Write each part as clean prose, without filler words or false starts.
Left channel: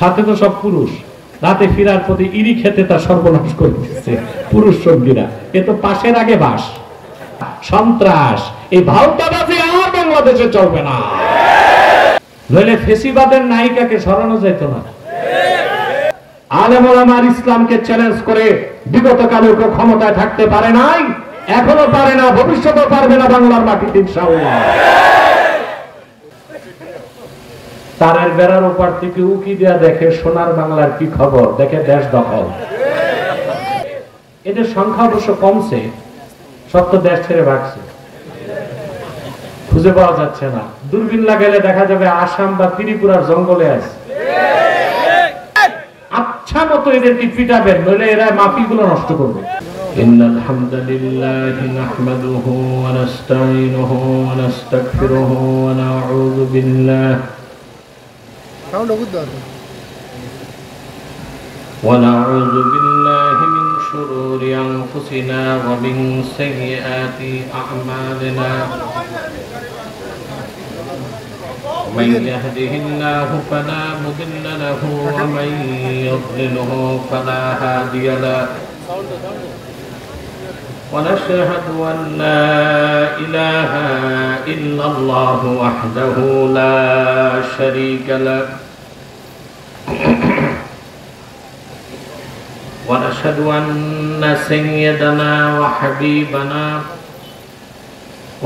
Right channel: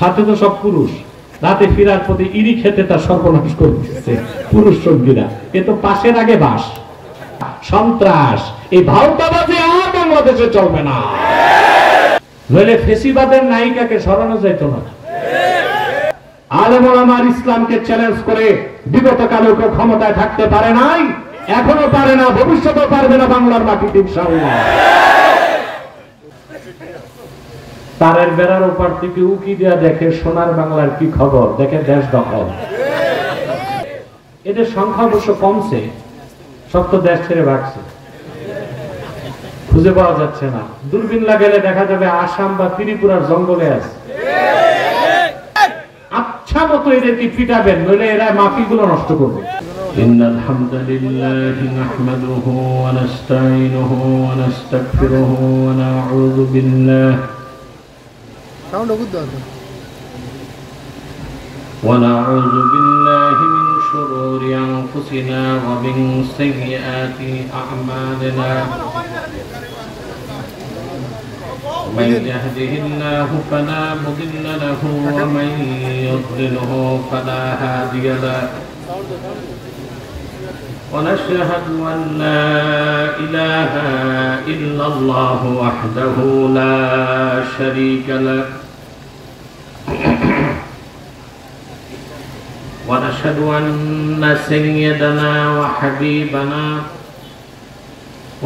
সাথে তো সব পুরুষ, রাতে ফিরার প্রতি ইরি খেতে তার সর্বনাশ করতেছে পুরুষ সঙ্গীরা। এ তো পাশের আগে বাস, সন্ত্রাস। এই ভাওতাবাজি আর বাংলাদেশে চলবে না, নইলে ফেসিবাদের নায়িকাকে সরানো যেত না। আলেম ওলামার ইসলামকে চ্যালেঞ্জ করে বিগত কালে কেউ ক্ষমতায় থাকতে পারে নাই, এখনো পারে না, ভবিষ্যতেও পারবে না বাংলার মাটিতে ইনশাআল্লাহ। তারের বেড়ার ওপার থেকে উকি দেয়া দেখে সোনার বাংলার কি খবর, দেখে দেশ দখল। এদের সংখ্যা অবশ্য কমছে, সব তো দেশ ছেড়ে রাখছে, খুঁজে পাওয়া যাচ্ছে না। দূরবীন লাগালে দেখা যাবে আসাম বা ত্রিপুরার জঙ্গলে আছে। আচ্ছা মতো এদেরকে পিটাবেন, নইলে এরা মাফিগুলো নষ্ট করবে। ইন্নাল হামদুলিল্লাহি নাহমাদুহু ওয়া নাস্তাঈনুহু ওয়া নাস্তাগফিরুহু ওয়া নাউযু বিল্লাহি ونعوذ بالله من شرور أنفسنا ومن سيئات أعمالنا من يهده الله فلا مضل له ومن يضلله فلا هادي له ونشهد أن لا إله إلا الله وحده لا شريك له ونشهد أن سيدنا وحبيبنا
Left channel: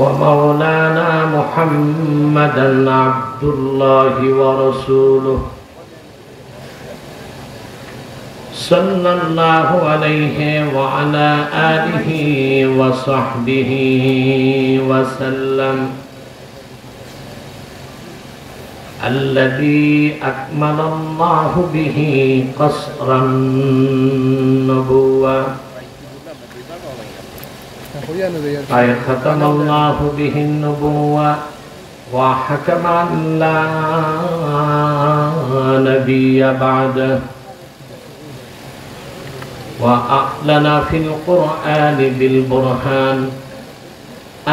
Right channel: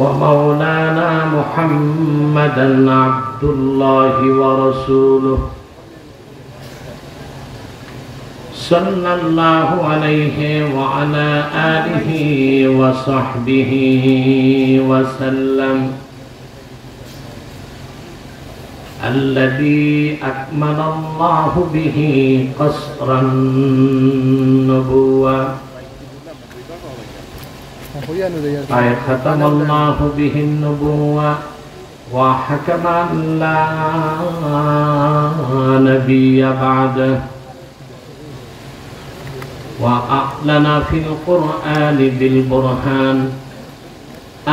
ومولانا محمدا عبد الله ورسوله صلى الله عليه وعلى آله وصحبه وسلم الذي أكمل الله به قصر النبوة أي ختم الله به النبوة وحكم أن لا نبي بعده وأعلن في القرآن بالبرهان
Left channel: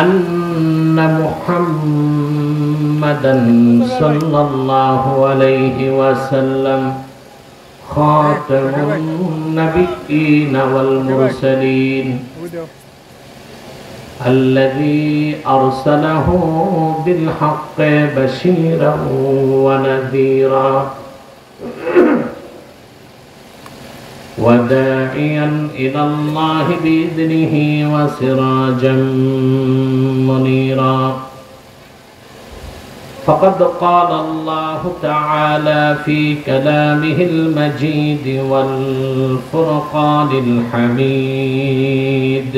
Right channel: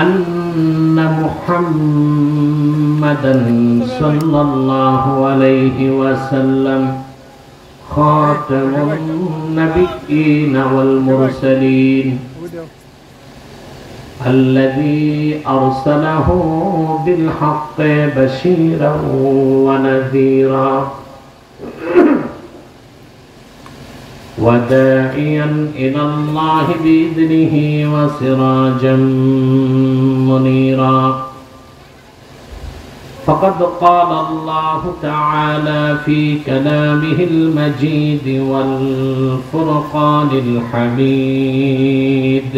أن محمدا صلى الله عليه وسلم خاتم النبيين والمرسلين الذي أرسله بالحق بشيرا ونذيرا وداعيا إلى الله بإذنه وسراجا منيرا فقد قال الله تعالى في كلامه المجيد والفرقان الحميد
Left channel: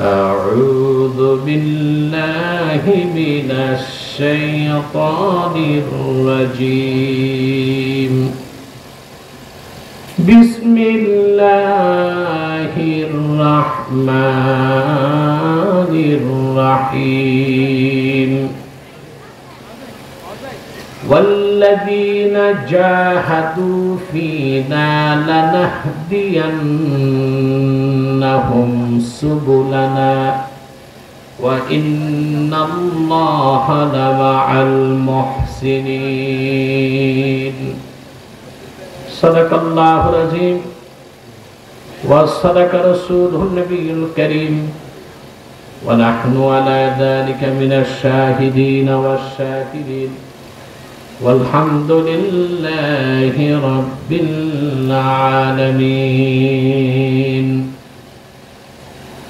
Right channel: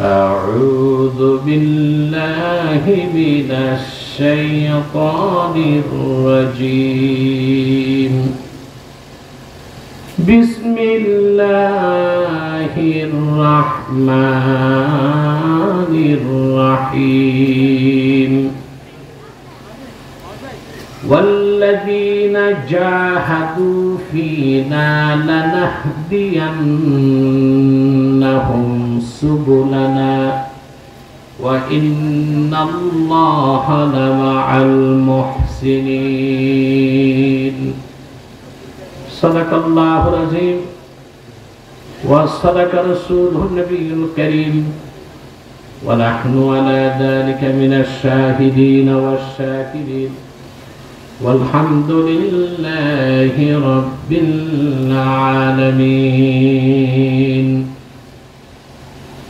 أعوذ بالله من الشيطان الرجيم بسم الله الرحمن الرحيم والذين جاهدوا فينا لنهدينهم سبلنا وإن الله لمع المحسنين صدق الله العظيم وصدق رسوله النبي الكريم ونحن على ذلك من الشاهدين والشاكرين والحمد لله رب العالمين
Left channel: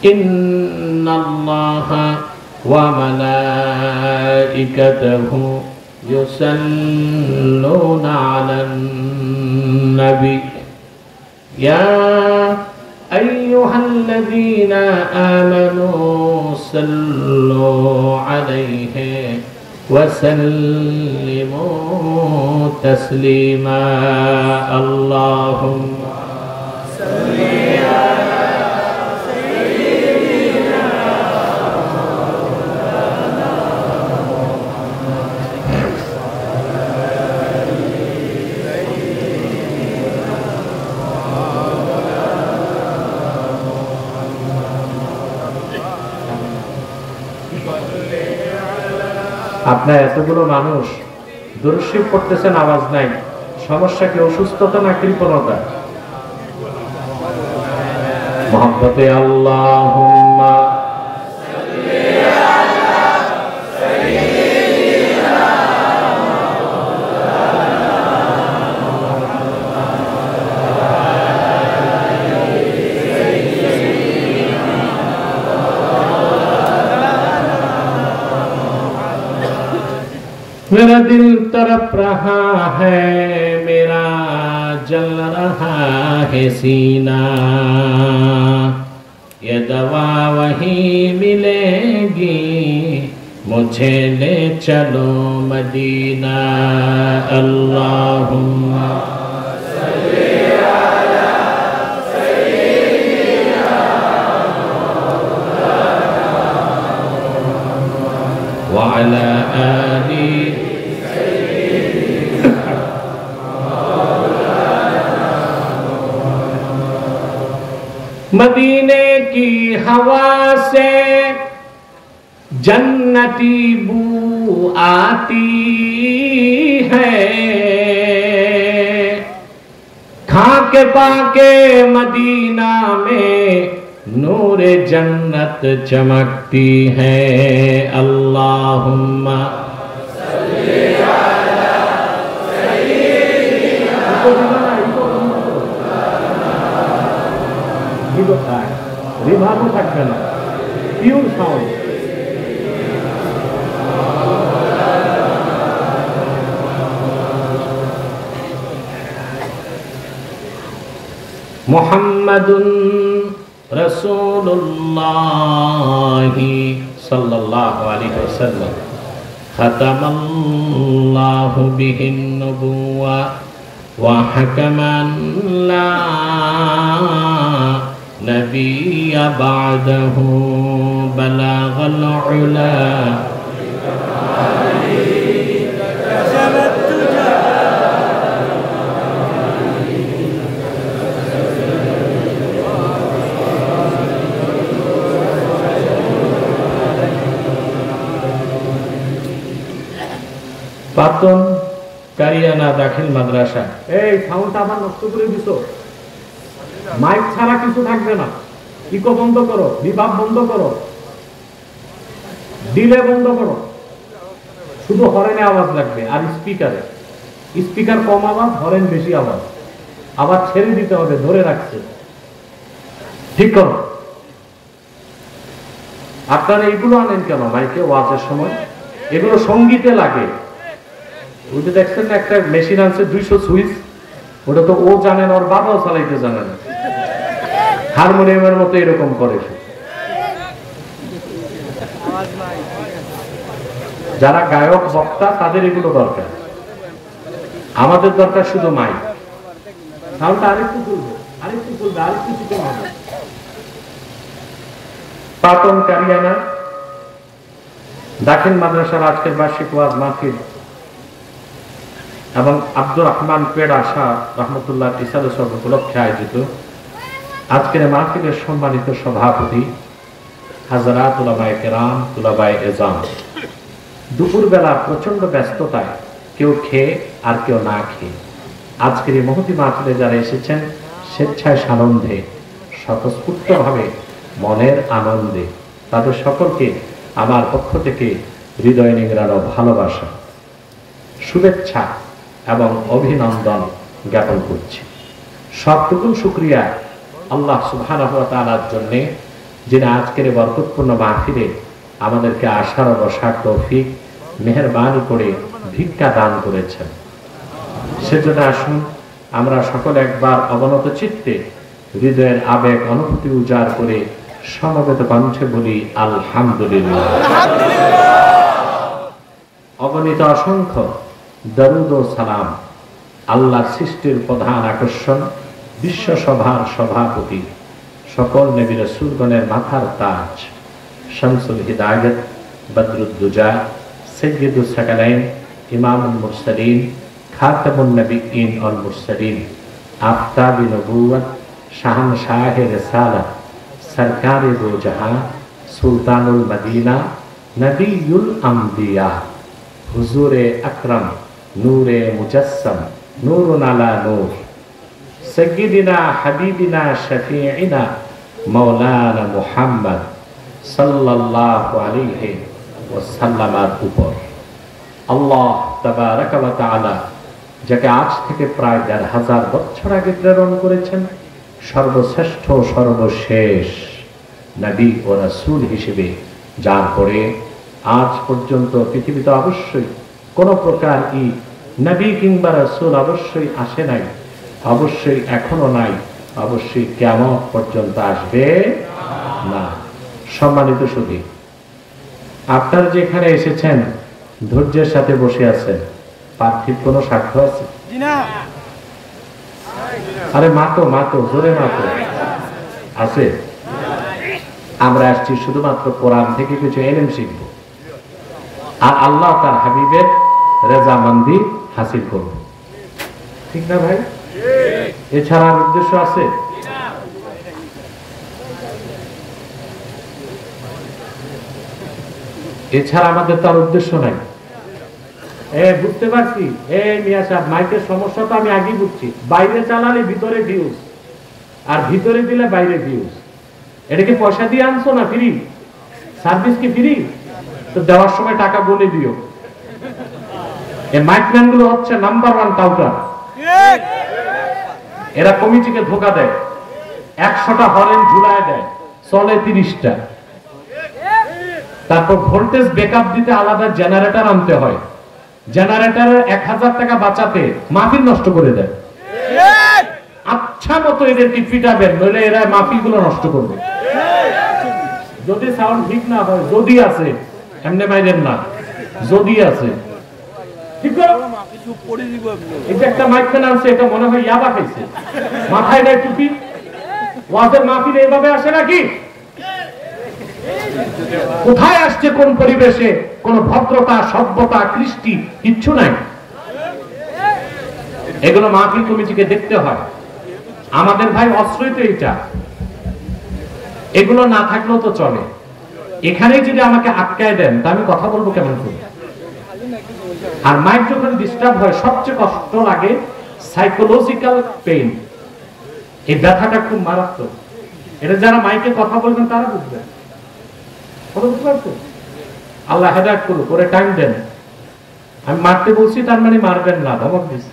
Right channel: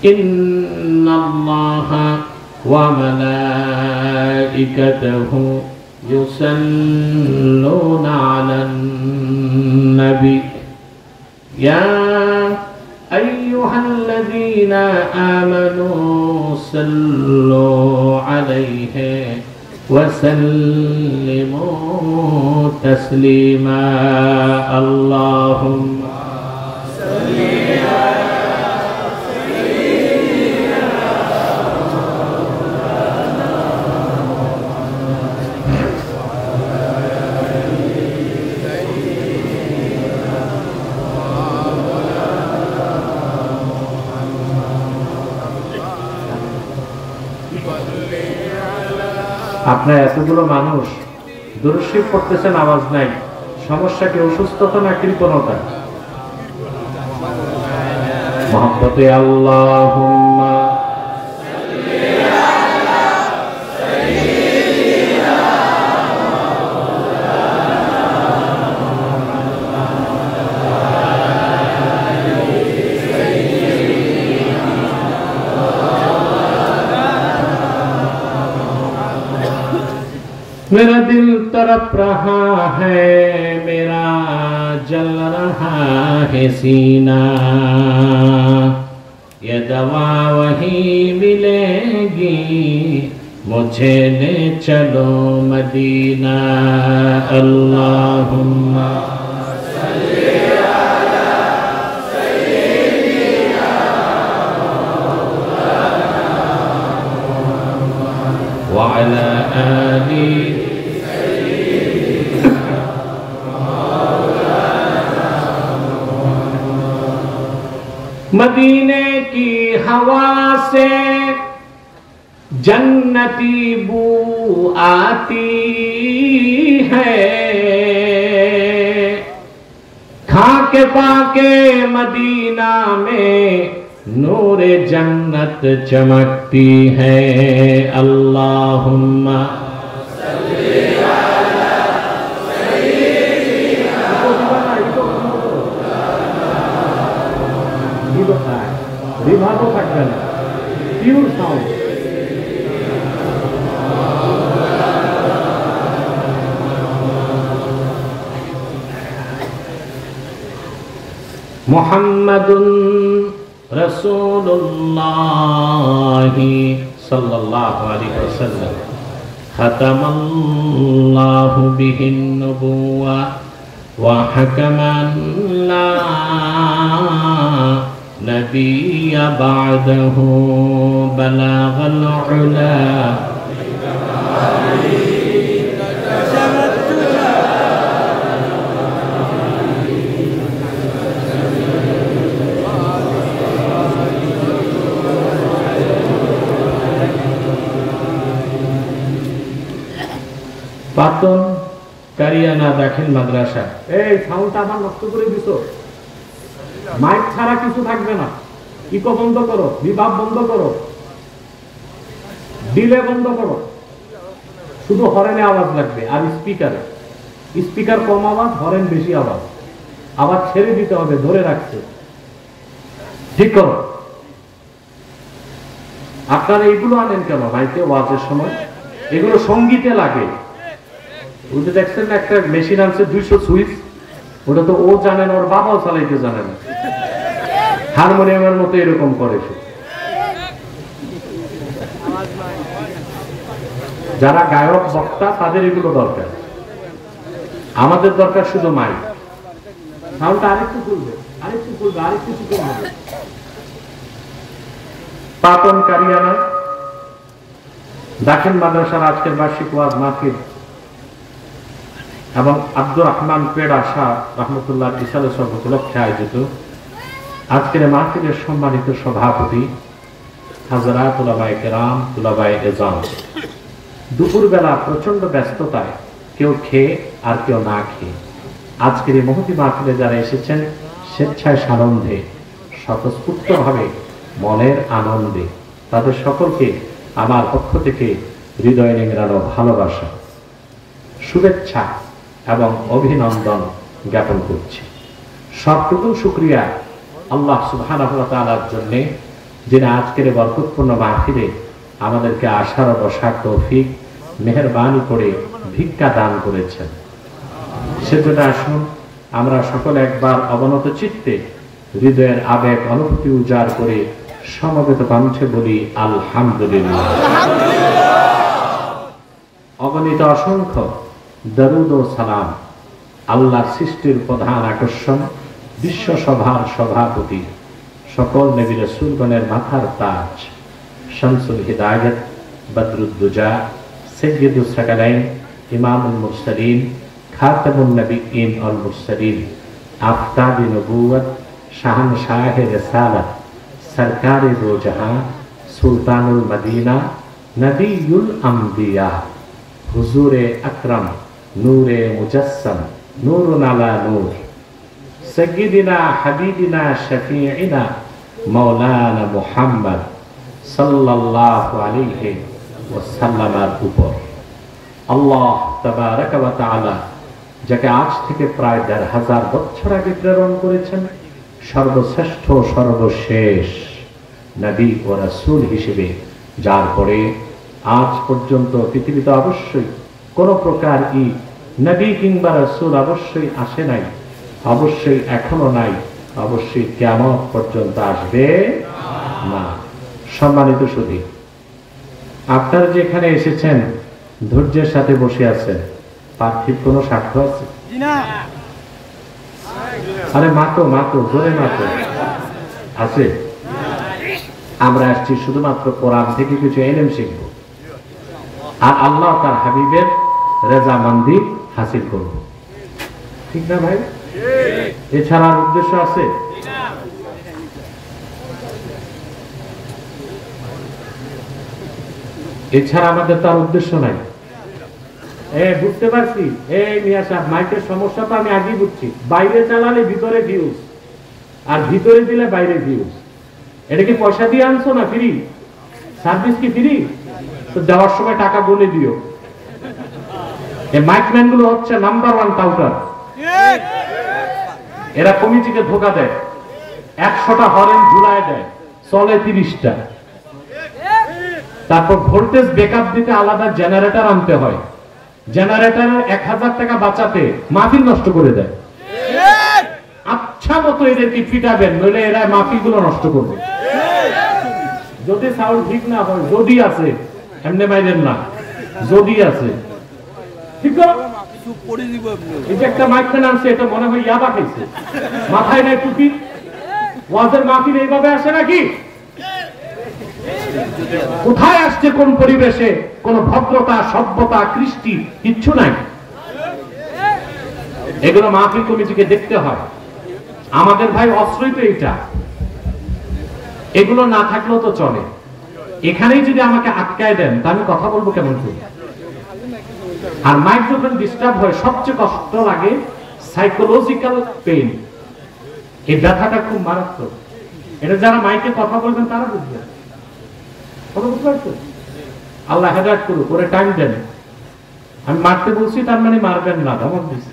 إن الله وملائكته يصلون على النبي يا أيها الذين آمنوا صلوا عليه وسلموا تسليما اللهم صل আপনার এতগুলো মানুষ দুরূদ শরীফ পড়তেছেন, আওয়াজ নাই, সমস্যা কি? অসুস্থতা না কৃপণতা? মহব্বতে আল্লাহুম্মা मेरा दिल तड़प रहा है, मेरा जल रहा है सीना, ये दवा वही मिलेगी, मुझे ले चलो मदीना। अल्लाहुम्मा वअला आलि मदीने की हवा से जन्नती बू आती है, खाके पाके मदीना में नूरे जन्नत चमकती है। अल्लाहुम्मा मुहम्मदुन रसूलुल्लाहि सल्लल्लाहु अलैहि वसल्लम खतमल्लाहु बिहिन नबुव्वा व हकमन ला नबिय्य बअदहु बलगल उला পাতন কারিয়ানা দাখিল মাদ্রাসা। এই সাউন্ডটা আমার নষ্ট করে দিছো, মাইক ছাড়া কিছু থাকবে না, ইকো বন্ধ করো, রিভার্ব বন্ধ করো, ডিলে বন্ধ করো, শুধু হরেনে আওয়াজ লাগবে। আর স্পিকারে, স্পিকার কম আওয়াজ, হরেন বেশি আওয়াজ, আবার ছেড়ে দিতে হবে, ধরে রাখছে, ঠিক করো। আপনারা এগুলো আনেন কেন মাইকে ওয়াজের সময়? এগুলো সঙ্গীতে লাগে। ওটা দেখছেন না, একটা মেশিন আছে 200 সুইচ, ওটা তো ও জানে না, ওর বাবাও চালাইতে জানে না, হারমোনিয়ামের মতো এরকম করে। যারা গায়ক বক্তা তাদের এগুলো দরকার, আমাদের দরকার শুধু মাইক। সাউন্ডটা আরেকটু তুলবে, আরেকটু তুলবে, আরেকটু তুলবে। পাতন কারিয়ানা দাখিল মাদ্রাসার আজকের বার্ষিক ওয়াজ মাহফিল এবং আব্দুর রহমান পেড়া শাহ রহমতুল্লাহ ইসাল উপলক্ষে আয়োজিত আজকের মাহফিলের সম্মানিত সভাপতি হাজরাত উলামায়ে কেরাম, উলামায়ে এজাম, দুপুরবেলা প্রচন্ড ব্যস্ততায় কেউ খেয়ে আর কেউ না খেয়ে আজকের এই মহতি মাহফিলে যারা এসেছেন স্বেচ্ছায় সানন্দে স্বতঃস্ফূর্তভাবে মনের আনন্দে, তাদের সকলকে আমার পক্ষ থেকে হৃদয় নিংড়ানো ভালোবাসা, শুভেচ্ছা এবং অভিনন্দন জ্ঞাপন করছি। সবটুকু শুকরিয়া আল্লাহ সুবহানাহু ওয়া তাআলার জন্য, যিনি আজকের বরকতপূর্ণ মাহফিলে আমাদেরকে আসার বসার তৌফিক মেহেরবানি করে ভিক্ষা দান করেছেন। সেজন্য আসুন আমরা সকলে একবার অবনত চিত্তে হৃদয়ের আবেগ অনুভূতি উজাড় করে সমবেত কণ্ঠে বলি আলহামদুলিল্লাহ। অগণিত অসংখ্য দরুদ ও সালাম আল্লাহর সৃষ্টির প্রধান আকর্ষণ, বিশ্ব সভার সভাপতি, সকল নবী রাসূলগণের মাথার তাজ, শামসুল হিদায়াত, বদরুদ্দুজা, সাইয়্যিদুস সাকালাইন, ইমামুল মুরসালিন, খাতামুন নবিয়্যিন ওয়াল মুরসালিন, আফতাবে নবুওয়াত, শাহনশাহে রিসালাত, সরকারে দো জাহান, সুলতানুল মদিনা, নবিয়ুল আম্বিয়া, হুজুরে আকরাম নূরে মুজাসসাম, নূরুন আলা নূর, সাইয়্যিদিনা হাবিবিনা শাফিঈনা মাওলানা মুহাম্মদ সাল্লাল্লাহু আলাইহি ওয়াসাল্লামের উপর আল্লাহ তাবারাকা ওয়া তাআলা যাকে আজ থেকে প্রায় ১৫০০ বছর আগে প্রেরণ করেছেন সর্বশ্রেষ্ঠ সর্বশেষ নবী ও রাসূল হিসেবে, যার পরে আজ পর্যন্ত পৃথিবীতে অবশ্যই কোন প্রকার নবী কিংবা রাসূল অবশ্যই আসে নাই, অবশ্যই এখনো নাই, অবশ্যই কিয়ামত পর্যন্ত আসবে না। সম্মানিত সুধী, আপনারা যেখানে এসেছেন ধৈর্যের সাথে বসে আছেন, পার্থিব কোন সাক্ষ্য আছে? আরে মাতো জোরে মাতো আছে। আমরা আসছি শুধুমাত্র কোরআন থেকে কিছু এলেম শিখব আর আল্লাহ তার হাবিবের রেজামন্দি হাসিল করব, ঠিক না ভাই? এছাড়া উদ্দেশ্য আছে? এছাড়া আমাদের তার উদ্দেশ্য নাই। বুঝতে পারছি, মিয়া সাহেব মাইকের সমস্যা তো আমি আগেই বুঝছি। বাইরে চালালে ভিতরে ভিউজ, আর ভিতরে দিলে বাইরে ভিউজ। এটা কি পয়সা দিয়ে আনছো না ফ্রি? সার্ভিস কি ফ্রি? তো দেওয়ার সময় টাকা বলে দিও। এই মাইকম্যান গুলো হচ্ছে নাম্বার 1 কাউন্টার। এরা কমিটিকে ধোকা দেয়, 100টা হরেন ঝুলায় দেয়, চলে 30টা। তারপর ভোল্টেজ ব্যাকআপ দিতে আলাদা জেনারেটর আনতে হয়, জেনারেটরের 1000 টাকা বাঁচাতে মাহফিল নষ্ট করে দেয়। আচ্ছা মতো এদেরকে পিটাবেন, নইলে এরা মাহফিল গুলো নষ্ট করবে। যদি সাউন্ড ঠিক না হয়, যদি আছে এমনি মাইরেন না, যদি আছে একটা মাইকখানে আছে, এটা মনে হয় ইয়াবা খাইছে, মাথায় নেয় টুপি। ওয়াজের মাহফিল এইভাবে আসে নাকি? কোথায় আসছে, কোন পরিবেশে? কোন ভদ্রতা, সভ্যতা, কৃষ্টি কিচ্ছু নাই। এগুলো মাহফিল কমিটিকে দেখতে হয়। আমাদের ভাই অস্ত্রই তো এটা, এগুলো না থাকলেও তো চলে। এখানেই যদি আমাকে আটকায় দেন তা আমি কথা বলবো কেমন করে? আর মাইক যখন ডিস্টার্ব হয় সবচেয়ে কষ্ট লাগে সাইকোলজিক্যাল পেইন। এই ব্যথাটা খুব মারাত্মক। এটা যারা মাইকে কথা বলবেন তারা বুঝবেন। আল্লাহ হেদায়েত করুক, করে টাইম দেন। আমি মারতে বলছি তার মানে মারবেন না, ধমক দিচ্ছি।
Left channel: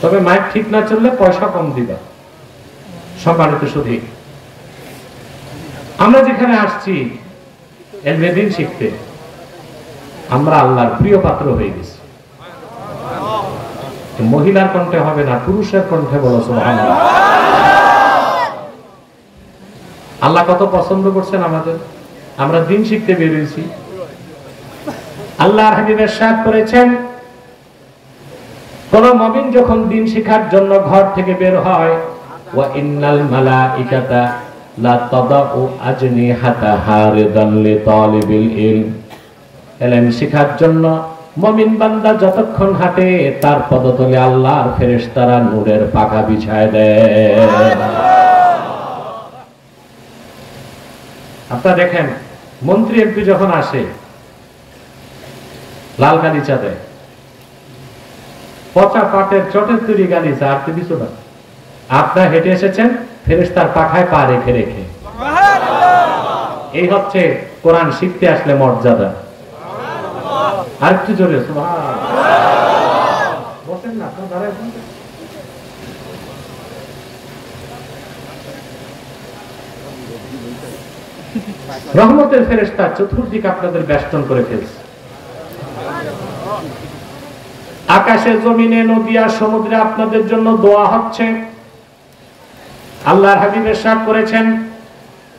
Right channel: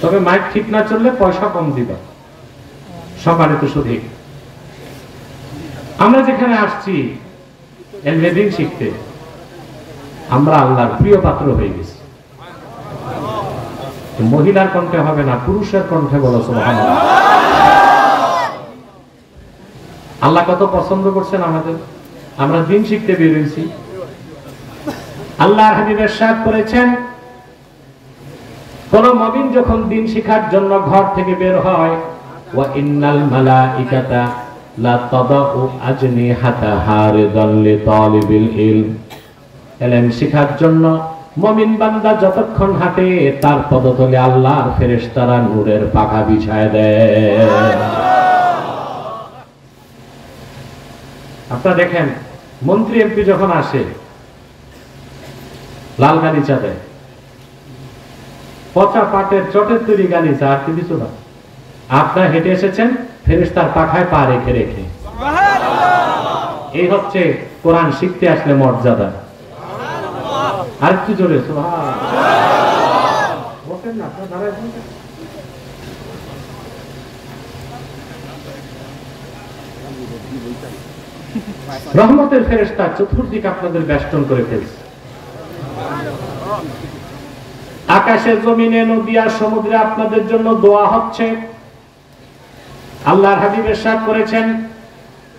তবে মাইক ঠিক না চললে পয়সা কম দিবে। সম্মানিত সুধী, আমরা যেখানে আসছি এলমেদিন শিখতে, আমরা আল্লাহর প্রিয় পাত্র হয়ে গেছি। মহিলার কণ্ঠে হবে না, পুরুষের কণ্ঠে বলো সুবহানাল্লাহ। আল্লাহ কত পছন্দ করছেন আমাদের, আমরা দিন শিখতে বের হয়েছি। আল্লাহর হাবিব ইরশাদ করেছেন, কোন মুমিন যখন দিন শিখার জন্য ঘর থেকে বের হয়, ওয়া ইন্নাল মালাইকাতা লা তাদাউ আজনিহাতাহা রিদান লিতালিবিল ইলম। ইলম শিখার জন্য মুমিন বান্দা যতক্ষণ হাঁটে তার পদতলে আল্লাহর ফেরেশতারা নূরের পাখা বিছায় দেয়। আপনারা দেখেন, মন্ত্রী এমপি যখন আসে লাল গালিচা দেয়, পচা পাটের চটের তৈরি গালিচা, আর কিছু না। আপনারা হেঁটে এসেছেন ফেরেশতার পাখায় পা রেখে রেখে। এই হচ্ছে কোরআন শিখতে আসলে মর্যাদা। আর একটু জোরে বসেন না, আপনারা দাঁড়ায়। রহমতের ফেরেশতা চতুর্দিক আপনাদের বেষ্টন করে ফেলছে। আকাশে, জমিনে, নদী আর সমুদ্রে আপনাদের জন্য দোয়া হচ্ছে। আল্লাহর হাবিব ইরশাদ করেছেন,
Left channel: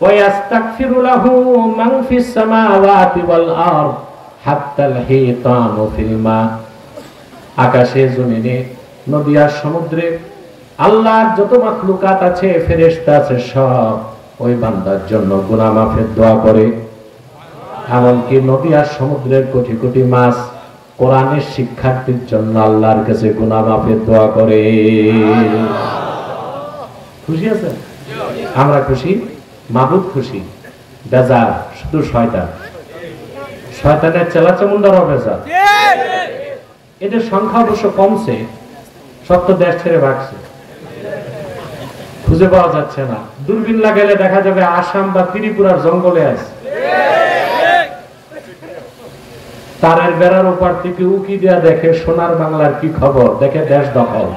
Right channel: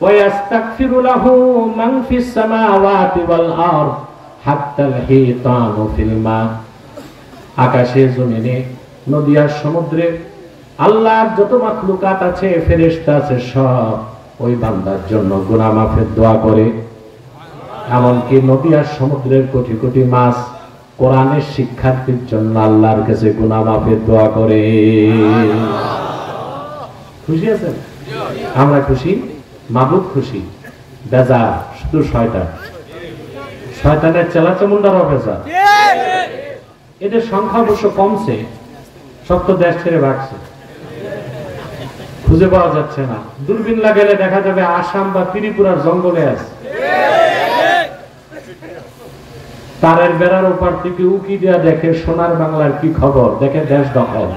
ওয়া ইস্তাগফিরু লাহু মান ফিস সামাওয়াতি ওয়াল আরদ হাত্তাল হিতানু ফিল মা। আকাশে, জমিনে, নদী আর সমুদ্রে আল্লাহর যত মাখলুকাত আছে, ফেরেশতা আছে, সব ওই বান্দার জন্য গুনাহ মাফের দোয়া করে। এমনকি নদী আর সমুদ্রের কোটি কোটি মাছ কোরআনের শিক্ষার্থীর জন্য আল্লাহর কাছে গুনাহ মাফের দোয়া করে। খুশি আছেন? আমরা খুশি, মাবুদ খুশি। বেজার শুধু শয়তান। শয়তানের চেলাচামুন্ডার অবেজার। এদের সংখ্যা অবশ্য কমছে, সব তো দেশ ছেড়ে ভাগছে, খুঁজে পাওয়া যাচ্ছে না। দূরবীন লাগালে দেখা যাবে আসাম বা ত্রিপুরার জঙ্গলে আছে। তারের বেড়ার ওপার থেকে উকি দেয়া দেখে সোনার বাংলার কি খবর, দেখে দেশ দখল।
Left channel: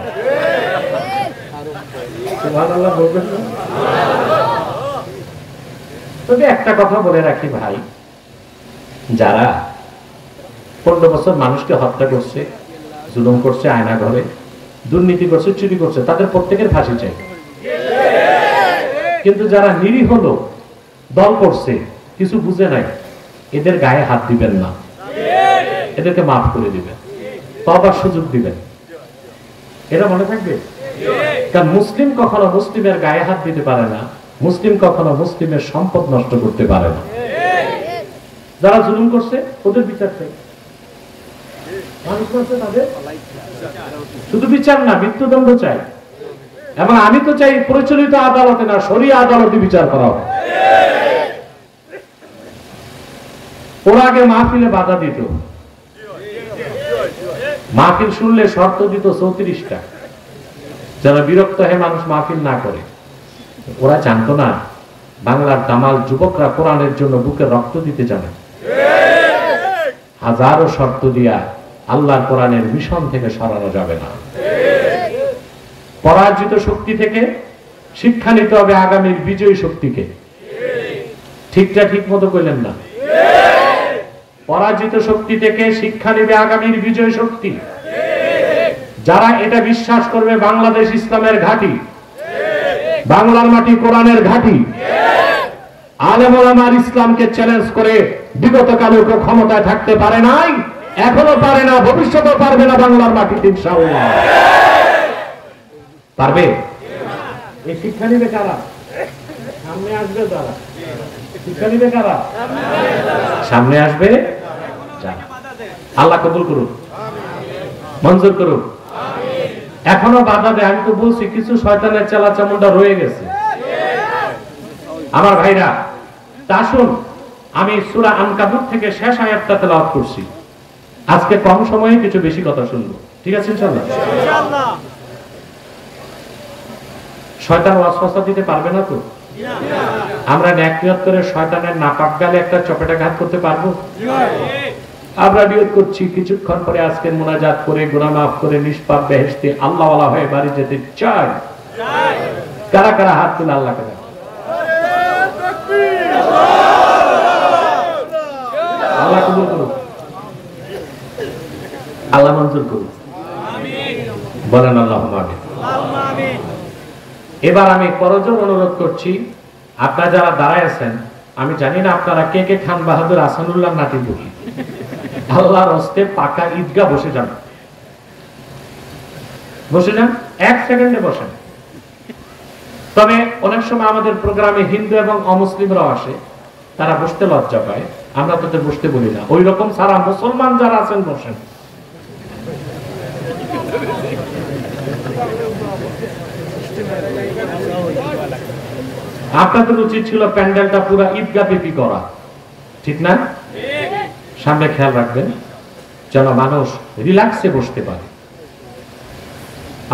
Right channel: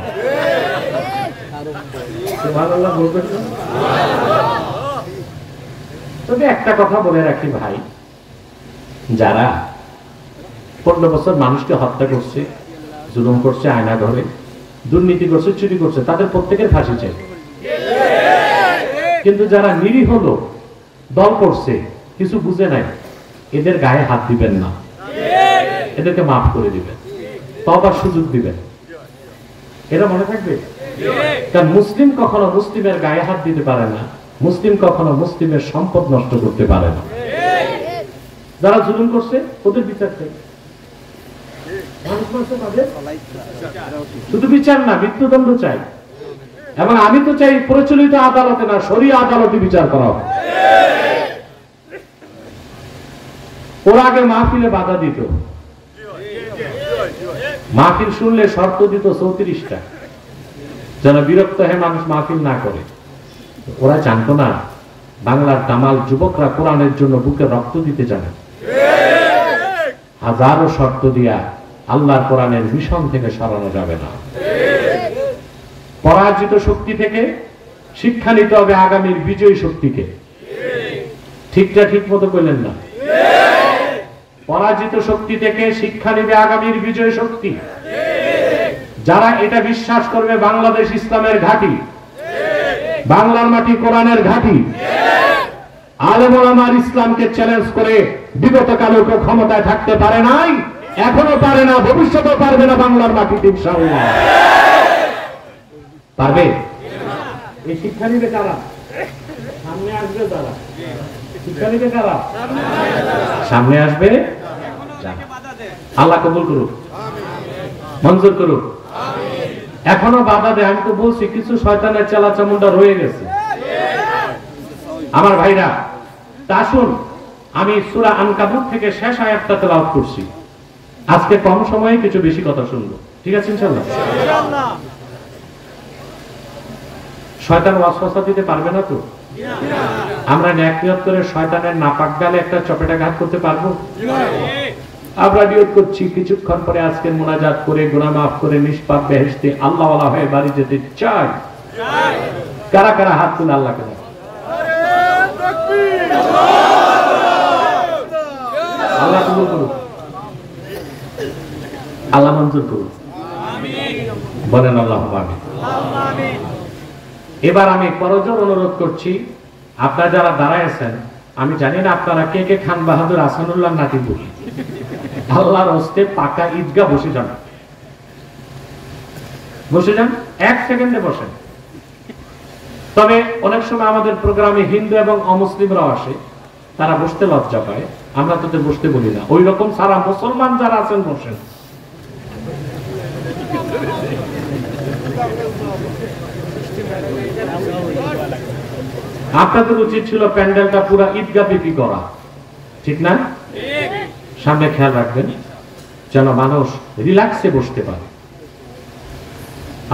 তবে একটা কথা বলে রাখি ভাই, যারা 15 বছর মানুষকে হত্যা করছে, জুলুম করছে, আয়না ঘরে দুর্নীতি করছে, চুরি করছে, তাদের প্রত্যেকের ফাঁসি চাই। কিন্তু যারা নিরীহ লোক দল করছে, কিছু বুঝে নাই, এদের গায়ে হাত দিবেন না, এদেরকে মাফ করে দিবেন, তওবার সুযোগ দিবেন। এটা মনে থাকবে। কারণ মুসলিম কখনো মুসলিমের গায়ে হাত দিতে পারে না, মুসলিম কখনো মুসলিমের সম্পদ নষ্ট করতে পারে না। যারা জুলুম করছে ওদের বিচার চাই, শুধু বিচার না, মৃত্যুদণ্ড চাই। এবং আমি তো চাই প্রচলিত আদালতে না, শরিয়া আদালতে বিচার করা হোক। ওরা আগে মাহফিলে বাধা দিত, মাহফিল শুনলে শর্ত দিত 34টা, যেন বিরক্ত হয়ে মানুষ মাহফিল না করে। ওরা জানতো না বাংলার দামাল যুবকরা কোরআনের জন্য বুকে রক্ত দিতে জানে। হাজারো শর্ত দিয়া আল্লাহর কোরআনের মিশন থেকে সরানো যাবে না। পরাজিত শক্তি থেকে শিক্ষা নিতে হবে আগামীর বিজয়ী শক্তিকে। ঠিকটা ঠিক মতো কইলেন না? পরাজিত শক্তি থেকে শিক্ষা নেবে আগামীর বিজয়ী শক্তি। যারা এটা বিশ্বাস করবে বাংলাদেশ ইসলামের ঘাঁটি, বাংলার মাটি কোরআনের ঘাঁটি, আলেম ওলামার ইসলামকে চ্যালেঞ্জ করে বিগত কালে কেউ ক্ষমতায় থাকতে পারে নাই, এখনো পারে না, ভবিষ্যতেও পারবে না বাংলার মাটিতে ইনশাআল্লাহ। পারবে? এই শিক্ষা নিবে কারা? সামনে আসবে তারা। শিক্ষা নিবে কারা? সামনে আসবে। আল্লাহ কবুল করুক, মঞ্জুর করুক। এখনো বাধা দেয়। আমি তো বলছি কিছু শয়তানের চেলাচামুন্ডা রয়ে গেছে আমার ভাইরা। তা আসুন, আমি সূরা আনকাবুত থেকে শেষ আয়াতটা তেলাওয়াত করছি। আজকে কম সময়ে কিছু বেশি কথা শুনবো, ঠিক আছে ইনশাআল্লাহ? শয়তান ওয়াসওয়াসা দিতে পারবে না তো? আমরা ন্যাক নিয়ত করে শয়তানের নাপাক গালে একটা চপেটাঘাত করতে পারবো? আমরা নিয়ত করছি কিছুক্ষণ পরে আজকের মুনাজাত করে গুনাহ মাফ করে নিষ্পাপ বেহেশতে আল্লাহ ওয়ালা হয়ে বাড়ি যেতে চাই। কারা কারা হাত তুলে আল্লাহ কারা? আল্লাহ কবুল করুন, আল্লাহ মঞ্জুর করুন, বলেন আল্লাহুম্মা আমিন। এবার আমি করজোর অনুরোধ করছি, আপনারা যারা দাঁড়ায় আছেন, আমি জানি না আপনারা কে কে খান বাহাদুর আসানুল্লাহ নাতি বুঝি, আল্লাহর হস্তে পাকা ঈদগাহ বসে যান, বসে যান, 1 সেকেন্ডে বসেন। তবে অনেক সময় আমাদের প্রোগ্রামে হিন্দু এবং অমুসলিমরাও আসে, তারা বসতে লজ্জা পায়, আমরা তাদের বসতে বলি না। ওই রকম সারা মুসলমান যারা আছেন বসেন। আপনাদের উচিত ছিল প্যান্ডেলটা পুরো ঈদগাহ বিপি করা, ঠিক না? সামনে খেয়াল রাখবেন যেন মানুষ রিল্যাক্সে বসতে পারে।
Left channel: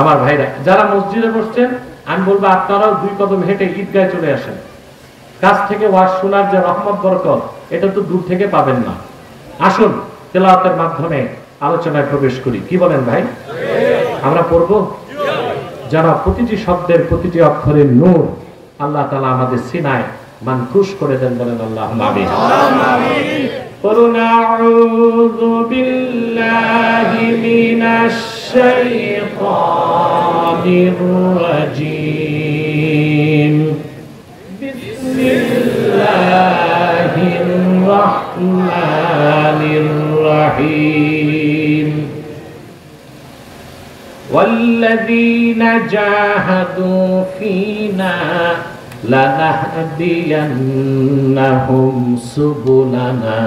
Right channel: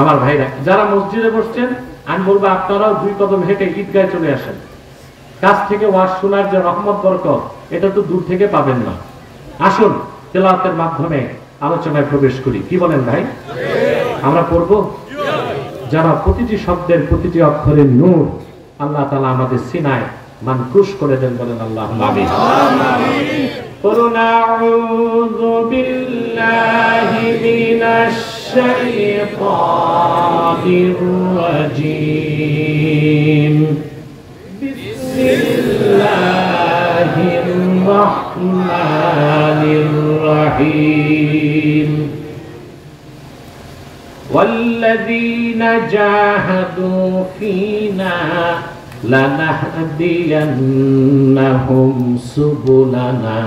আমার ভাইরা যারা মসজিদে বসছেন, আমি বলবো আপনারাও 2 কদম হেঁটে ঈদগাহে চলে আসেন। কাছ থেকে ওয়াজ শোনার যে রহমত বরকত, এটা তো দূর থেকে পাবেন না। আসুন তেলাওয়াতের মাধ্যমে আলোচনায় প্রবেশ করি, কি বলেন ভাই? আমরা পড়ব যেন প্রতিটি শব্দের প্রতিটি অক্ষরের নূর আল্লাহ তাআলা আমাদের সিনায় মানকুশ করে দেন, বলেন আল্লাহুম্মা আমিন। قُلْ أَعُوذُ بِاللَّهِ مِنَ الشَّيْطَانِ الرَّجِيمِ بِسْمِ اللَّهِ الرَّحْمَنِ الرَّحِيمِ وَالَّذِينَ جَاهَدُوا فِينَا لَنَهْدِيَنَّهُمْ سُبُلَنَا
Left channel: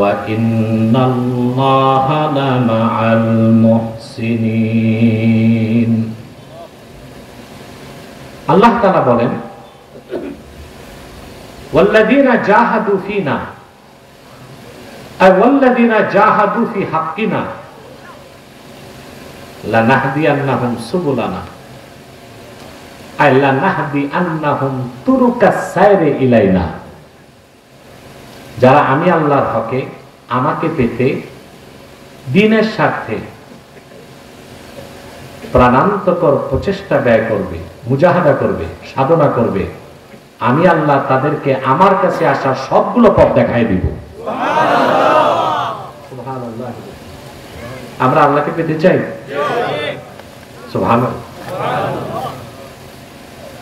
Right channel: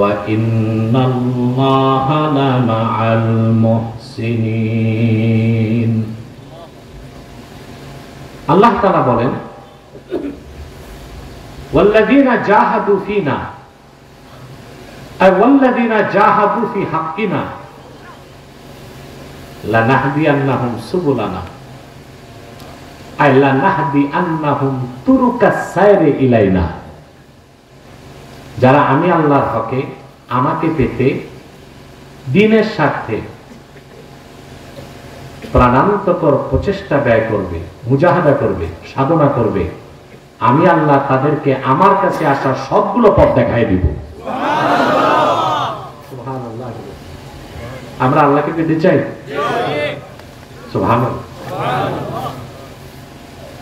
وَإِنَّ اللَّهَ لَمَعَ الْمُحْسِنِينَ। আল্লাহ তাআলা বলেন, ওয়াল্লাযীনা জাহাদু ফীনা, ওয়াল্লাযীনা জাহাদু ফি হাক্কিনা লানাহদিয়ান্নাহুম সুবুলানা আই লানাহদিয়ান্নাহুম তুরুকাস সাইরি ইলাইনা। যারা আমি আল্লাহর হকে আমাকে পেতে দ্বীনের স্বার্থে প্রাণান্তকর প্রচেষ্টা ব্যয় করবে, মুজাহাদা করবে, সাধনা করবে, আমি আল্লাহ তাদেরকে আমার কাছে আসার সবগুলো পথ দেখাই দিব। সুবহানাল্লাহ। আমরা আল্লাহকে পেতে চাই। সুবহানাল্লাহ।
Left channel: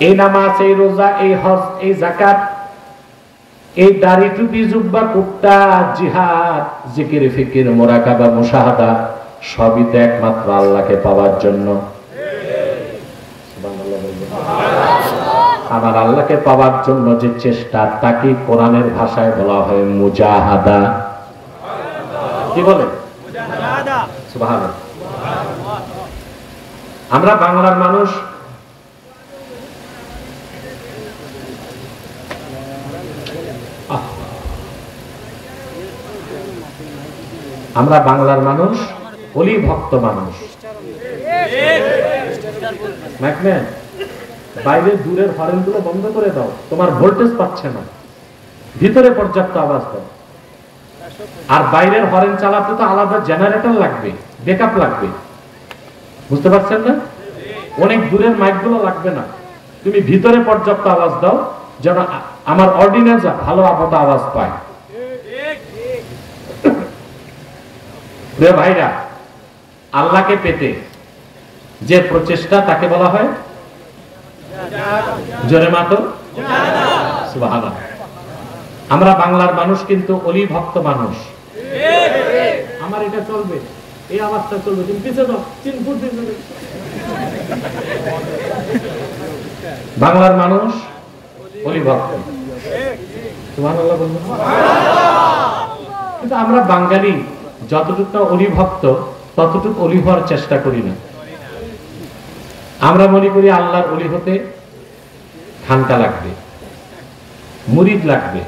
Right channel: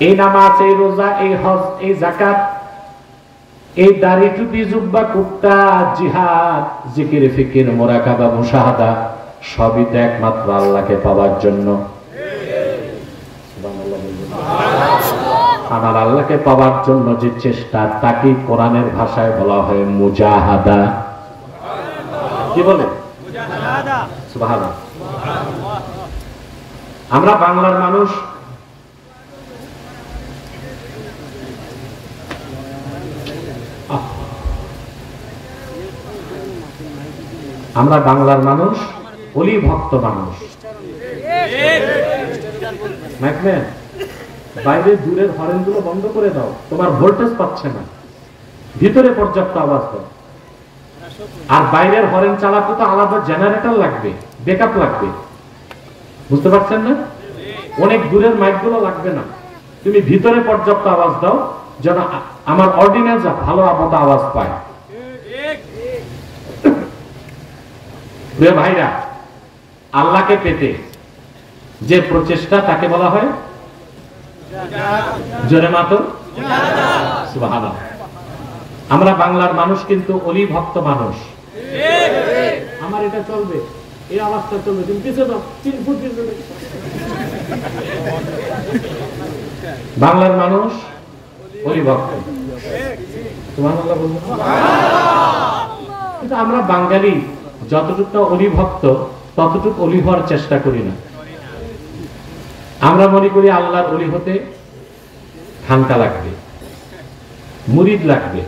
এই নামাজ, এই রোজা, এই হজ, এই যাকাত, এই দাড়ি, টুপি, জুব্বা, কুর্তা, জিহাদ, জিকির, ফিকির, মুরাকাবা, মুশাহাদা সবই তো একমাত্র আল্লাহকে পাওয়ার জন্য। আমার আল্লাহকে পাওয়ার জন্য যে চেষ্টা, তাকে কোরআনের ভাষায় বলা হয় মুজাহাদা। কি বলে? সুবহানাল্লাহ। আমরা বাংলার মানুষ অলি ভক্ত মানুষ। বাইরে দূরের হরেন গুলো বন্ধ করে দাও, তোমার ভোল্টেজ পাচ্ছে না, ভিতরে পর্যাপ্ত আওয়াজ দাও। আর বাইরের হরেন চালাতে তো আলাদা জেনারেটর লাগবে, ব্যাকআপ লাগবে, বুঝতে পারছেন না? অনেক দূরের মাইক গুলো লাগবে না, তুমি ভিতরে পর্যাপ্ত আওয়াজ দাও যেন আমার অর্ডিনেন্স ভালো আওয়াজ পায়। ভাইরা, আল্লাহকে পেতে যে প্রচেষ্টা তাকে বলা হয় জোরে মাতো সুবহানাল্লাহ। আমরা বাংলার মানুষ কিন্তু অলি ভক্ত মানুষ। আমার এটা চলবে, এই অবস্থা চলবে, তুমি পিছিয়ে যাও, 3 ফুট পিছিয়ে যাও। বাংলার মানুষ অলি ভক্ত, সুবহানাল্লাহ বলুন। কিন্তু আমরা বাঙালি যতটুকু অলি ভক্ত ততটুকু অলি হওয়ার চেষ্টা করি না। আমরা মনে করি আল্লাহর অলি হতে খানকা লাগবে, মুরিদ লাগবে,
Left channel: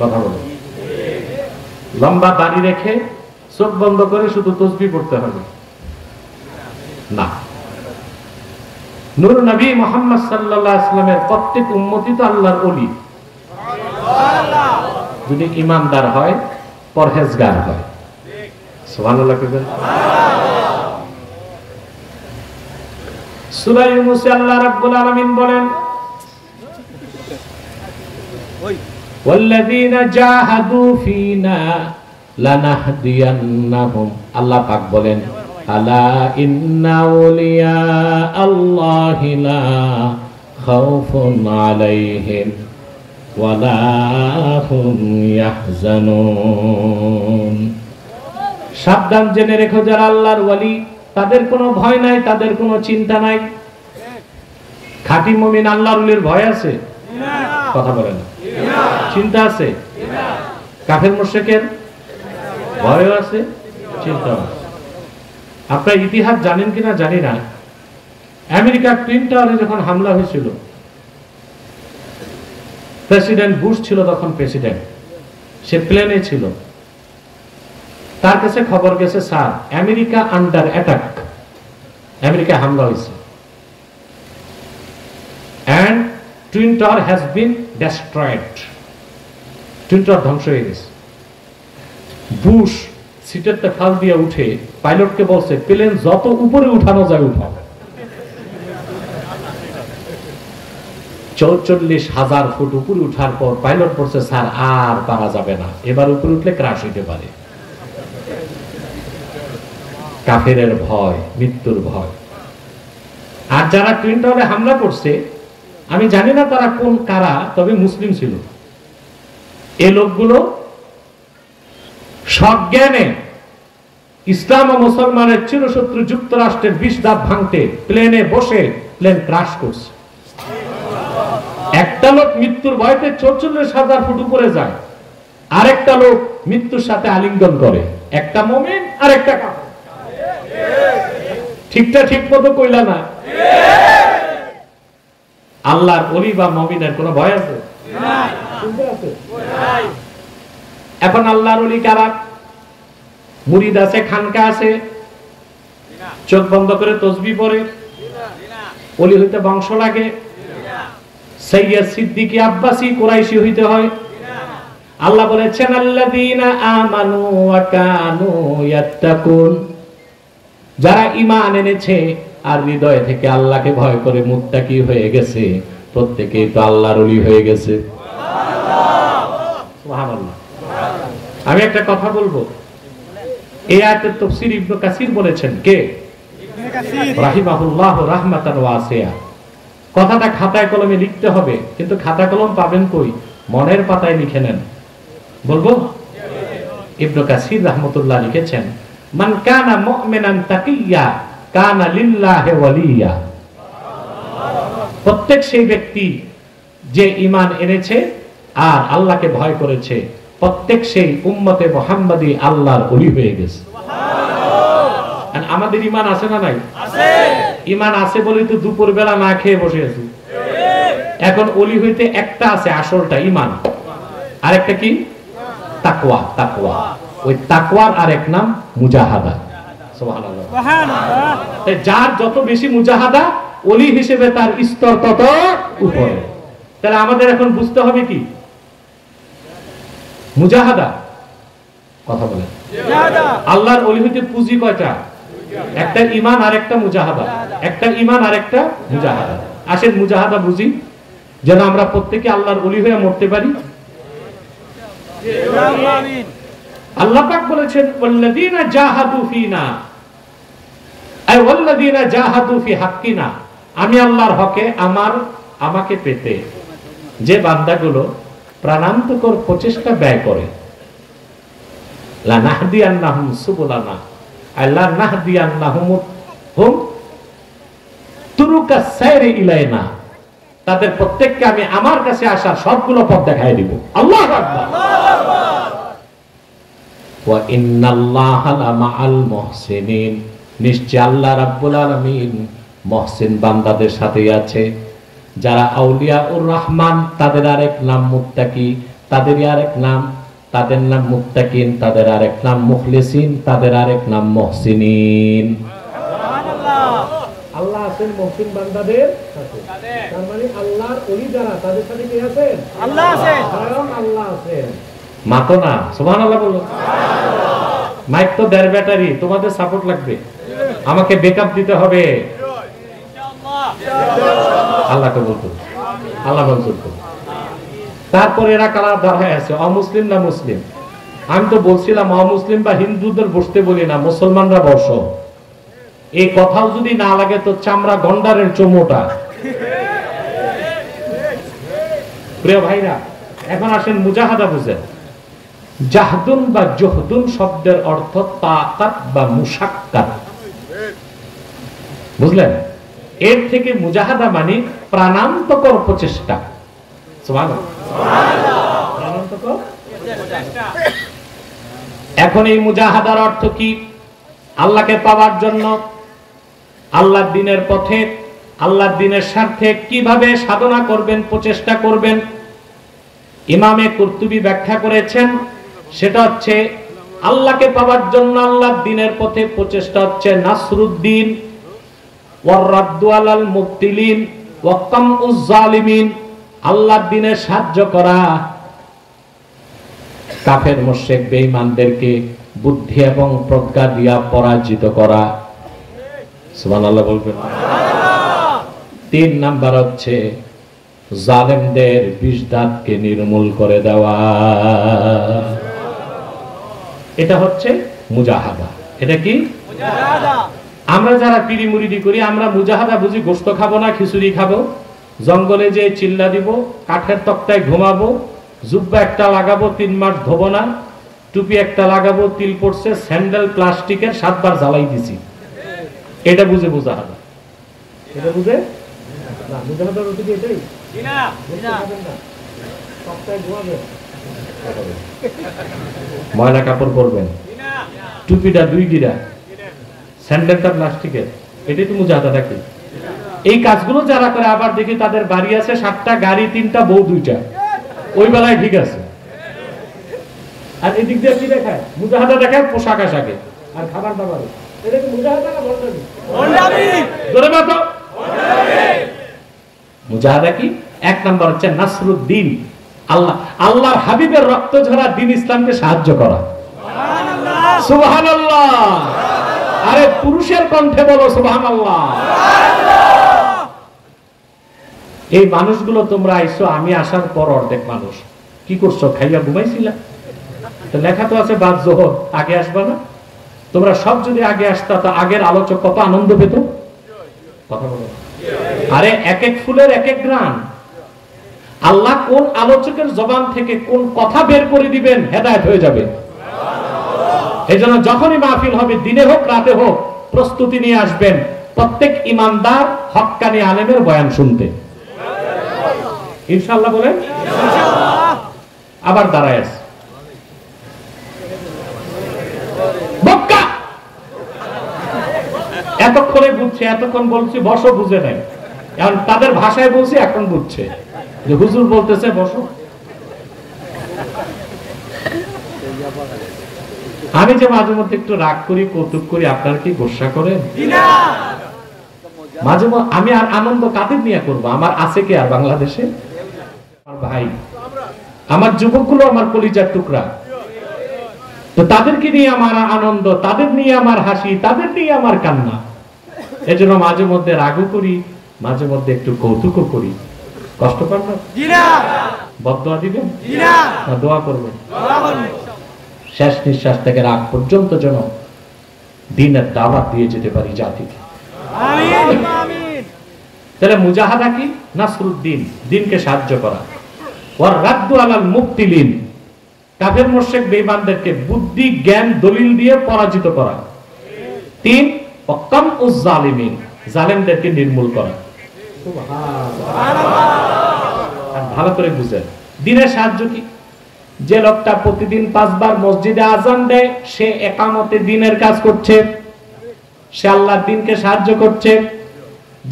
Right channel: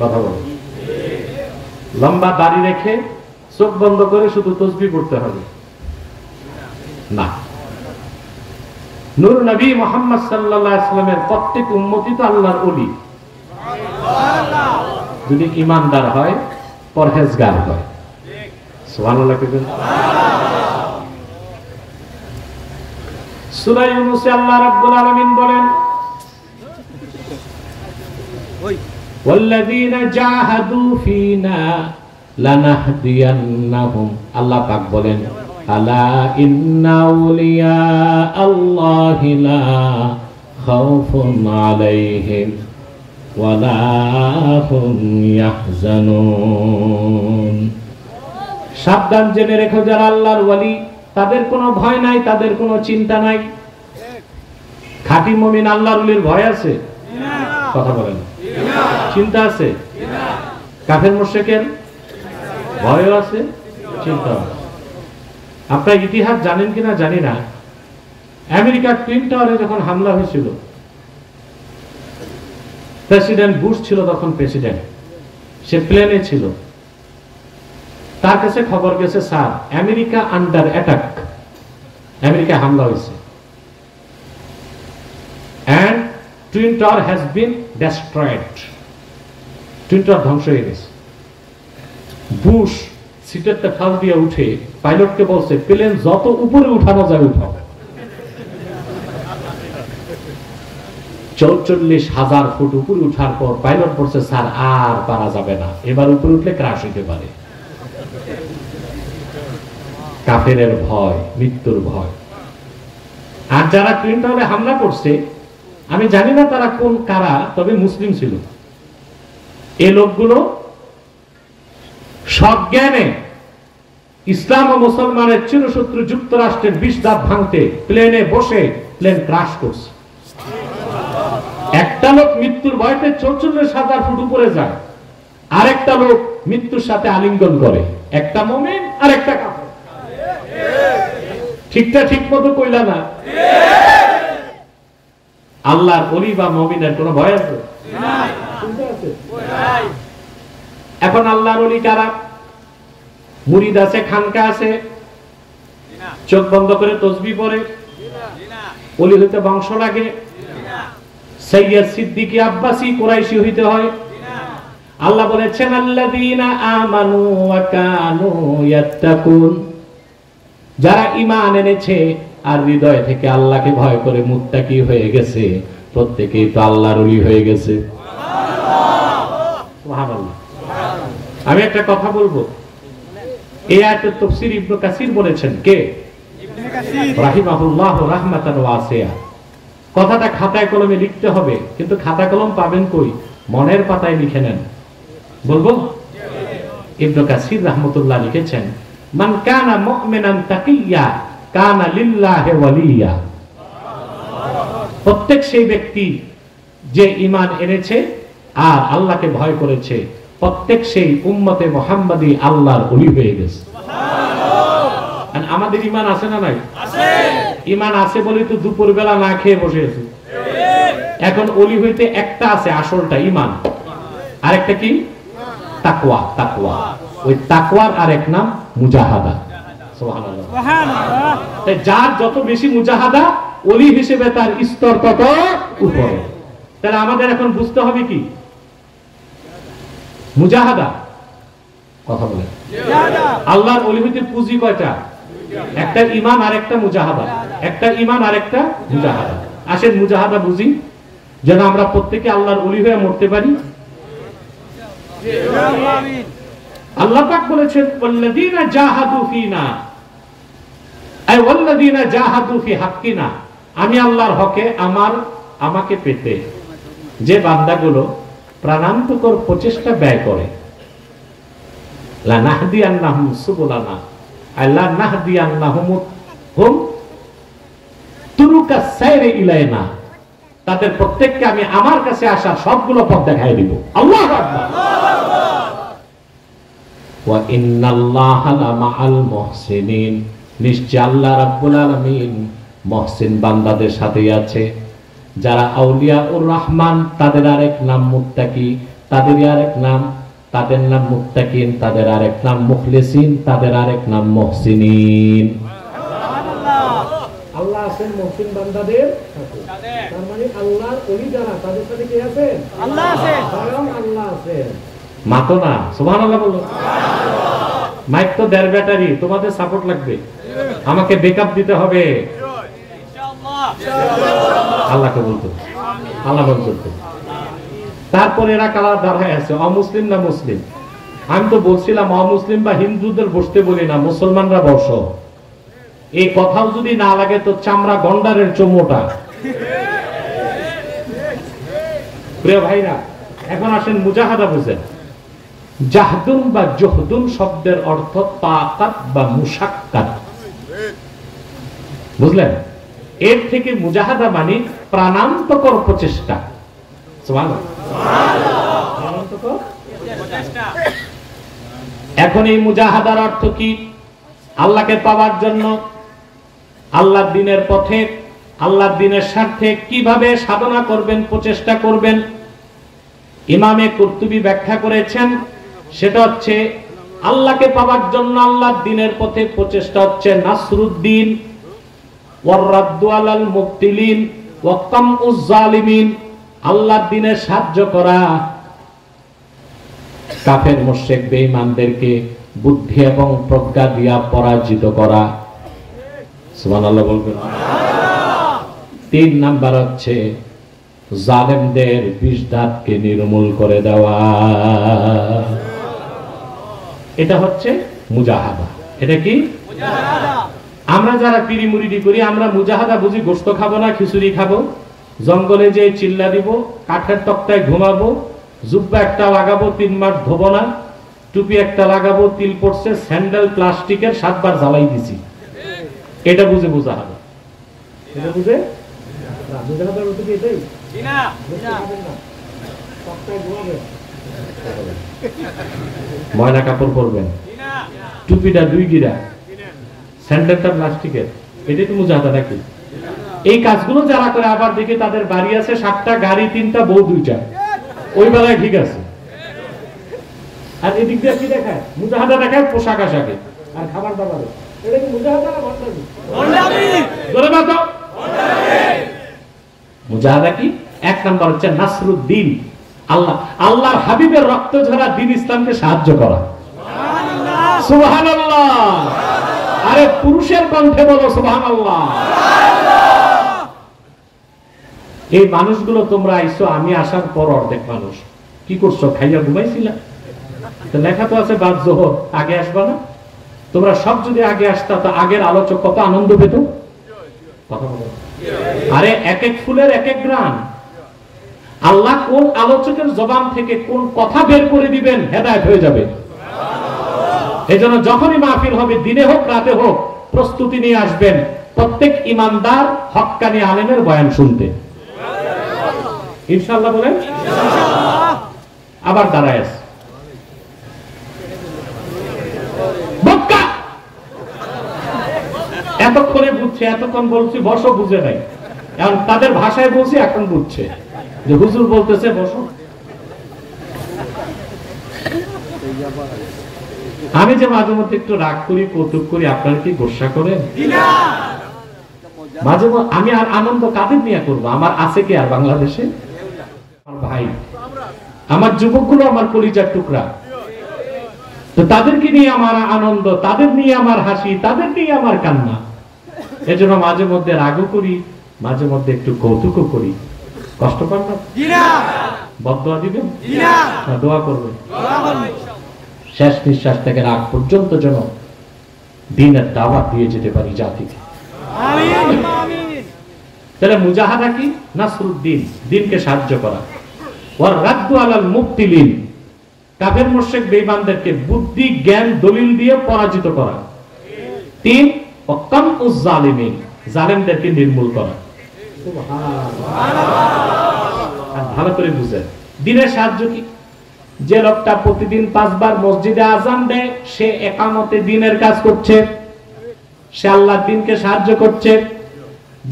কথা বল, লম্বা দাড়ি রেখে চোখ বন্ধ করে শুধু তাসবিহ পড়তে হবে না। নূর নবী মুহাম্মদ সাল্লাল্লাহু আলাইহি ওয়াসাল্লামের প্রত্যেক উম্মতি তো আল্লাহর ওলি, যদি ঈমানদার হয়, পরহেজগার হয়। সুবহানাল্লাহ। সূরা ইউনূসে আল্লাহ রাব্বুল আলামিন বলেন, ওয়াল্লাযীনা জাহাদু ফীনা লানাহদিয়ান্নাহুম। আল্লাহ পাক বলেন, আলা ইন্না আউলিয়া আল্লাহি লা খাউফুন আলাইহিম ওয়ালা হুম ইয়াহজানুন। সাবধান জেনে রেখো, যারা আল্লাহর ওয়ালি তাদের কোনো ভয় নাই, তাদের কোনো চিন্তা নাই। খাঁটি মুমিন আল্লাহর ওলির ভয় আছে? কথা বলেন। চিন্তা আছে? কাফের মুশরিকের ভয় আছে, চিন্তা আছে। আপনারা ইতিহাস জানেন কিনা জানি না, আমেরিকার টুইন টাওয়ারে যখন হামলা হয়েছিল, প্রেসিডেন্ট বুশ ছিল তখন প্রেসিডেন্ট, সে প্লেনে ছিল, তার কাছে খবর গেছে, sir America under attack, America হামলা হয়েছে, and twin tower has been destroyed, twin tower ধ্বংস হয়ে গেছে। বুশ সিটের ফাল দিয়ে উঠে পাইলটকে বলছে, প্লেন যত উপরে উঠানো যায় উঠাও। 44,000 ফুট উপরে উঠার পর পাইলট বলছে, স্যার আর পারা যাবে না, এবার উপরে উঠলে ক্রাশ হইতে পারে। কাফেরের ভয়, মৃত্যুর ভয়। আর যারা টুইন টাওয়ারে হামলা করছে, আমি জানি না তারা কোন কারা, তবে মুসলিম ছিল। এই লোকগুলো সজ্ঞানে ইসলাম ও মুসলমানের চিরশত্রু যুক্তরাষ্ট্রের 20 ধাপ ভাঙতে প্লেনে বসে প্লেন ক্রাশ করছে। একটা লোক মৃত্যুর ভয়তে 44,000 ফুট উপরে যায়, আরেকটা লোক মৃত্যুর সাথে আলিঙ্গন করে, একটা মুমিন আর একটা কাফের। ঠিকটা ঠিক মতো কইলা না? আল্লাহর ওলি বা মুমিনের কোনো ভয় আছে? এখন আল্লাহর ওলি কারা? মুরিদ আছে, খানকা আছে, চোখ বন্ধ করে তসবিহ পড়ে, ওলি হইতে বংশ লাগে, সৈয়দ সিদ্দিকী আব্বাসী কুরাইশি হইতে হয়। আল্লাহ বলেছেন আল্লাযীনা আমানু ওয়া কানু ইয়াত্তাকুন, যারা ঈমান এনেছে আর হৃদয় থেকে আল্লাহকে ভয় করে মুত্তাকি হয়ে গেছে, প্রত্যেকেই তো আল্লাহর ওলি হয়ে গেছে। সুবহানাল্লাহ। আমি একটা কথা বলবো, এই আয়াতের তাফসীর ইবনে কাসির বলেছেন, কে? ইবনে কাসির রাহিমাহুল্লাহ রাহমাতান ওয়াসিয়া। কথাটা খাতায় কলমে লিখতে হবে, কিন্তু খাতা কলম পাবেন কই? মনের পাতায় লিখে নেন। বলবো? ইবনে কাসির রাহমাতুল্লাহ লিখেছেন, মান কানা মুমিনান তাকিয়্যা কানা লিল্লাহি ওয়ালিয়্যা। প্রত্যেক সেই ব্যক্তি যে ঈমান এনেছে আর আল্লাহকে ভয় করেছে, প্রত্যেক সেই উম্মতে মুহাম্মাদী আল্লাহর ওলি হয়ে গেছে। সুবহানাল্লাহ। আর আমাদের ঈমান আছে না নাই? আছে। ঈমান আছে বলে তো দুপুর বেলা না খেয়ে বসে আছি। এখন ওলি হইতে একটা আছে, আসলটা ঈমান, আরেকটা কি? তাকওয়া। তাকওয়া, ওই তাকওয়ার আরেক নাম মুজাহাদা। সুবহানাল্লাহ। সুবহানাল্লাহ। যার যত বেশি মুজাহাদা, ওলি হিসেবে তার স্তর তত উপরে। তাহলে আমাদের এখন বুঝতে হবে কি? মুজাহাদা। কথা বলেন। আল্লাহর ওলি হইতে পুঁজি কয়টা? একটা ঈমান আর একটা মুজাহাদা। একটা ঈমান আর একটা মুজাহাদা। আসেন মুজাহাদা বুঝি, যেন আমরা প্রত্যেকে আল্লাহর ওলি হয়ে মরতে পারি। আল্লাহ পাক বলেছেন ওয়াল্লাযীনা জাহাদু ফিনা আই ওয়াল্লাযীনা জাহাদু ফি হাক্কিনা, আমি আল্লাহর হকে আমাকে পেতে যে বান্দাগুলো প্রাণান্তকর প্রচেষ্টা ব্যয় করে, লানাহদিয়ান্নাহুম সুবুলানা আল্লাহ নাহদিয়ান্নাহুম হুম তুরুকা সাইরে ইলাইনা, তাদের প্রত্যেককে আমি আমার কাছে আসার সবগুলো পথ দেখায় দিব। আল্লাহু আকবার। ওয়া ইন্নাল্লাহা লামাআল মুহসিনিন, নিশ্চয় আল্লাহ রাব্বুল আলামিন মুহসিন বান্দাদের সাথে আছে। যারা আউলিয়াউর রহমান, তাদের আরেক নাম মুত্তাকি, তাদের আরেক নাম, তাদের নাম মুত্তাকিন, তাদের আরেক নাম মুখলিসিন, তাদের আরেক নাম মুহসিনিন। আল্লাহ আছেন মুহসিন বান্দাদের সাথে। তার মানে আল্লাহর ওলি যারা, তাদের সাথে কে আছেন? আল্লাহ আছেন। স্বয়ং আল্লাহ আছেন। মাতো না, সুবহানাল্লাহ বলো। সুবহানাল্লাহ। মাইক তো দেড় ব্যাটারি, তোমাদের সাপোর্ট লাগবে, আমাকে ব্যাকআপ দিতে হবে ইনশাআল্লাহ। আল্লাহকে বলতো, আল্লাহ বলতো। তারপর এরা কারা দাঁড়ায় আছে, অমুসলিম না মুসলিম? আমি তো বলছিলাম অমুসলিম বা হিন্দুদের বসতে বলি না, মুসলমানরা বস। এই কথাও যদি না লাগে তো চামড়া গন্ডারের চমোটা। প্রিয় ভাইরা, এখন আসেন মুজাহাদা বুঝেন। জাহদুন বা জহদুন শব্দের অর্থ তাকাত বা মুশাক্কাত, বুঝলেন? এর থেকে মুজাহাদা মানে প্রাণান্তকর প্রচেষ্টা। সুবহানাল্লাহ। প্রাণান্তকর প্রচেষ্টা। এখন এই মুজাহাদার অর্থ কি? আল্লাহকে পাওয়ার জন্য, আল্লাহর দ্বীনের পথে, আল্লাহর দ্বীনের স্বার্থে কিভাবে সাধনা করবেন, প্রচেষ্টা করবেন। ইমামে কুরতুবী ব্যাখ্যা করেছেন, সেটা হচ্ছে আল্লাহকে পাওয়ার জন্য আল্লাহর দ্বীনের পথে প্রচেষ্টা হচ্ছে নাসরুদ্দিন ওয়ার রাদ্দু আলাল মুবতিলিন ওয়া কামউজ জালিমিন, আল্লাহর দ্বীনে সাহায্য করা, কাফের মুশরিক বেঈমানদেরকে বুদ্ধি এবং প্রজ্ঞা দিয়া পরাজিত করা। সুবহানাল্লাহ বলবেন। 3 নাম্বার হচ্ছে জালেমদের বিষ দাঁতকে নির্মূল করে দেওয়া। এটা হচ্ছে মুজাহাদা। এটা কি মুজাহাদা? আমরা যারা পীরি মুরিদি করি, আমরা মুজাহাদা বুঝি গোশত খাবো না, খিচুড়ি খাবো, জঙ্গলে যে চিল্লা দিব, কাঠের তক্তায় ঘুমাবো, জুব্বা একটা লাগাবো 3 মাস ধোবো না, টুপি একটা লাগাবো, তিল পড়ছে, স্যান্ডেল প্লাস্টিকের 7 বার জ্বালাই দিছি, এটা বুঝে মুজাহাদা। এটা বুঝে না, মুজাহাদার অর্থ কি এটাই? না, না, তক্তায় ঘুমাবেন, ময়লা কাপড় পরবেন, টুপিটা 2 গিরা, স্যান্ডেলটা প্লাস্টিকের, এটাই তো মুজাহাদা নাকি? এই কাজগুলো যারা করে, আবার দেখি তাদের বাড়ি আছে 7টা, গাড়ি 3টা, বউ 2টা, ওই বেলায় ঠিক আছে। আর এদিক দিয়ে কি দেখায়? মুজাহাদা দেখায় পোশাক আশাকে আর খাবার দাবারে। এটা কি মুজাহাদা না ভণ্ডামি? ভণ্ডামি। ধরে বাতো মুজাহাদা কি? এক নম্বর হচ্ছে নাসরুদ্দিন, আল্লাহর হাবিবের রক্ত ঝরা দ্বীন ইসলামকে সাহায্য করা। সুবহানাল্লাহ। আরে পুরুষের কণ্ঠে বলো সুবহানাল্লাহ। এই মানুষগুলো তোমরা আইছো, আমি আসার পর অর্ধেক মানুষ কি করছো? খাইয়া ঘুমাইছিলা? লেখা তো আছে বাদ জোহর, আগে আসবা না? তোমরা সব যদি আগে আসতা তো আগের আলোচক কত আনন্দ পেত। কথা বলো। আরে এক এক ফুলের এক এক গ্রাম। আল্লাহ কোন আলোচকের জবান থেকে কোন কথা বের করে দিবেন, হেদায়েত হয়ে যাবে। এই জন্য যখনই মাহফিল হবে, দিনে হোক রাতে হোক, প্রস্তুতি নিয়ে আসবেন প্রত্যেক ইমানদার হক্কানি আলেমের বয়ান শুনতে। ইনশাআল্লাহ বলেন। আবার দাঁড়ায় আছে বক্কা, এতক্ষণে বুঝছে, এতক্ষণ বলছি বসো, বুঝে নাই। এখন তাদের ভাষায় বলছি, এখন বুঝছে যে হুজুর বলতেছে বসো। আমি যে মাঝে মধ্যে একটু রাগ করি, কৌতুক করি, আপনার কি গোসা করেন? মাঝে মধ্যে আমি আর আনন্দ কাদের নিয়ে করবো? আমার আছে কি আর বাংলাদেশে? ভাই আমার যুবকগুলো আমার কলিজার টুকরা, তো তাদেরকে নিয়ে আমার আনন্দ, তাদের নিয়ে আমার হাসি, তাদের নিয়ে আমার কান্না। এজন্য মাঝে মধ্যে রাগও করি, মাঝে মধ্যে একটু কৌতুকও করি। কষ্ট পান না? বদদোয়া দিবেন না দোয়া করবেন? শেষ নিঃশ্বাস থেকে রাগ পর্যন্ত যেন দ্বীনের দাওয়াত দিয়ে যেতে পারি জাতিকে। তাহলে মুজাহাদা কি? নাসরুদ্দিন, দ্বীনকে সাহায্য করা। ওয়ার রাদ্দু আলাল মুবতিলিন, কাফের মুশরিক বেঈমানদেরকে বুদ্ধি জ্ঞান দলিল দিয়ে পরাজিত করা। 3 ওয়াকামউজ জালিমিন, জালেমদেরকে নির্মূল করা। সুবহানাল্লাহ। ভালো করে বুঝেন দ্বীনের সাহায্য কি? যে লোকটা প্রতিদিন 5 বার মসজিদে আযান দেয়, সে ইকামতে দ্বীনের কাজ করছে, সে আল্লাহর দ্বীনকে সাহায্য করছে।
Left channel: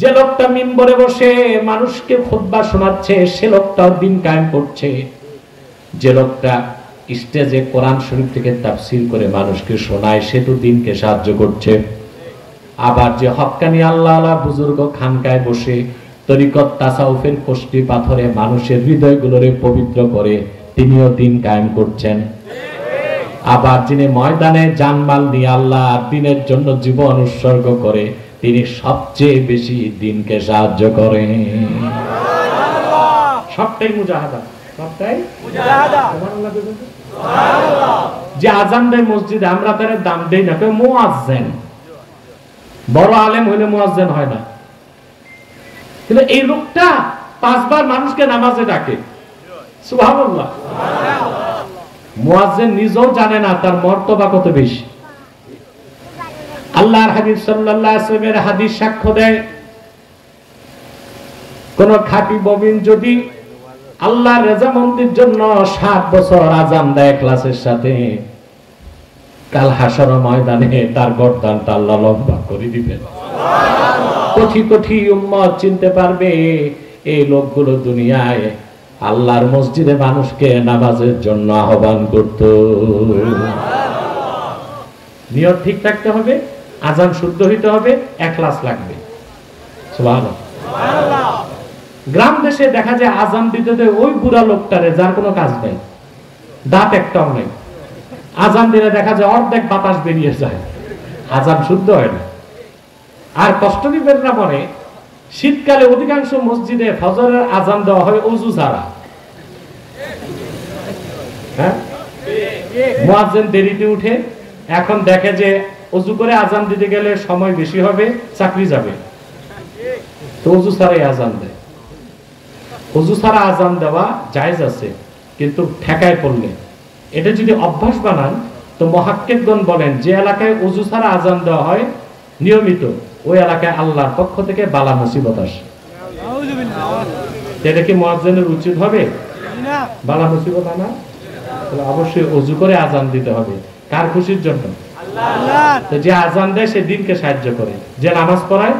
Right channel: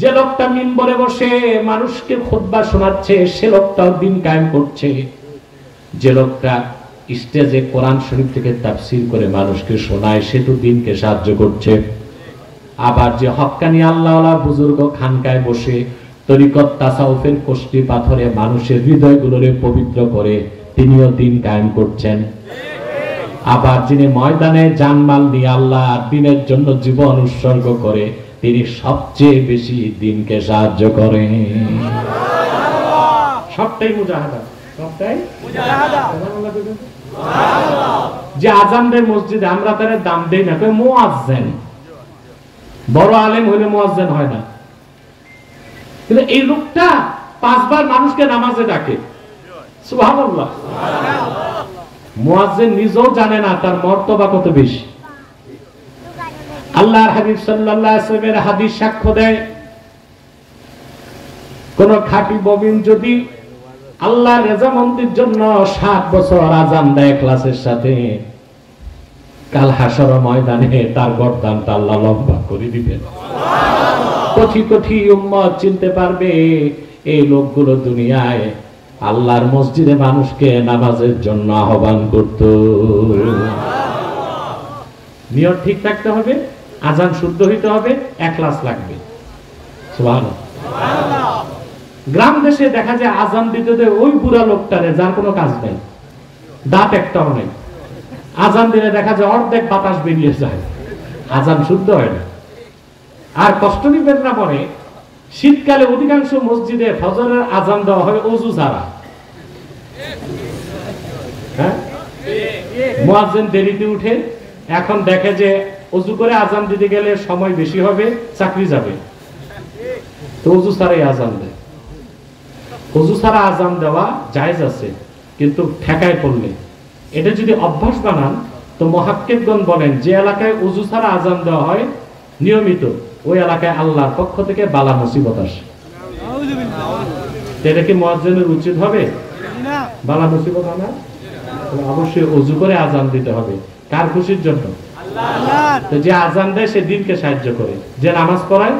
যে লোকটা মিম্বরে বসে মানুষকে খুতবা শোনাচ্ছে, সে লোকটা দ্বীন কায়েম করছে। যে লোকটা স্টেজে কোরআন শরীফ থেকে তাফসীর করে মানুষকে শোনায়, সে তো দ্বীনকে সাহায্য করছে। আবার যে হক্কানি আল্লাহওয়ালা বুজুর্গ খানকায় বসে তরিকত তাসাউফের কষ্টি পাথরে মানুষের হৃদয়গুলোরে পবিত্র করে, তিনিও দ্বীন কায়েম করছেন। আবার যিনি ময়দানে জানমাল নিয়ে আল্লাহ দ্বীনের জন্য জীবন উৎসর্গ করে, তিনি সবচেয়ে বেশি দ্বীনকে সাহায্য করেন। সবটাই মুজাহাদা, সবটাই মুজাহাদা। যে আযান দেয় মসজিদে, আমরা তার দাম দেই না, মুয়াজ্জিন। বড় আলেম হইলে মুয়াজ্জিন হয় না। কিন্তু এই লোকটা 5 বার মানুষকে নামাজে ডাকে। সুবহানাল্লাহ। মুয়াজ্জিন নিজেও জানে না তার মর্তবা কত বেশি। আল্লাহর হাবিব সাল্লাল্লাহু আলাইহি ওয়াসাল্লামের হাদিস সাক্ষ্য দেয়, কোন খাঁটি মুমিন যদি আল্লাহর রেজামন্দির জন্য 7 বছর আযান দেয় ইখলাসের সাথে, কাল হাসর ময়দানে তার গর্দানটা আল্লাহ লম্বা করে দিবেন। কোটি কোটি উম্মত চিনতে পারবে এই লোকগুলো দুনিয়ায় আল্লাহর মসজিদে মানুষকে নামাজের জন্য আহ্বান করত। নিয়ত ঠিক থাকতে হবে, আযান শুদ্ধ হইতে হবে, ইখলাস লাগবে। সুবহানাল্লাহ। গ্রাম দেশে দেখা যায় আযান দিতে ওই বুড়া লোকটারে, যার কোনো কাজ নেই, দাঁত একটাও নেই, আযান দিলে দেখা যায় অর্ধেক বাতাস বেরিয়ে যায়, আযান শুদ্ধ হয় না। আর কষ্ট নিবেন না মনে, শীতকালে অধিকাংশ মসজিদে ফজরের আযান দেওয়া হয় ওযু ছাড়া। হ্যাঁ, মুয়াজ্জিন দেরিতে উঠে, এখন দেখে যে ওযু করে আযান দিতে গেলে সময় বেশি হবে, চাকরি যাবে, তো ওযু ছাড়াই আযান দেয়। ওযু ছাড়া আযান দেওয়া জায়েজ আছে, কিন্তু ঠেকায় পড়লে এটা যদি অভ্যাস বানান, তো মুহাক্কিকগণ বলেন যে এলাকায় ওযু ছাড়া আযান দেওয়া হয় নিয়মিত, ওই এলাকায় আল্লাহর পক্ষ থেকে বালা মুসিবত আসে। এটা কি মুয়াজ্জিনের উচিত হবে? না, বালা মুসিবত আনা অবশ্যই ওযু করে আযান দিতে হবে। কার খুশির জন্য? আল্লাহ। তো যে আযান দেয় সে দ্বীনকে সাহায্য করে, যে নামাজ পড়ায়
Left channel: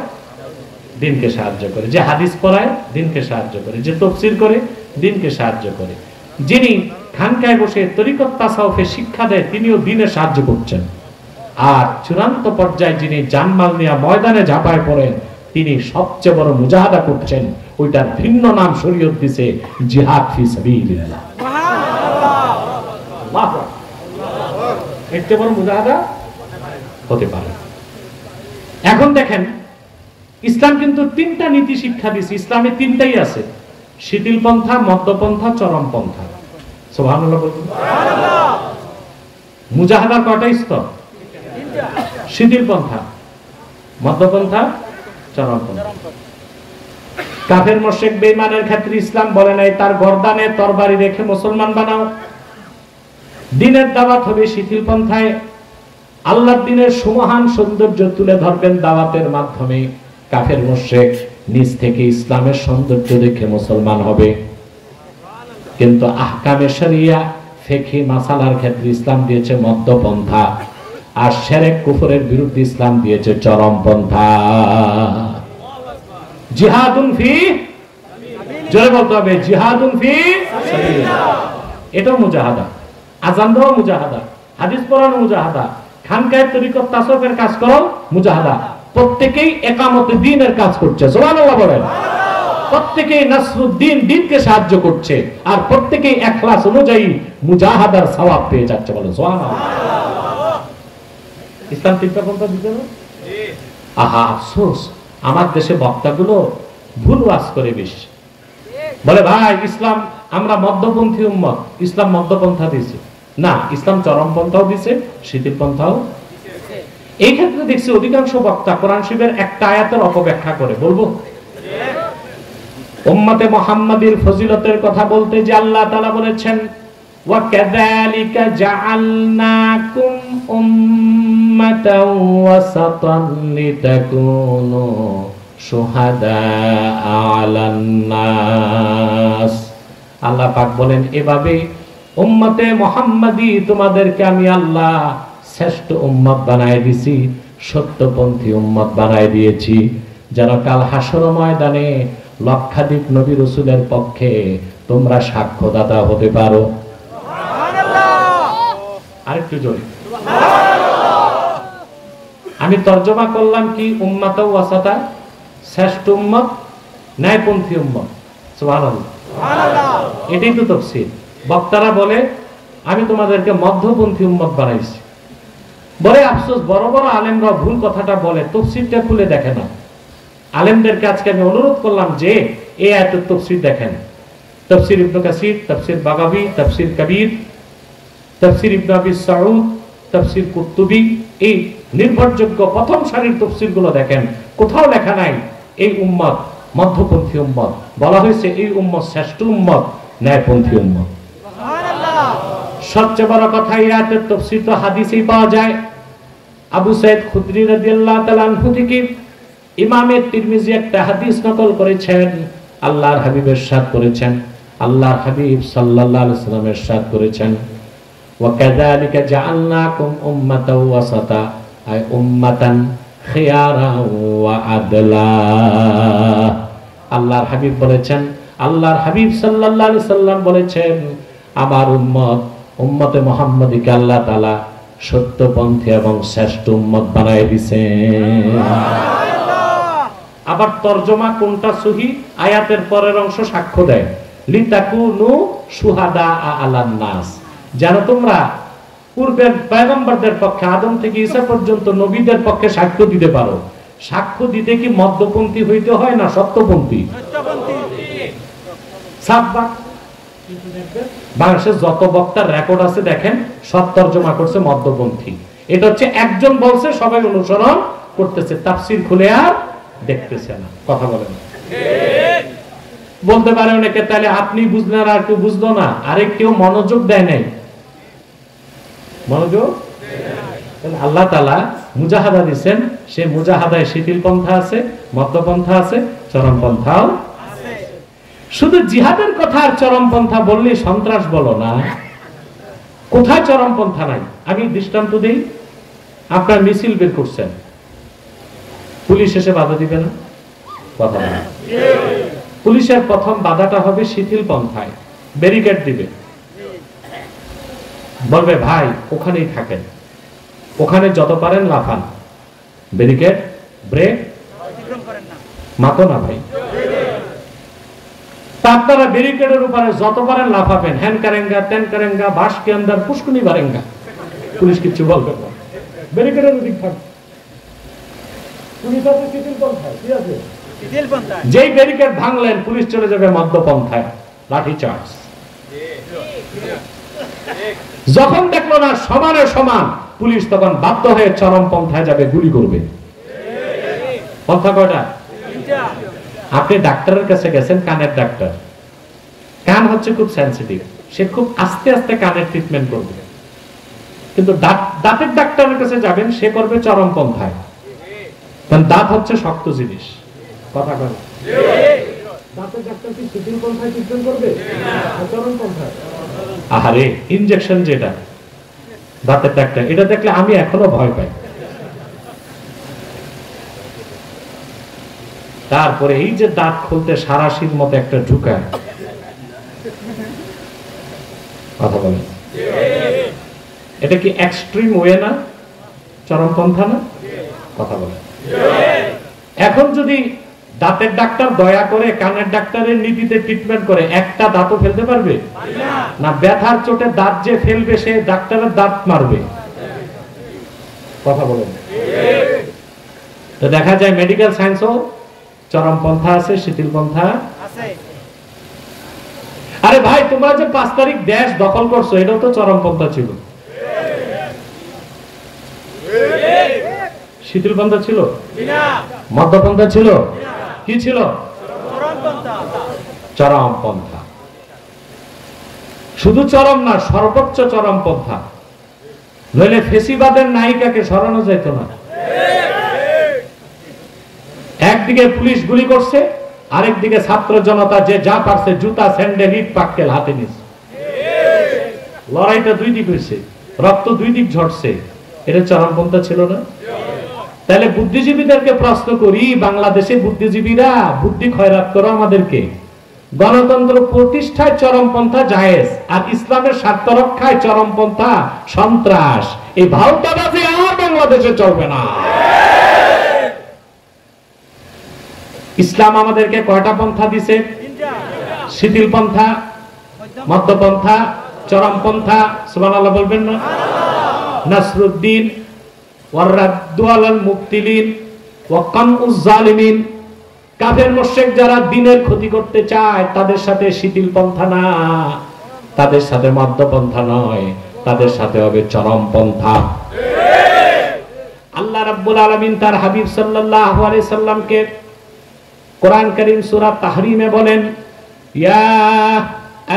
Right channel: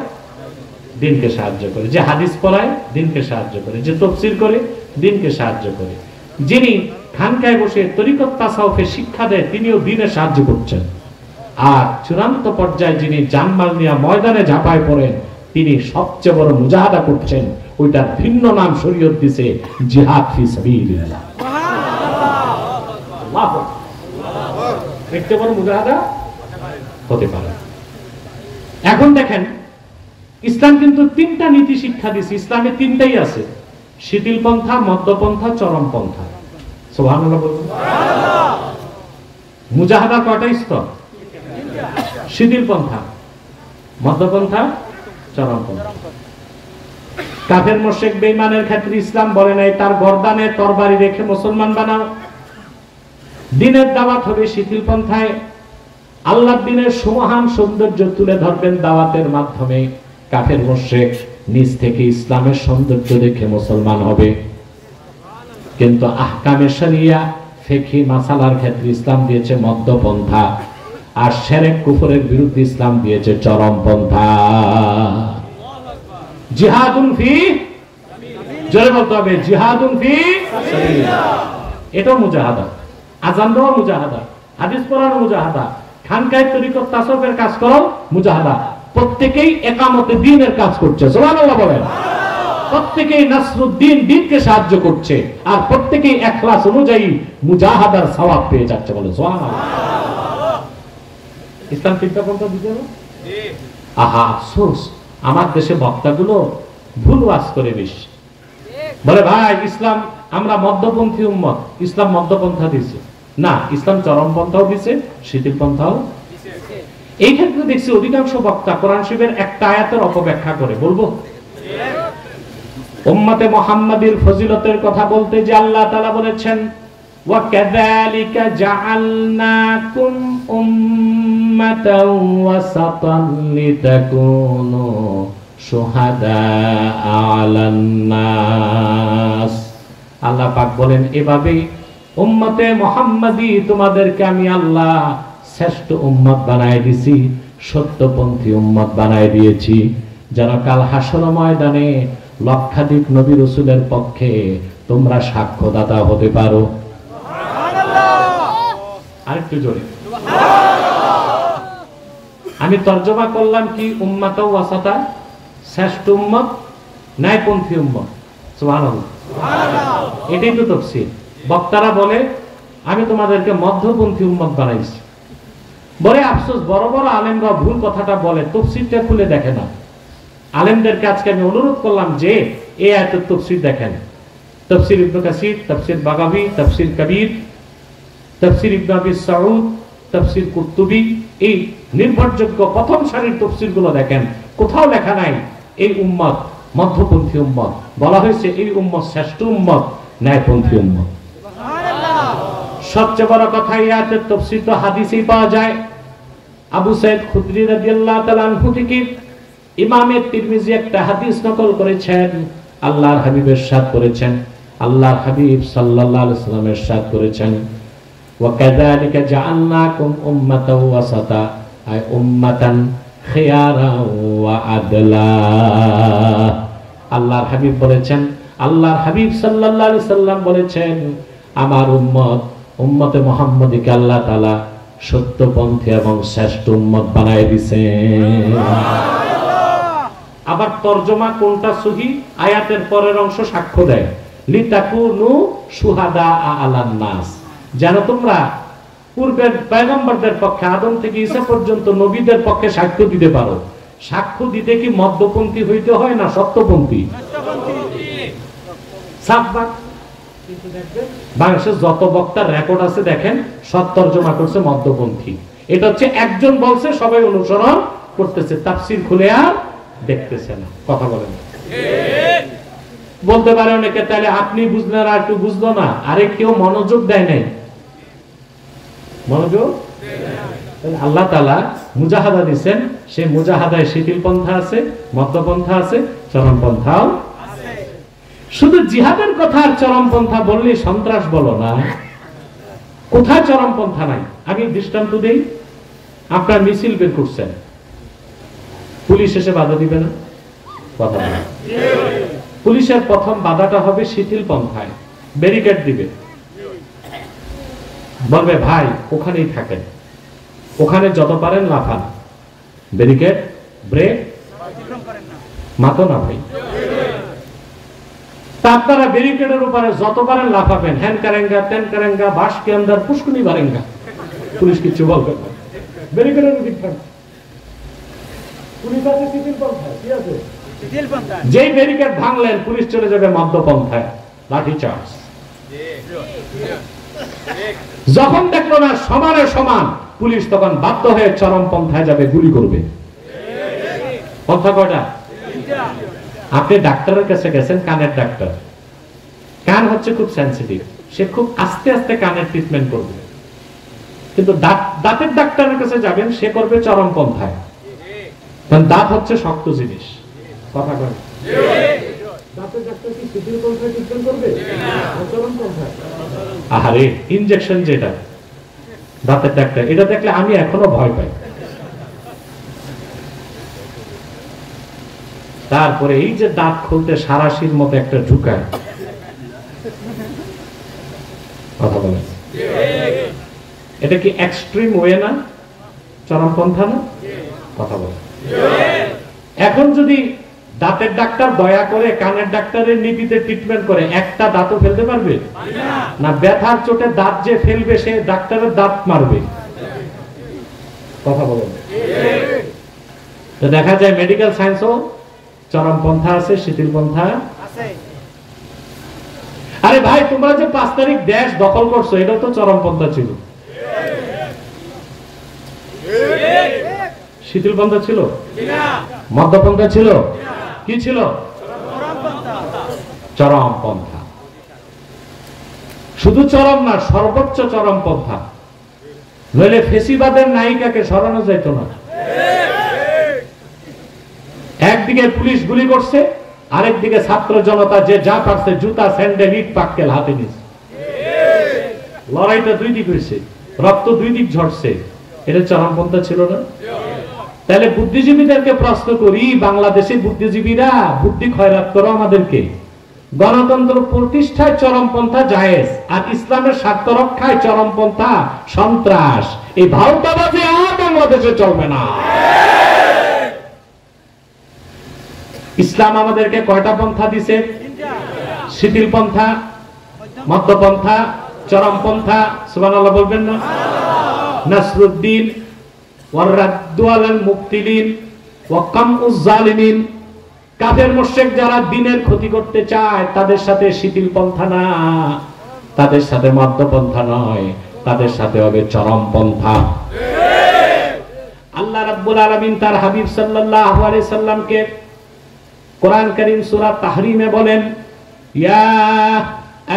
দ্বীনকে সাহায্য করে, যে হাদিস পড়ায় দ্বীনকে সাহায্য করে, যে তাফসীর করে দ্বীনকে সাহায্য করে। যিনি খানকায় বসে তরিকত তাসাউফের শিক্ষা দেয়, তিনিও দ্বীনে সাহায্য করছেন। আর চূড়ান্ত পর্যায়ে যিনি জানমাল নিয়ে ময়দানে ঝাঁপায় পড়েন, তিনি সবচেয়ে বড় মুজাহাদা করছেন। ওইটার ভিন্ন নাম শরীয়ত দিছে জিহাদ ফি সাবিলিল্লাহ। এর চেয়ে বড় মুজাহাদা হতে পারে। এখন দেখেন, ইসলাম কিন্তু তিনটা নীতি শিক্ষা দিচ্ছে। ইসলামে তিনটাই আছে, শিথিল পন্থা, মধ্যপন্থা, চরম পন্থা। সুবহানাল্লাহ বলুন। মুজাহাদা কয়টা স্তর? শিথিল পন্থা, মধ্যপন্থা, চরম পন্থা। কাফের মুশরিক বেঈমানের ক্ষেত্রে ইসলাম বলে নাই তার গর্দানে তরবারি রেখে মুসলমান বানাও। দ্বীনের দাওয়াত হবে শিথিল পন্থায়। আল্লাহর দ্বীনের সুমহান সৌন্দর্য তুলে ধরবেন দাওয়াতের মাধ্যমে। কাফের মুশরিক নিজ থেকে ইসলামের সৌন্দর্য দেখে মুসলমান হবে। কিন্তু আহকামে শরিয়া, ফিকহি মাসালার ক্ষেত্রে ইসলাম দিয়েছে মধ্যপন্থা, আর শিরক কুফরের বিরুদ্ধে ইসলাম দিয়েছে চরম পন্থা। জিহাদুন ফি, জোরে বলতে হবে, জিহাদুন ফি সাবিলিল্লাহ। এটাও মুজাহাদা। আযান দেওয়া মুজাহাদা, হাদিস পড়ানো মুজাহাদা, খানকায় তরিকত তাসাউফের কাজ করো মুজাহাদা। প্রত্যেকেই একামতে দ্বীনের কাজ করছে। সুবহানাল্লাহ বলেন। প্রত্যেকেই নাসরুদ্দিন দ্বীনকে সাহায্য করছে, আর প্রত্যেকেই ইখলাস অনুযায়ী মুজাহাদার সওয়াব পেয়ে যাচ্ছে। বলে সুবহানাল্লাহ। ইসলাম চিন্তা করতে বুঝে না? আহা আফসোস, আমার দেশে বক্তাগুলো ভুল ওয়াজ করে বেশি। বলে ভাই ইসলাম, আমরা মধ্যপন্থী উম্মত, ইসলাম মধ্যপন্থা দিয়েছে না, ইসলাম চরম পন্থাও দিয়েছে, শিথিল পন্থাও। এই ক্ষেত্রে দেখছি অধিকাংশ বক্তা কোরআন শরীফের একটা আয়াতের অপব্যাখ্যা করে। বলবো উম্মতে মুহাম্মাদীর ফজিলতের কথা বলতে যে আল্লাহ তাআলা বলেছেন ওয়া কাযালিকা জাআলনাকুম উম্মাতাও ওয়াসাতান লিতাকুনু শুহাদা আলান নাস। আল্লাহ পাক বলেন এভাবে উম্মতে মুহাম্মাদী তোমাদেরকে আমি আল্লাহ শ্রেষ্ঠ উম্মত বানায় দিয়েছি, সত্যপন্থী উম্মত বানায় দিয়েছি, যেন কাল হাসর ময়দানে লক্ষাধিক নবী রাসূলের পক্ষে তোমরা সাক্ষ্যদাতা হতে পারো। আরেকটু জোরে। আমি তর্জমা করলাম কি, উম্মাত ওয়াসাতা, শ্রেষ্ঠ উম্মত, ন্যায়পন্থী উম্মত। সুবহানাল্লাহ। এটাই তো তাফসীর। বক্তারা বলে আমি তোমাদেরকে মধ্যপন্থী উম্মত বানাইছি। বড় আফসোস, বড় বড় আলেমরা ভুল কথাটা বলে, তাফসীরটা খুলে দেখে না। আলেমদেরকে আজকে আমি অনুরোধ করলাম যে এই আয়াতের তাফসীর দেখেন। তাফসীর ইবনে কাসির, তাফসীর বাগাবী, তাফসীর কবির, তাফসীর ইবনে আবি সাউদ, তাফসীর কুরতুবী, এই নির্ভরযোগ্য প্রথম সারির তাফসীরগুলো দেখেন। কোথাও লেখা নাই এই উম্মত মধ্যপন্থী উম্মত, বলা হয়েছে এই উম্মত শ্রেষ্ঠ উম্মত, ন্যায়পন্থী উম্মত। সবচেয়ে বড় কথা, এই আয়াতের তাফসীর তো হাদিসেই পাওয়া যায়। আবু সাঈদ খুদরি রাদিয়াল্লাহু তাআলা আনহু থেকে ইমাম তিরমিজি একটা হাদিস নকল করেছেন। আল্লাহর হাবিব ইরশাদ করেছেন, আল্লাহর হাবিব সাল্লাল্লাহু আলাইহি ওয়াসাল্লাম ইরশাদ করেছেন ওয়া কাযালিকা জাআলনাকুম উম্মাতাও ওয়াসাতা, আই উম্মাতান খিয়ারান ওয়া আদলা। আল্লাহর হাবিব বলেছেন, আল্লাহর হাবিব সাল্লাল্লাহু আলাইহি ওয়াসাল্লাম বলেছেন আমার উম্মত, উম্মতে মুহাম্মাদীকে আল্লাহ তাআলা সত্যপন্থী এবং শ্রেষ্ঠ উম্মত বানায় দিয়েছেন। আবার তরজমা কোনটা সহি, আয়াতের পরের অংশ সাক্ষ্য দেয় লিতাকুনু শুহাদা আলান নাস, যেন তোমরা পূর্বের পয়গম্বরদের পক্ষে আদম থেকে ঈসা পর্যন্ত নবীদের পক্ষে সাক্ষ্য দিতে পারো। সাক্ষ্য দিতে কি মধ্যপন্থী হইতে হয় না সত্যপন্থী? কিন্তু দেখবেন বাংলাদেশের যত বক্তার রেকর্ড আছে দেখেন সব তরজমা করছে মধ্যপন্থী। এটা হচ্ছে একজন বলছে সবাই অনুসরণ করতেছে, তাফসীর খুলে আর দেখতেছে না। কথা বলেন বলতে পারে অনেকে তাহলে আপনি বুঝলেন আর কেউ বুঝলো না, আরে কেউ মনোযোগ দেয় নাই। মনোযোগ আল্লাহ তাআলা মুজাহাদা দিয়েছেন, সে মুজাহাদায় শিথিল পন্থা আছে, মধ্যপন্থা আছে, চরম পন্থাও আছে। শুধু জিহাদের কথা আর চরম পন্থা বললে সন্ত্রাস বলো না, কোথায় চরম পন্থা নাই? আমি দৃষ্টান্ত দেই। আপনার মিছিল বের করছেন, পুলিশ এসে বাধা দিবে না? পুলিশের প্রথম বাধাটা হবে শিথিল পন্থায়, ব্যারিকেড দিবে। বলবে ভাই ওখানেই থাকেন, ওখানে যত পারেন লাফান, ব্যারিকেড ব্রেক মাতো না ভাই। আপনারা ব্যারিকেডের উপরে যত পারেন লাফাবেন, হ্যান কারেঙ্গা তেন কারেঙ্গা বাস के अंदर पुष्कुनी मारेंगा, পুলিশ কিছু বলবে না। ব্যারিকেডের উপর থাক, পুলিশ আছে শিথিল পন্থায়, কি আছে শিথিল পন্থায়, যেই ব্যারিকেড ভাঙলেন পুলিশ চলে যাবে মধ্যপন্থায়, লাঠি চার্জ। যখন দেখলো না সমানে সমান, পুলিশ তখন বাধ্য হয়ে চরম পন্থায় যাবে, গুলি করবে। পন্থা কয়টা? আপনি ডাক্তারের কাছে গেছেন, কানের ডাক্তার, কান হচ্ছে খুব সেন্সিটিভ, সে খুব আস্তে আস্তে কানের ট্রিটমেন্ট করবে। কিন্তু দাঁতের ডাক্তারের কাছে যাবেন, সে করবে চরম পন্থায়, কারণ দাঁত হচ্ছে শক্ত জিনিস। কথা বলেন, দাঁতের ডাক্তার কি শিথিল পন্থায় ট্রিটমেন্ট করবে না চরম পন্থায়? আহারে, ইনজেকশন যেটা দাঁতের ডাক্তার, এটা দেখলে আমি এখনো ভয় পাই। তারপরে এই যে দাঁত খুলতে সারাশির মতো একটা ঢুকায়, কথা বলেন, এটা কি এক্সট্রিম ওয়ে না, চরমপন্থা না? কথা বলেন। এখন যদি দাঁতের ডাক্তার দয়া করে কানের ডাক্তারের নীতিতে ট্রিটমেন্ট করে, একটা দাঁতও ফেলতে পারবে না? ব্যথার চোটে দাঁত যে ফেলবে সে ডাক্তারের দাঁত মারবে। কথা বলেন। তো দেখা যায় মেডিকেল সায়েন্সও চরমপন্থা আছে, শিথিল পন্থা আছে। আরে ভাই, তোমরা যে 5 তারিখ দেশ দখল করছো, এটাও তো চরমপন্থা ছিল, শিথিল পন্থা ছিল, মধ্যপন্থা ছিল, কি ছিল? চরমপন্থা। শুধু চরম না, সর্বোচ্চ চরমপন্থা, নইলে ফেসিবাদের নায়িকাকে সরানো যেত না। একদিকে পুলিশ গুলি করছে, আরেকদিকে ছাত্র জনতা যে যা পারছে জুতা স্যান্ডেল ইট পাটকেল হাতে নিচ্ছে। লড়াইটা দুই দিক হয়েছে, রক্ত দুই দিক ঝরছে, এটা চরমপন্থা ছিল না? তাহলে বুদ্ধিজীবীদেরকে প্রশ্ন করি, বাংলাদেশে বুদ্ধিজীবীরা বুদ্ধি খয়রাত করো আমাদেরকে, গণতন্ত্র প্রতিষ্ঠায় চরমপন্থা জায়েজ, আর ইসলামের স্বার্থ রক্ষায় চরমপন্থা সন্ত্রাস। এই ভারতবাদী আর বাংলাদেশে চলবে না। ইসলাম আমাদেরকে কয়টা পন্থা দিছে? শিথিল পন্থা, মধ্যপন্থা, চরমপন্থা। সুবহানাল্লাহ বলবেন না? নাসরুদ্দিন ওয়ারাদ্দু আলাল মুবতিলিন ওয়া কামউজ জালিমিন। কাফের মুশরিক যারা দ্বীনের ক্ষতি করতে চায়, তাদের সাথে শিথিল পন্থা না, তাদের সাথে মধ্যপন্থা নয়, তাদের সাথে হবে চরমপন্থা। আল্লাহ রাব্বুল আলামিন তার হাবিব সাল্লাল্লাহু আলাইহি সাল্লামকে কোরআন কারীম সূরা তাহরিমে বলেন, ইয়া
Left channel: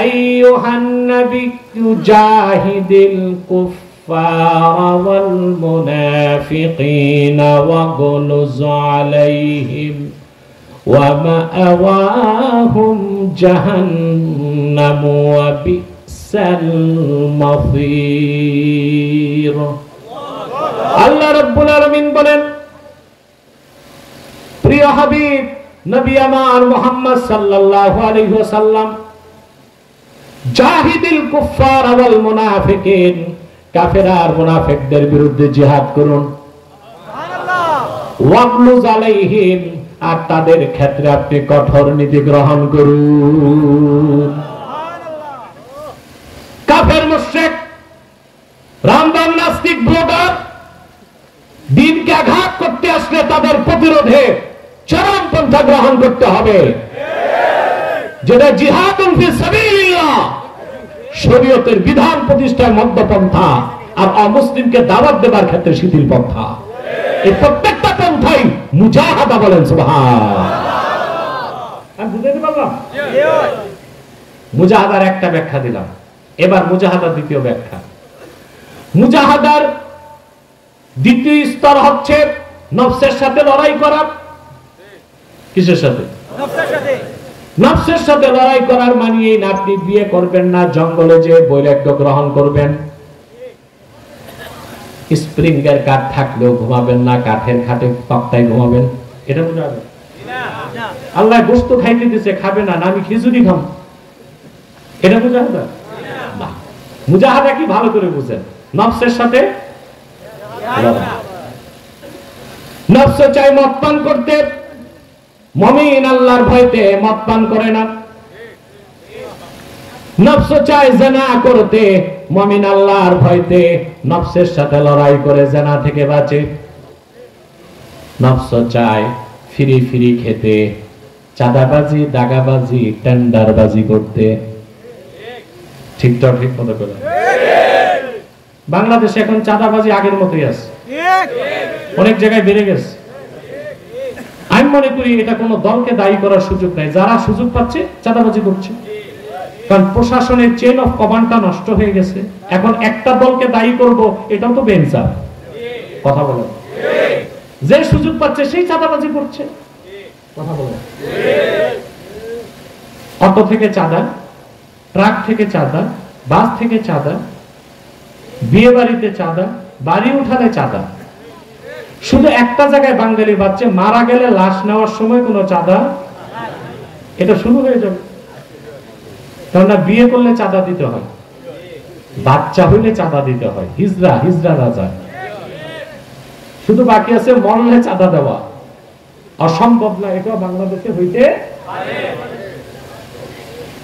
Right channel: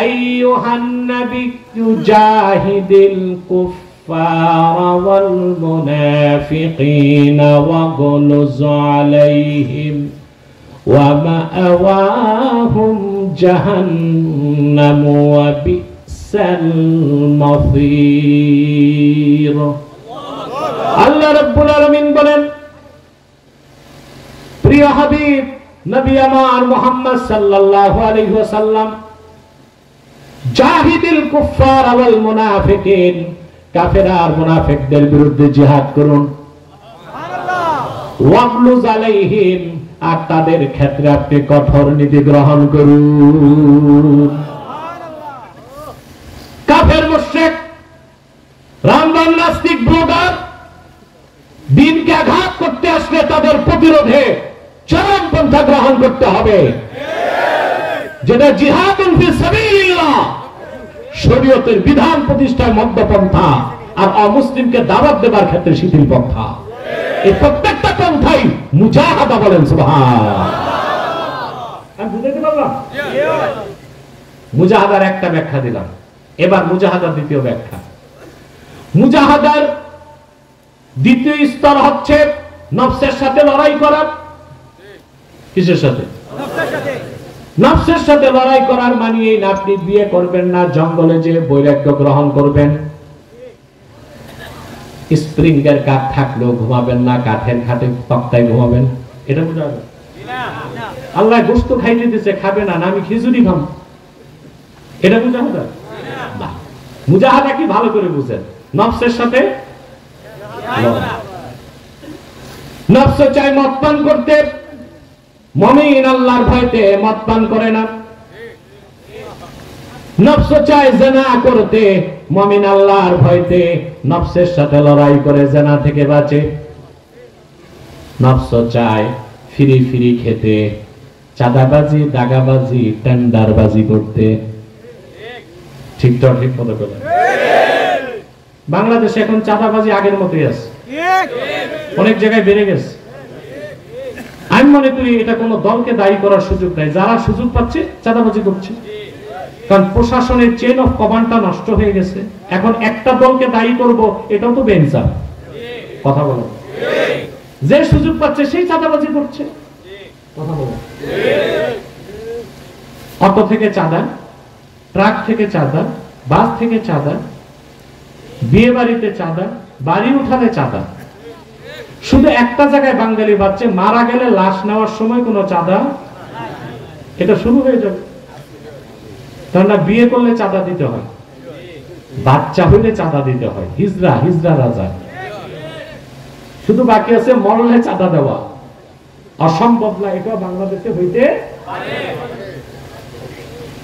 আইয়ুহান নাবিয়্যু জাহিদিল কুফফারা ওয়াল মুনাফিকিনা ওয়াগলুজ আলাইহিম ওয়া মাআওয়াহুম জাহান্নাম ওয়া বিসাল মাসীর। আল্লাহ রাব্বুল আলামিন বলেন, প্রিয় হাবিব নবী আমার মুহাম্মদ সাল্লাল্লাহু আলাইহি ওয়াসাল্লাম, জাহিদিল কুফফার ওয়াল মুনাফিকিন, কাফের আর মুনাফিকদের বিরুদ্ধে জিহাদ করুন, সুবহানাল্লাহ, ওয়াগলুজ আলাইহিম, আর তাদের ক্ষেত্রে আপনি কঠোর নীতি গ্রহণ করুন। সুবহানাল্লাহ। কাফের মুশরিক, রামদান নাস্তিক ব্লগার দ্বীনকে আঘাত করতে আসলে তাদের প্রতিরোধে চরমপন্থা গ্রহণ করতে হবে, যেটা জিহাদুন ফি সাবিলিল্লাহ, শরীয়তের বিধান প্রতিষ্ঠায় মধ্যপন্থা, আর অমুসলিমকে দাওয়াত দেবার ক্ষেত্রে শিথিল পন্থা। এই প্রত্যেকটা পন্থাই মুজাহাদা বলেন সুবহানাল্লাহ। আমি বুঝাতে পারলাম? মুজাহাদার একটা ব্যাখ্যা দিলাম, এবার মুজাহাদার দ্বিতীয় ব্যাখ্যা। মুজাহাদার দ্বিতীয় স্তর হচ্ছে নফসের সাথে লড়াই করা। কিসের সাথে? নফসের সাথে লড়াই করার মানে এই না আপনি বিয়ে করবেন না, জঙ্গলে যে বৈরাগ্য গ্রহণ করবেন, স্প্রিংয়ের কাঠ থাকলেও ঘুমাবেন না, কাঠের খাটে তক্তায় ঘুমাবেন, এটা বুঝাবে? আল্লাহ গোশত খাইতে দিয়েছে, খাবে না, আমি খিচুড়ি খাম, এটা বুঝাবে না? মুজাহাদা কি ভালো করে বুঝেন, নফসের সাথে নফস চায় মদ পান করতে, মুমিন আল্লাহর ভয়তে মদ পান করে না। নফস চায় জিনা করতে, মুমিন আল্লাহর ভয়তে নফসের সাথে লড়াই করে জিনা থেকে বাঁচে। নফস চায় ফিরি ফিরি খেতে, চাঁদাবাজি, দাগাবাজি, টেন্ডারবাজি করতে। ঠিক তো? ঠিক মতো করে বাংলাদেশে এখন চাঁদাবাজি আগের মতোই আছে, অনেক জায়গায় বেড়ে গেছে। আমি মনে করি এটা কোনো দলকে দায়ী করার সুযোগ নাই, যারা সুযোগ পাচ্ছে চাঁদাবাজি করছে। কারণ প্রশাসনের চেইন অফ কমান্ডটা নষ্ট হয়ে গেছে। এখন একটা দলকে দায়ী করব, এটাও তো বেঞ্চার। কথা বলো, যে সুযোগ পাচ্ছে সেই চাঁদাবাজি করছে। কথা বলো, অটো থেকে চাঁদা, ট্রাক থেকে চাঁদা, বাস থেকে চাঁদা, বিয়ে বাড়িতে চাঁদা, বাড়ি উঠানে চাঁদা। শুধু একটা জায়গায় বাঙালি বাচ্চা মারা গেলে লাশ নেওয়ার সময় কোনো চাঁদা, এটা শুরু হয়ে যাবে। কারণ বিয়ে করলে চাঁদা দিতে হয়, বাচ্চা হইলে চাঁদা দিতে হয়। হিজড়া, হিজড়া রাজা। শুধু বাকি আছে মরলে চাঁদা দেওয়া। অসম্ভব না, এটা বাংলাদেশে হইতে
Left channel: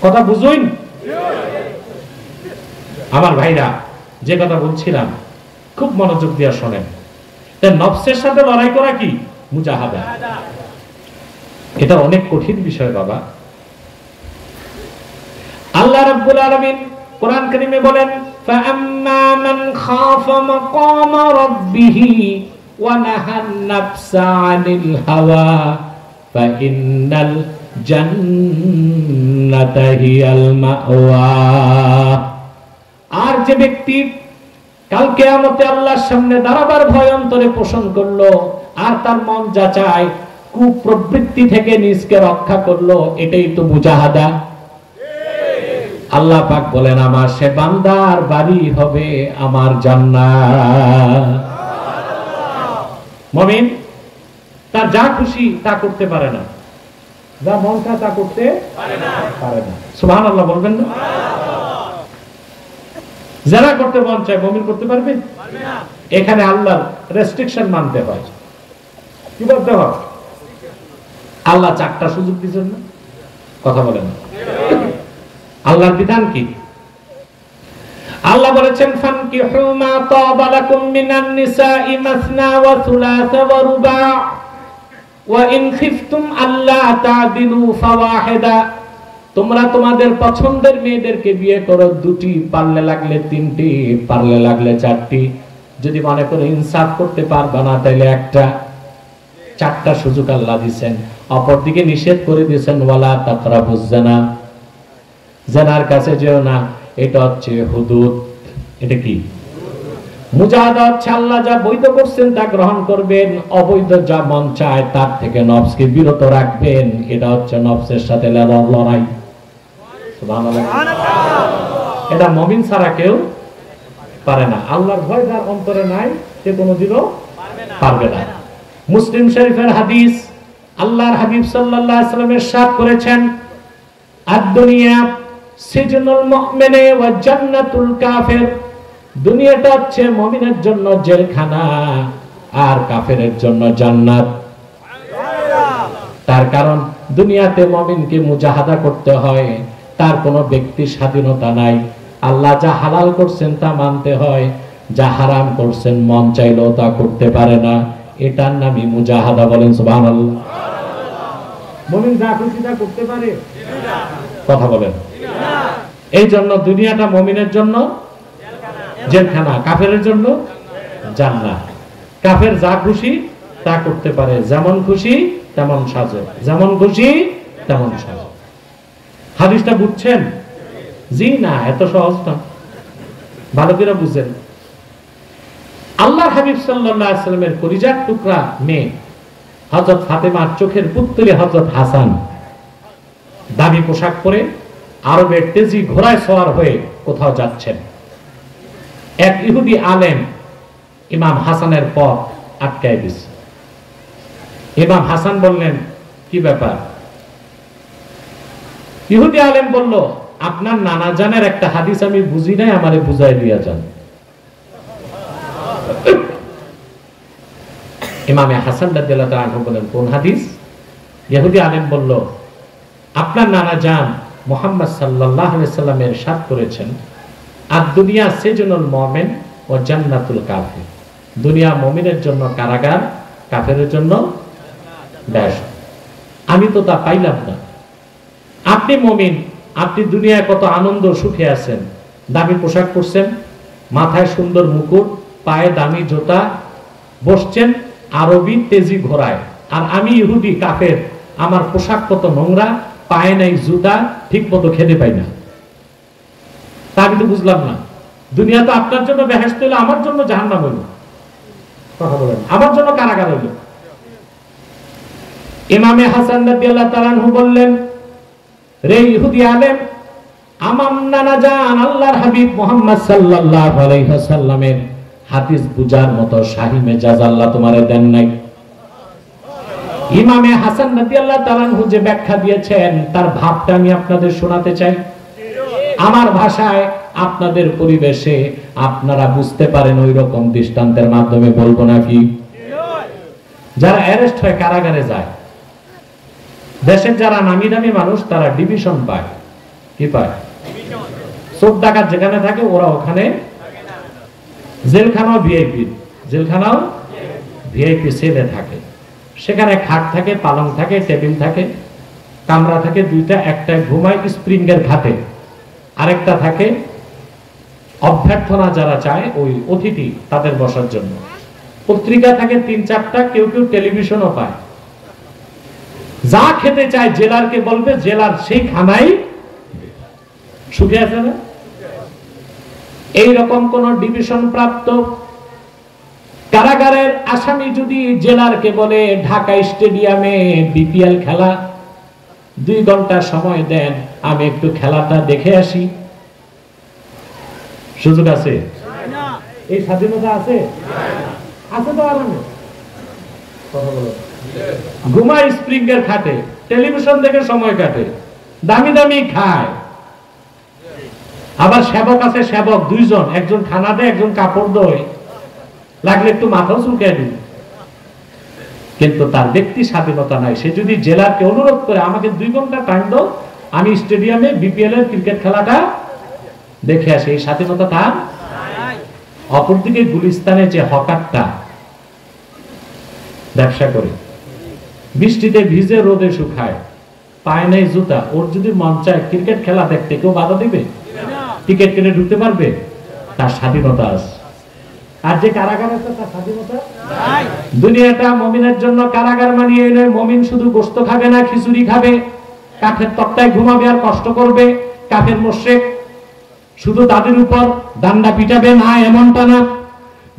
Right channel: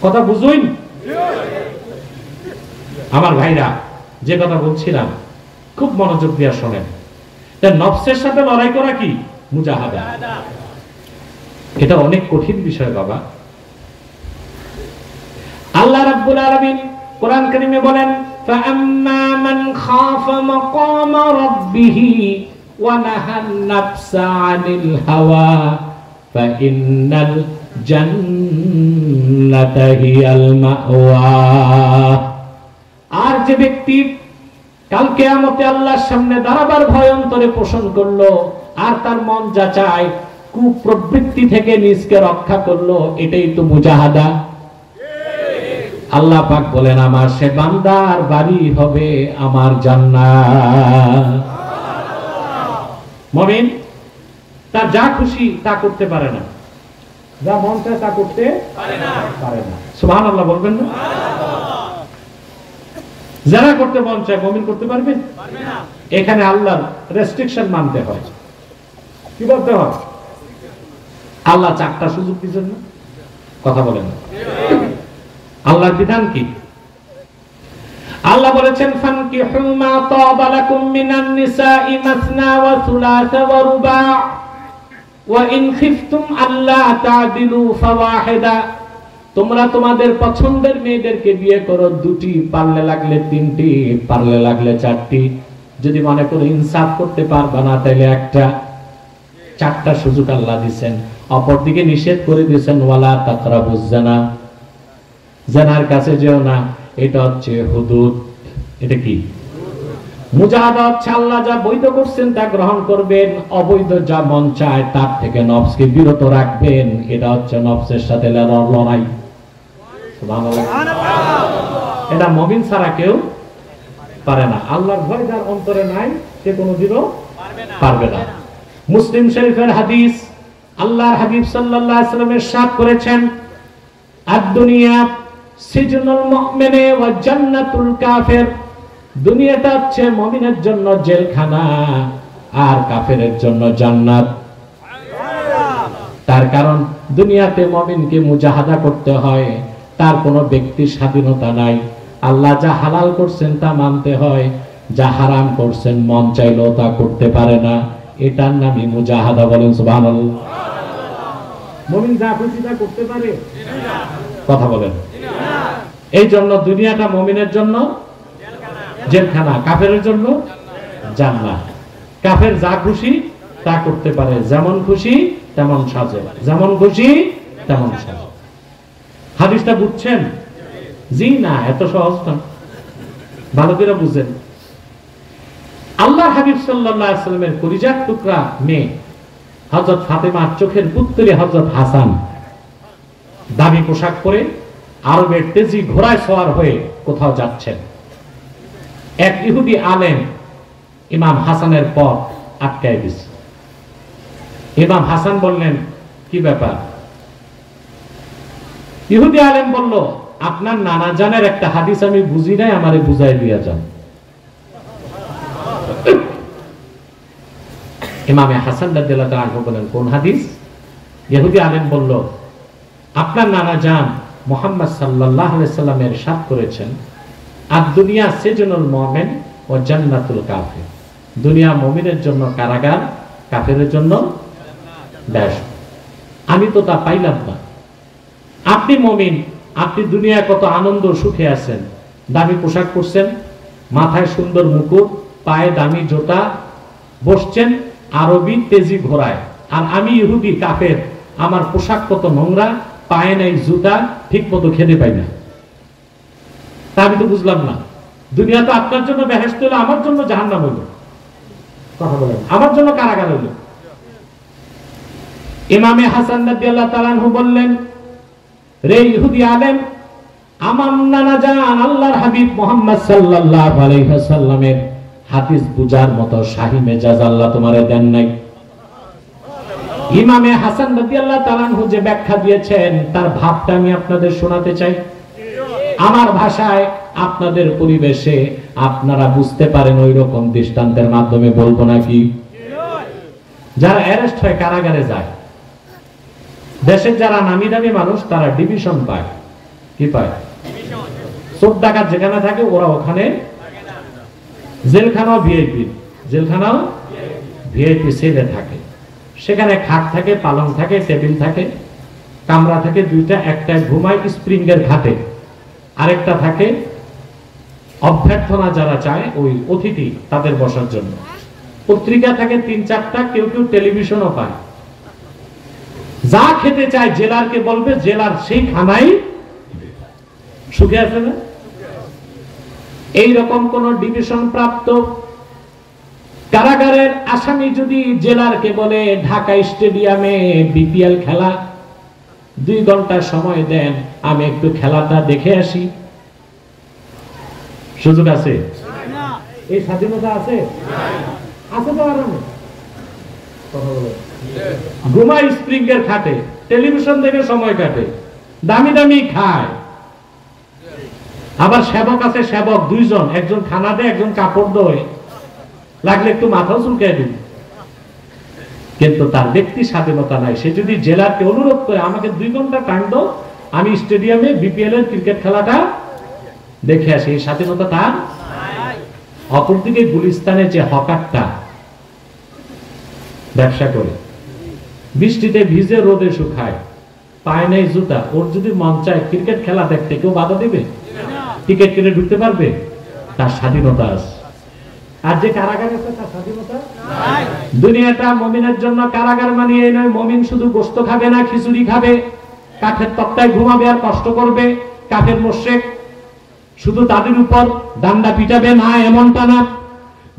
কথা বুঝুন আমার ভাইরা। যে কথা বলছিলাম খুব মনোযোগ দিয়ে শোনেন। নফসের সাথে লড়াই করা কি মুজাহাদা। এটা অনেক কঠিন বিষয় বাবা। আল্লাহ রাব্বুল আলামিন কোরআন কারীমে বলেন, ফাআম্মা মান খাফা মাকামা রাব্বিহি ওয়া নাহান নাফসা আনিল হাওয়া ফাইন্নাল জান্নাতা হিয়াল মাওয়া। আর যে ব্যক্তি কাল কিয়ামতে আল্লাহর সামনে দাঁড়াবার ভয় অন্তরে পোষণ করলো, আর তার মন যা চায় কুপ্রবৃত্তি থেকে নিজকে রক্ষা করলো, এটাই তো মুজাহাদা। আল্লাহ পাক বলেন, আমার সে বান্দার বাড়ি হবে আমার জান্নাত। মুমিন তার যা খুশি তা করতে পারে না, যা মন চায় তা করতে পারে না। সুবহানাল্লাহ বলবেন না? যারা করতে মন চায় মুমিন করতে পারবে না। এখানে আল্লাহর রেস্ট্রিকশন মানতে হয়। কি বলতে হয়? আল্লাহ চারটা সুযোগ দিয়েছেন না? কথা বলেন, আল্লাহর বিধান কি? আল্লাহ বলেছেন, ফানকিহু মা তাবা লাকুম মিনান নিসাই মাসনা ওয়া থুলাসা ওয়া রুবা ওয়া ইন খিফতুম আল্লা তা'দিলু ফাওয়াহিদা। তোমরা তোমাদের পছন্দের মেয়েদেরকে বিয়ে করো, দুটি, পারলে লাগলে তিনটি, পারলে লাগলে চারটি। যদি মনে করো ইনসাফ করতে পারবে না তাহলে একটা। চারটা সুযোগ আল্লাহ দিয়েছেন। অপরদিকে নিষেধ করে দিয়েছেন, ওয়ালা তাকরাবুজ জিনা, জিনার কাছে যেও না। এটা হচ্ছে হুদুদ। এটা কি? মুজাহাদা হচ্ছে আল্লাহ যা বৈধ করছেন তা গ্রহণ করবেন, অবৈধ যা মন চায় তার থেকে নফসকে বিরত রাখবেন। এটা হচ্ছে নফসের সাথে লড়াই। এটা মুমিন ছাড়া কেউ পারে না। আল্লাহর ভয় যার অন্তরে নাই সে কোনোদিনও পারবে না। মুসলিম শরীফের হাদিস, আল্লাহর হাবিব সাল্লাল্লাহু আলাইহি ওয়াসাল্লাম ইরশাদ করেছেন, আদ-দুনিয়া সিজনুল মুমিনি ওয়া জান্নাতুল কাফির। দুনিয়াটা হচ্ছে মুমিনের জন্য জেলখানা, আর কাফেরের জন্য জান্নাত। তার কারণ দুনিয়াতে মুমিনকে মুজাহাদা করতে হয়, তার কোনো ব্যক্তি স্বাধীনতা নাই। আল্লাহ যা হালাল করছেন তা মানতে হয়, যা হারাম করছেন মন চাইলেও তা করতে পারে না। এটার নামই মুজাহাদা। বলেন সুবহানাল্লাহ। মুমিন যা খুশি তা করতে পারে? কথা বলেন। এই জন্য দুনিয়াটা মুমিনের জন্য জেলখানা, কাফেরের জন্য জান্নাত। কাফের যা খুশি তা করতে পারে, যেমন খুশি তেমন সাজো, যেমন খুশি তেমন সাজো। হাদিসটা বুঝছেন? জি না, এত সহজ না, ভালো করে বুঝেন। আল্লাহ হাবিব সাল্লাল্লাহু আলাইহি ওয়াসাল্লামের কলিজার টুকরা মেয়ে হযরত ফাতেমার চোখের পুত্র হযরত হাসান দামি পোশাক পরে আরবের তেজি ঘোড়ায় সওয়ার হয়ে কোথাও যাচ্ছেন। এক ইহুদি আলেম ইমাম হাসানের পথ আটকায় দিয়েছে। ইমাম হাসান বললেন, কি ব্যাপার? ইহুদি আলেম বলল, আপনার নানা জানের একটা হাদিস আমি বুঝি নাই, আমারে বুঝাই দিয়া যান। ইমামে হাসান রাদিয়াল্লাহু তাআলা আনহু বলেন, কোন হাদিস? ইহুদি আলেম বলল, আপনার নানা জান মুহাম্মদ সাল্লাল্লাহু আলাইহি ওয়াসাল্লাম ইরশাদ করেছেন, আদ-দুনিয়া সিজনুল মুমিন ওয়া জান্নাতুল কাফির। দুনিয়া মুমিনের জন্য কারাগার, কাফেরের জন্য বেহেশত। আমি তো তা পাইলাম না। আপনি মুমিন, আপনি দুনিয়ায় কত আনন্দ সুখে আছেন, দামি পোশাক পরছেন, মাথায় সুন্দর মুকুট, পায়ে দামি জুতা, বসছেন আরবি তেজি ঘোড়ায়। আর আমি ইহুদি কাফের, আমার পোশাক কত নোংরা, পায়ে নাই জুতা, ঠিক মতো খেতে পাই না। তা আমি তো বুঝলাম না, দুনিয়া তো আপনার জন্য বেহেশত হলো, আমার জন্য জাহান্নাম হইল, আমার জন্য কারাগার হইল। ইমামে হাসান রাদিয়াল্লাহু তাআলা আনহু বললেন, রে ইহুদি আলেম, আমার নানা জান আল্লাহর হাবিব মুহাম্মদ সাল্লাল্লাহু আলাইহি ওয়াসাল্লামের হাদিস বুঝার মতো শাহী মেজাজ আল্লাহ তোমারে দেন নাই। ইমামে হাসান রাদিয়াল্লাহু তাআলা আনহু যে ব্যাখ্যা দিয়েছেন তার ভাবটা আমি আপনাদের শোনাতে চাই, আমার ভাষায়, আপনাদের পরিবেশে আপনারা বুঝতে পারেন ওই রকম দৃষ্টান্তের মাধ্যমে বলবো নাকি। যারা অ্যারেস্ট হয় কারাগারে যায়, দেশের যারা নামি দামি মানুষ তারা ডিভিশন পায়। কি পায়? চোর ডাকাত যেখানে থাকে ওরা ওখানে, জেলখানাও ভিআইপি, জেলখানাও ভিআইপি সেলে থাকে। সেখানে খাট থাকে, পালং থাকে, টেবিল থাকে, কামরা থাকে দুইটা, একটা ঘুমায় স্প্রিংয়ের ঘাটে, আরেকটা থাকে অভ্যর্থনা যারা চায় ওই অতিথি তাদের বসার জন্য। পত্রিকা থাকে 3-4টা, কেউ কেউ টেলিভিশনও পায়। যা খেতে চায় জেলারকে বলবে, জেলার সেই খানাই সুখে আছে না। এইরকম কোন ডিভিশন প্রাপ্ত কারাগারের আসামি যদি জেলারকে বলে ঢাকা স্টেডিয়ামে বিপিএল খেলা, 2 ঘন্টা সময় দেন, আমি একটু খেলাটা দেখে আসি, সুযোগ আছে? এই স্বাধীনতা আছে? আছে তো আরামে ঘুমায় স্প্রিংয়ের খাটে, টেলিভিশন দেখে সময় কাটে, দামি দামি খায়। আবার সেবক আছে, সেবক 2 জন, একজন খানা দেয়, একজন কাপড় দেয়, লাগলে একটু মাথাও চুলকায় দিবে। কিন্তু তার ব্যক্তি স্বাধীনতা নাই। সে যদি জেলারকে অনুরোধ করে আমাকে 2 ঘন্টা টাইম দাও, আমি স্টেডিয়ামে বিপিএল এর ক্রিকেট খেলাটা দেখে আসি, এই স্বাধীনতা তার। অপরদিকে গুলিস্তানে যে হকারটা ব্যবসা করে, বৃষ্টিতে ভিজে রোদে শুকায়, পায় নাই জুতা, ওর যদি মন চায় ক্রিকেট খেলা দেখতে, কেউ বাধা দিবে? টিকিট কিনে ঢুকতে পারবে? তার স্বাধীনতা আছে। আর যে কারাগার আছে তার স্বাধীনতা নাই। দুনিয়াটা মুমিনের জন্য কারাগার মানে এই নয়, মুমিন শুধু গোশত খাবে না, খিচুড়ি খাবে, কাঠের তক্তায় ঘুমাবে আর কষ্ট করবে। কাফের মুশরিক শুধু তাদের উপর ডান্ডা পিটাবে না, এমনটা না।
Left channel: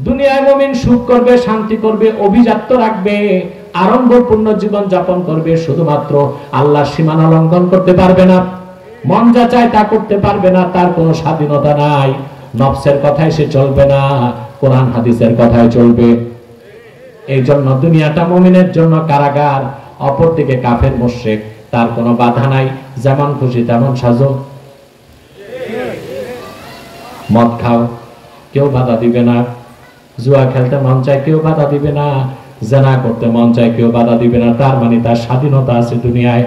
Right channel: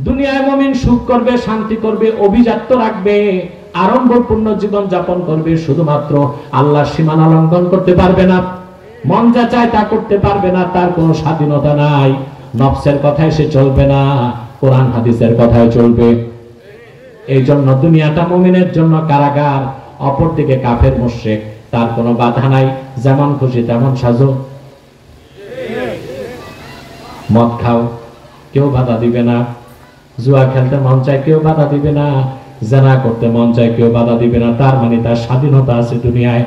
দুনিয়ায় মুমিন সুখ করবে, শান্তি করবে, অভিজাত্য রাখবে, আড়ম্বরপূর্ণ জীবন যাপন করবে, শুধুমাত্র আল্লাহর সীমানা লঙ্ঘন করতে পারবে না, মন যা চায় তা করতে পারবে না, তার কোনো স্বাধীনতা নাই। নফসের কথায় সে চলবে না, কোরআন হাদিসের কথায় চলবে। এই জন্য দুনিয়াটা মুমিনের জন্য কারাগার। অপরদিকে কাফের মুশরিক, তার কোনো বাধা নাই, যেমন খুশি তেমন সাজো, মদ খাও, কেউ বাধা দিবে না, জুয়া খেলতে মন চায়, কেউ বাধা দিবে না, জেনা করতে মন চায়, কেউ বাধা দিবে না। তার মানে তার স্বাধীনতা আছে দুনিয়ায়।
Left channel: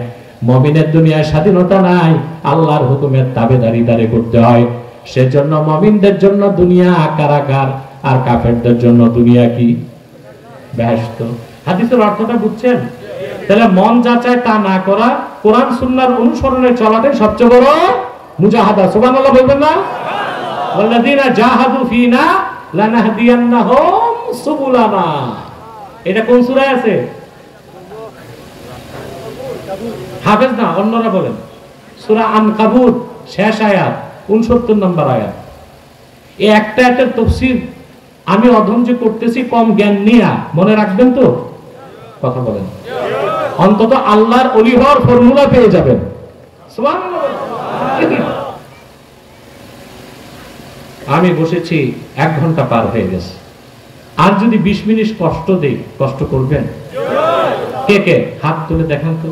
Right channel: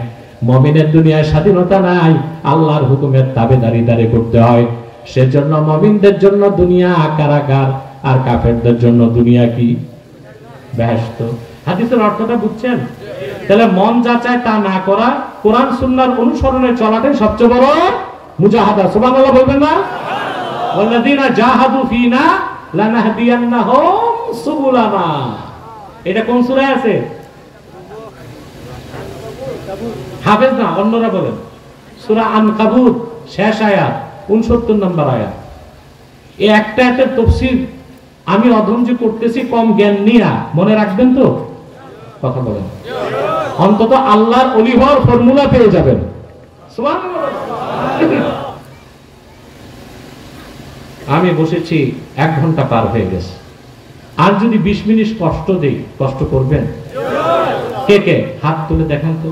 মুমিনের দুনিয়ায় স্বাধীনতা নাই, আল্লাহর হুকুমের তাবেদারি করতে হয়। সেজন্য মুমিনদের জন্য দুনিয়া কারাগার, আর কাফেরদের জন্য দুনিয়া কি? বেহেশত। হাদিসের অর্থটা বুঝছেন? তাহলে মন যা চায় তা না করা, কোরআন সুন্নাহর অনুসরণে চলাটাই সবচেয়ে বড় মুজাহাদা। সুবহানাল্লাহ বলবেন না? ওয়াল্লাযীনা জাহাদু ফীনা লানাহদিয়ান্নাহুম সুবুলানা। এটা কোন সূরায় আছে? হাফেজ না, অন্যরা বলেন। সূরা আনকাবুত শেষ আয়াত, 69 নম্বর আয়াত। এই একটা আয়াতের তাফসীর আমি অধ্যয়ন যে করতেছি কম জ্ঞান নিয়া, মনে রাখবেন তো? কথা বলেন, অন্তত আল্লাহর ওলি হওয়ার ফর্মুলা পেয়ে যাবেন। সুবহানাল্লাহ। আমি বসেছি 1 ঘন্টা পার হয়ে গেছে, আর যদি 20 মিনিট কষ্ট দেই, কষ্ট করবেন? কে কে হাত তুলে দেখেন তো।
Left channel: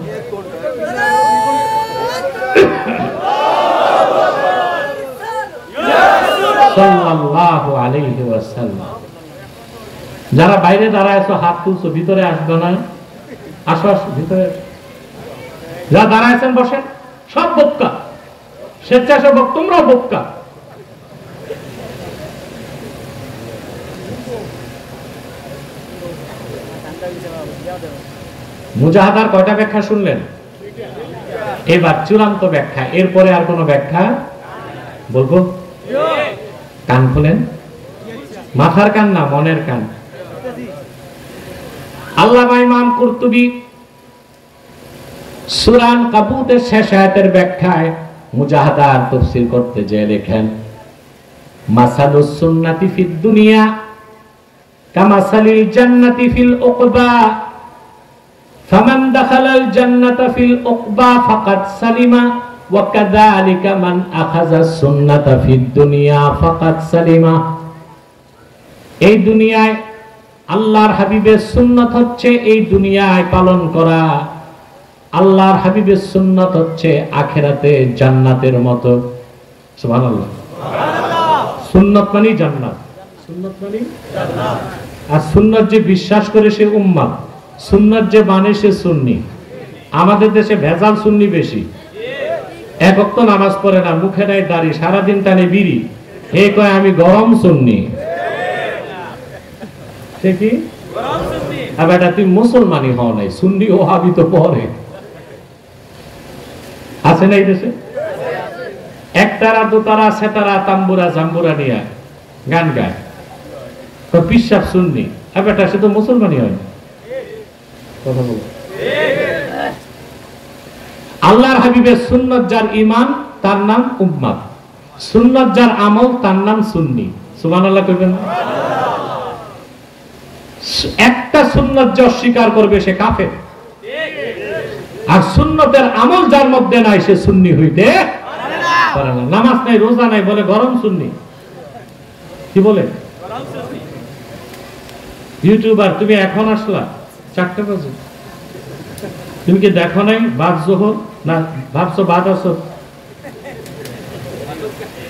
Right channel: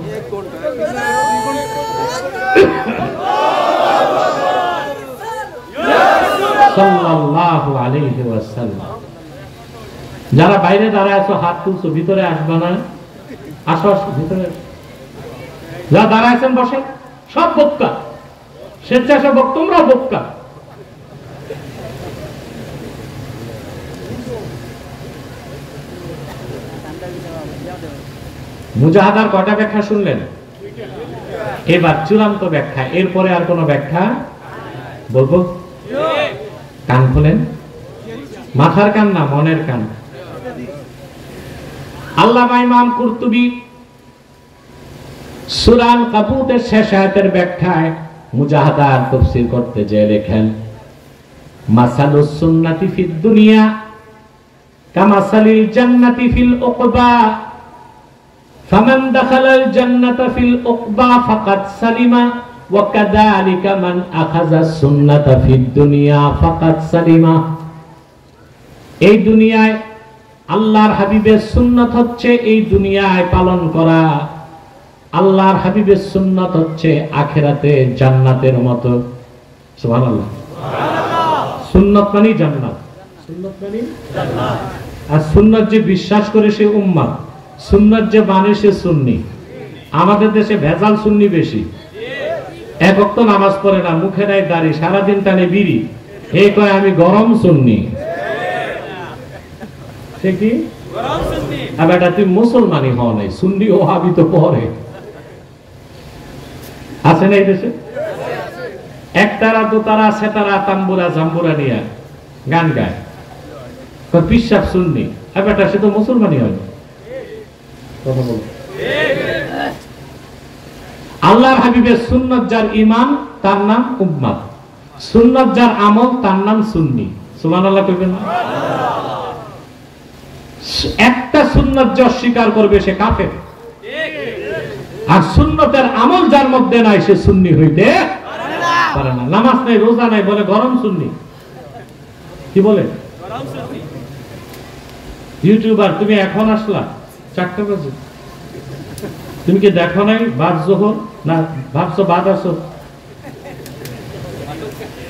সাল্লাল্লাহু আলাইহি ওয়াসাল্লাম। যারা বাইরে দাঁড়ায় আছো হাত তুলছো, ভিতরে আসবে না, আসো ভিতরে। যারা দাঁড়ায়ছেন বসেন, সব বোক্কা, স্বেচ্ছাসেবক তোমরা বোক্কা। মুজাহাদার কয়টা ব্যাখ্যা শুনলেন? এবার চূড়ান্ত ব্যাখ্যা, এরপরে আর কোন ব্যাখ্যা বলবো? কান খুলেন, মাথার কান না মনের কান। আল্লামা ইমাম কুরতুবী সূরা আনকাবুতের শেষ আয়াতের ব্যাখ্যায় মুজাহাদার তাফসীর করতে যে লেখেন, মাসালুস সুন্নাতি ফিদ দুনিয়া কামাসালিল জান্নাতি ফিল উকবা ফামান দাখালাল জান্নাতা ফিল উকবা ফাকাদ সালিমা ওয়া কাযালিকা মান আখাযাস সুন্নাতা ফিদ দুনিয়া ফাকাদ সালিমা। এই দুনিয়ায় আল্লাহর হাবিবের সুন্নাত হচ্ছে এই দুনিয়ায় পালন করা, আল্লাহর হাবিবের সুন্নাত হচ্ছে আখিরাতে জান্নাতের মতো। সুবহানাল্লাহ। সুন্নাত মানে জান্নাত, সুন্নাত মানে জান্নাত। আর সুন্নাত যে বিশ্বাস করে সে উম্মাহ, সুন্নাত যে মানে সে সুন্নি। আমাদের দেশে ভেজাল সুন্নি বেশি, এক ওয়াক্ত নামাজ পড়ে না, মুখে নাই দাড়ি, সারাদিন টানে বিড়ি, এই কয় আমি গরম সুন্নি। সে কি গরম সুন্নি? আবার তুই মুসলমানই হও নাই, সুন্নি ও হাবি তো পরে আছে না এই দেশে? একতারা দোতারা সেতারা তাম্বুরা জাম্বুরা নিয়ে গান গায়, তো পিসাব সুন্নি। আবার সে তো মুসলমানই হয়। কথা বল। আল্লাহর হাবিবের সুন্নাত যার ঈমান তার নাম উম্মাত, সুন্নাত যার আমল তার নাম সুন্নি। সুবহানাল্লাহ কইবেন না? একটা সুন্নাত যে অস্বীকার করবে সে কাফের, আর সুন্নতের আমল যার মধ্যে নাই সে সুন্নি হইতে পারে না। নামাজ নাই, রোজা নাই, বলে গরম সুন্নি। কি বলে? ইউটিউবার তুমি এখন আসলা 4টা বাজে, তুমি কি দেখো নাই বাদ জোহর? না ভাবছো বাদ আসো?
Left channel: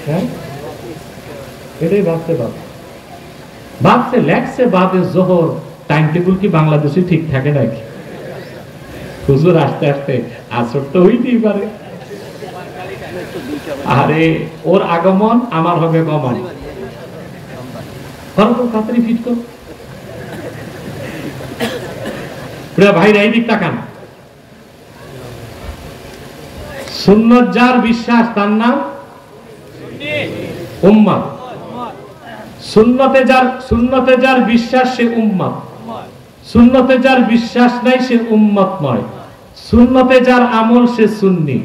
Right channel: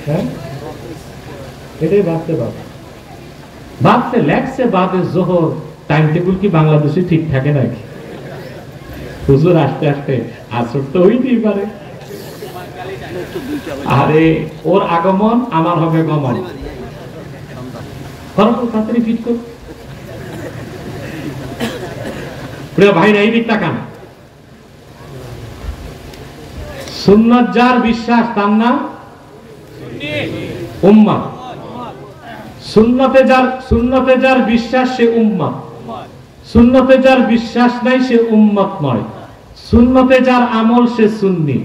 হ্যাঁ, এটাই ভাবতে পারো। ভাবছে লেখছে বাদে জোহর, টাইম টেবিল কি বাংলাদেশে ঠিক থাকে নাকি? হুজুর আসতে আসতে আসর তো হইতেই পারে। আরে ওর আগমন আমার হবে গমন। তাড়াতাড়ি ফিট কর। প্রিয় ভাইরা, এই দিক তাকান। সুন্নাত যার বিশ্বাস তার নাম উম্মাহ। সুন্নতে যার বিশ্বাস সে উম্মাহ, সুন্নতে যার বিশ্বাস নাই সে উম্মত নয়। সুন্নতে যার আমল সে সুন্নি,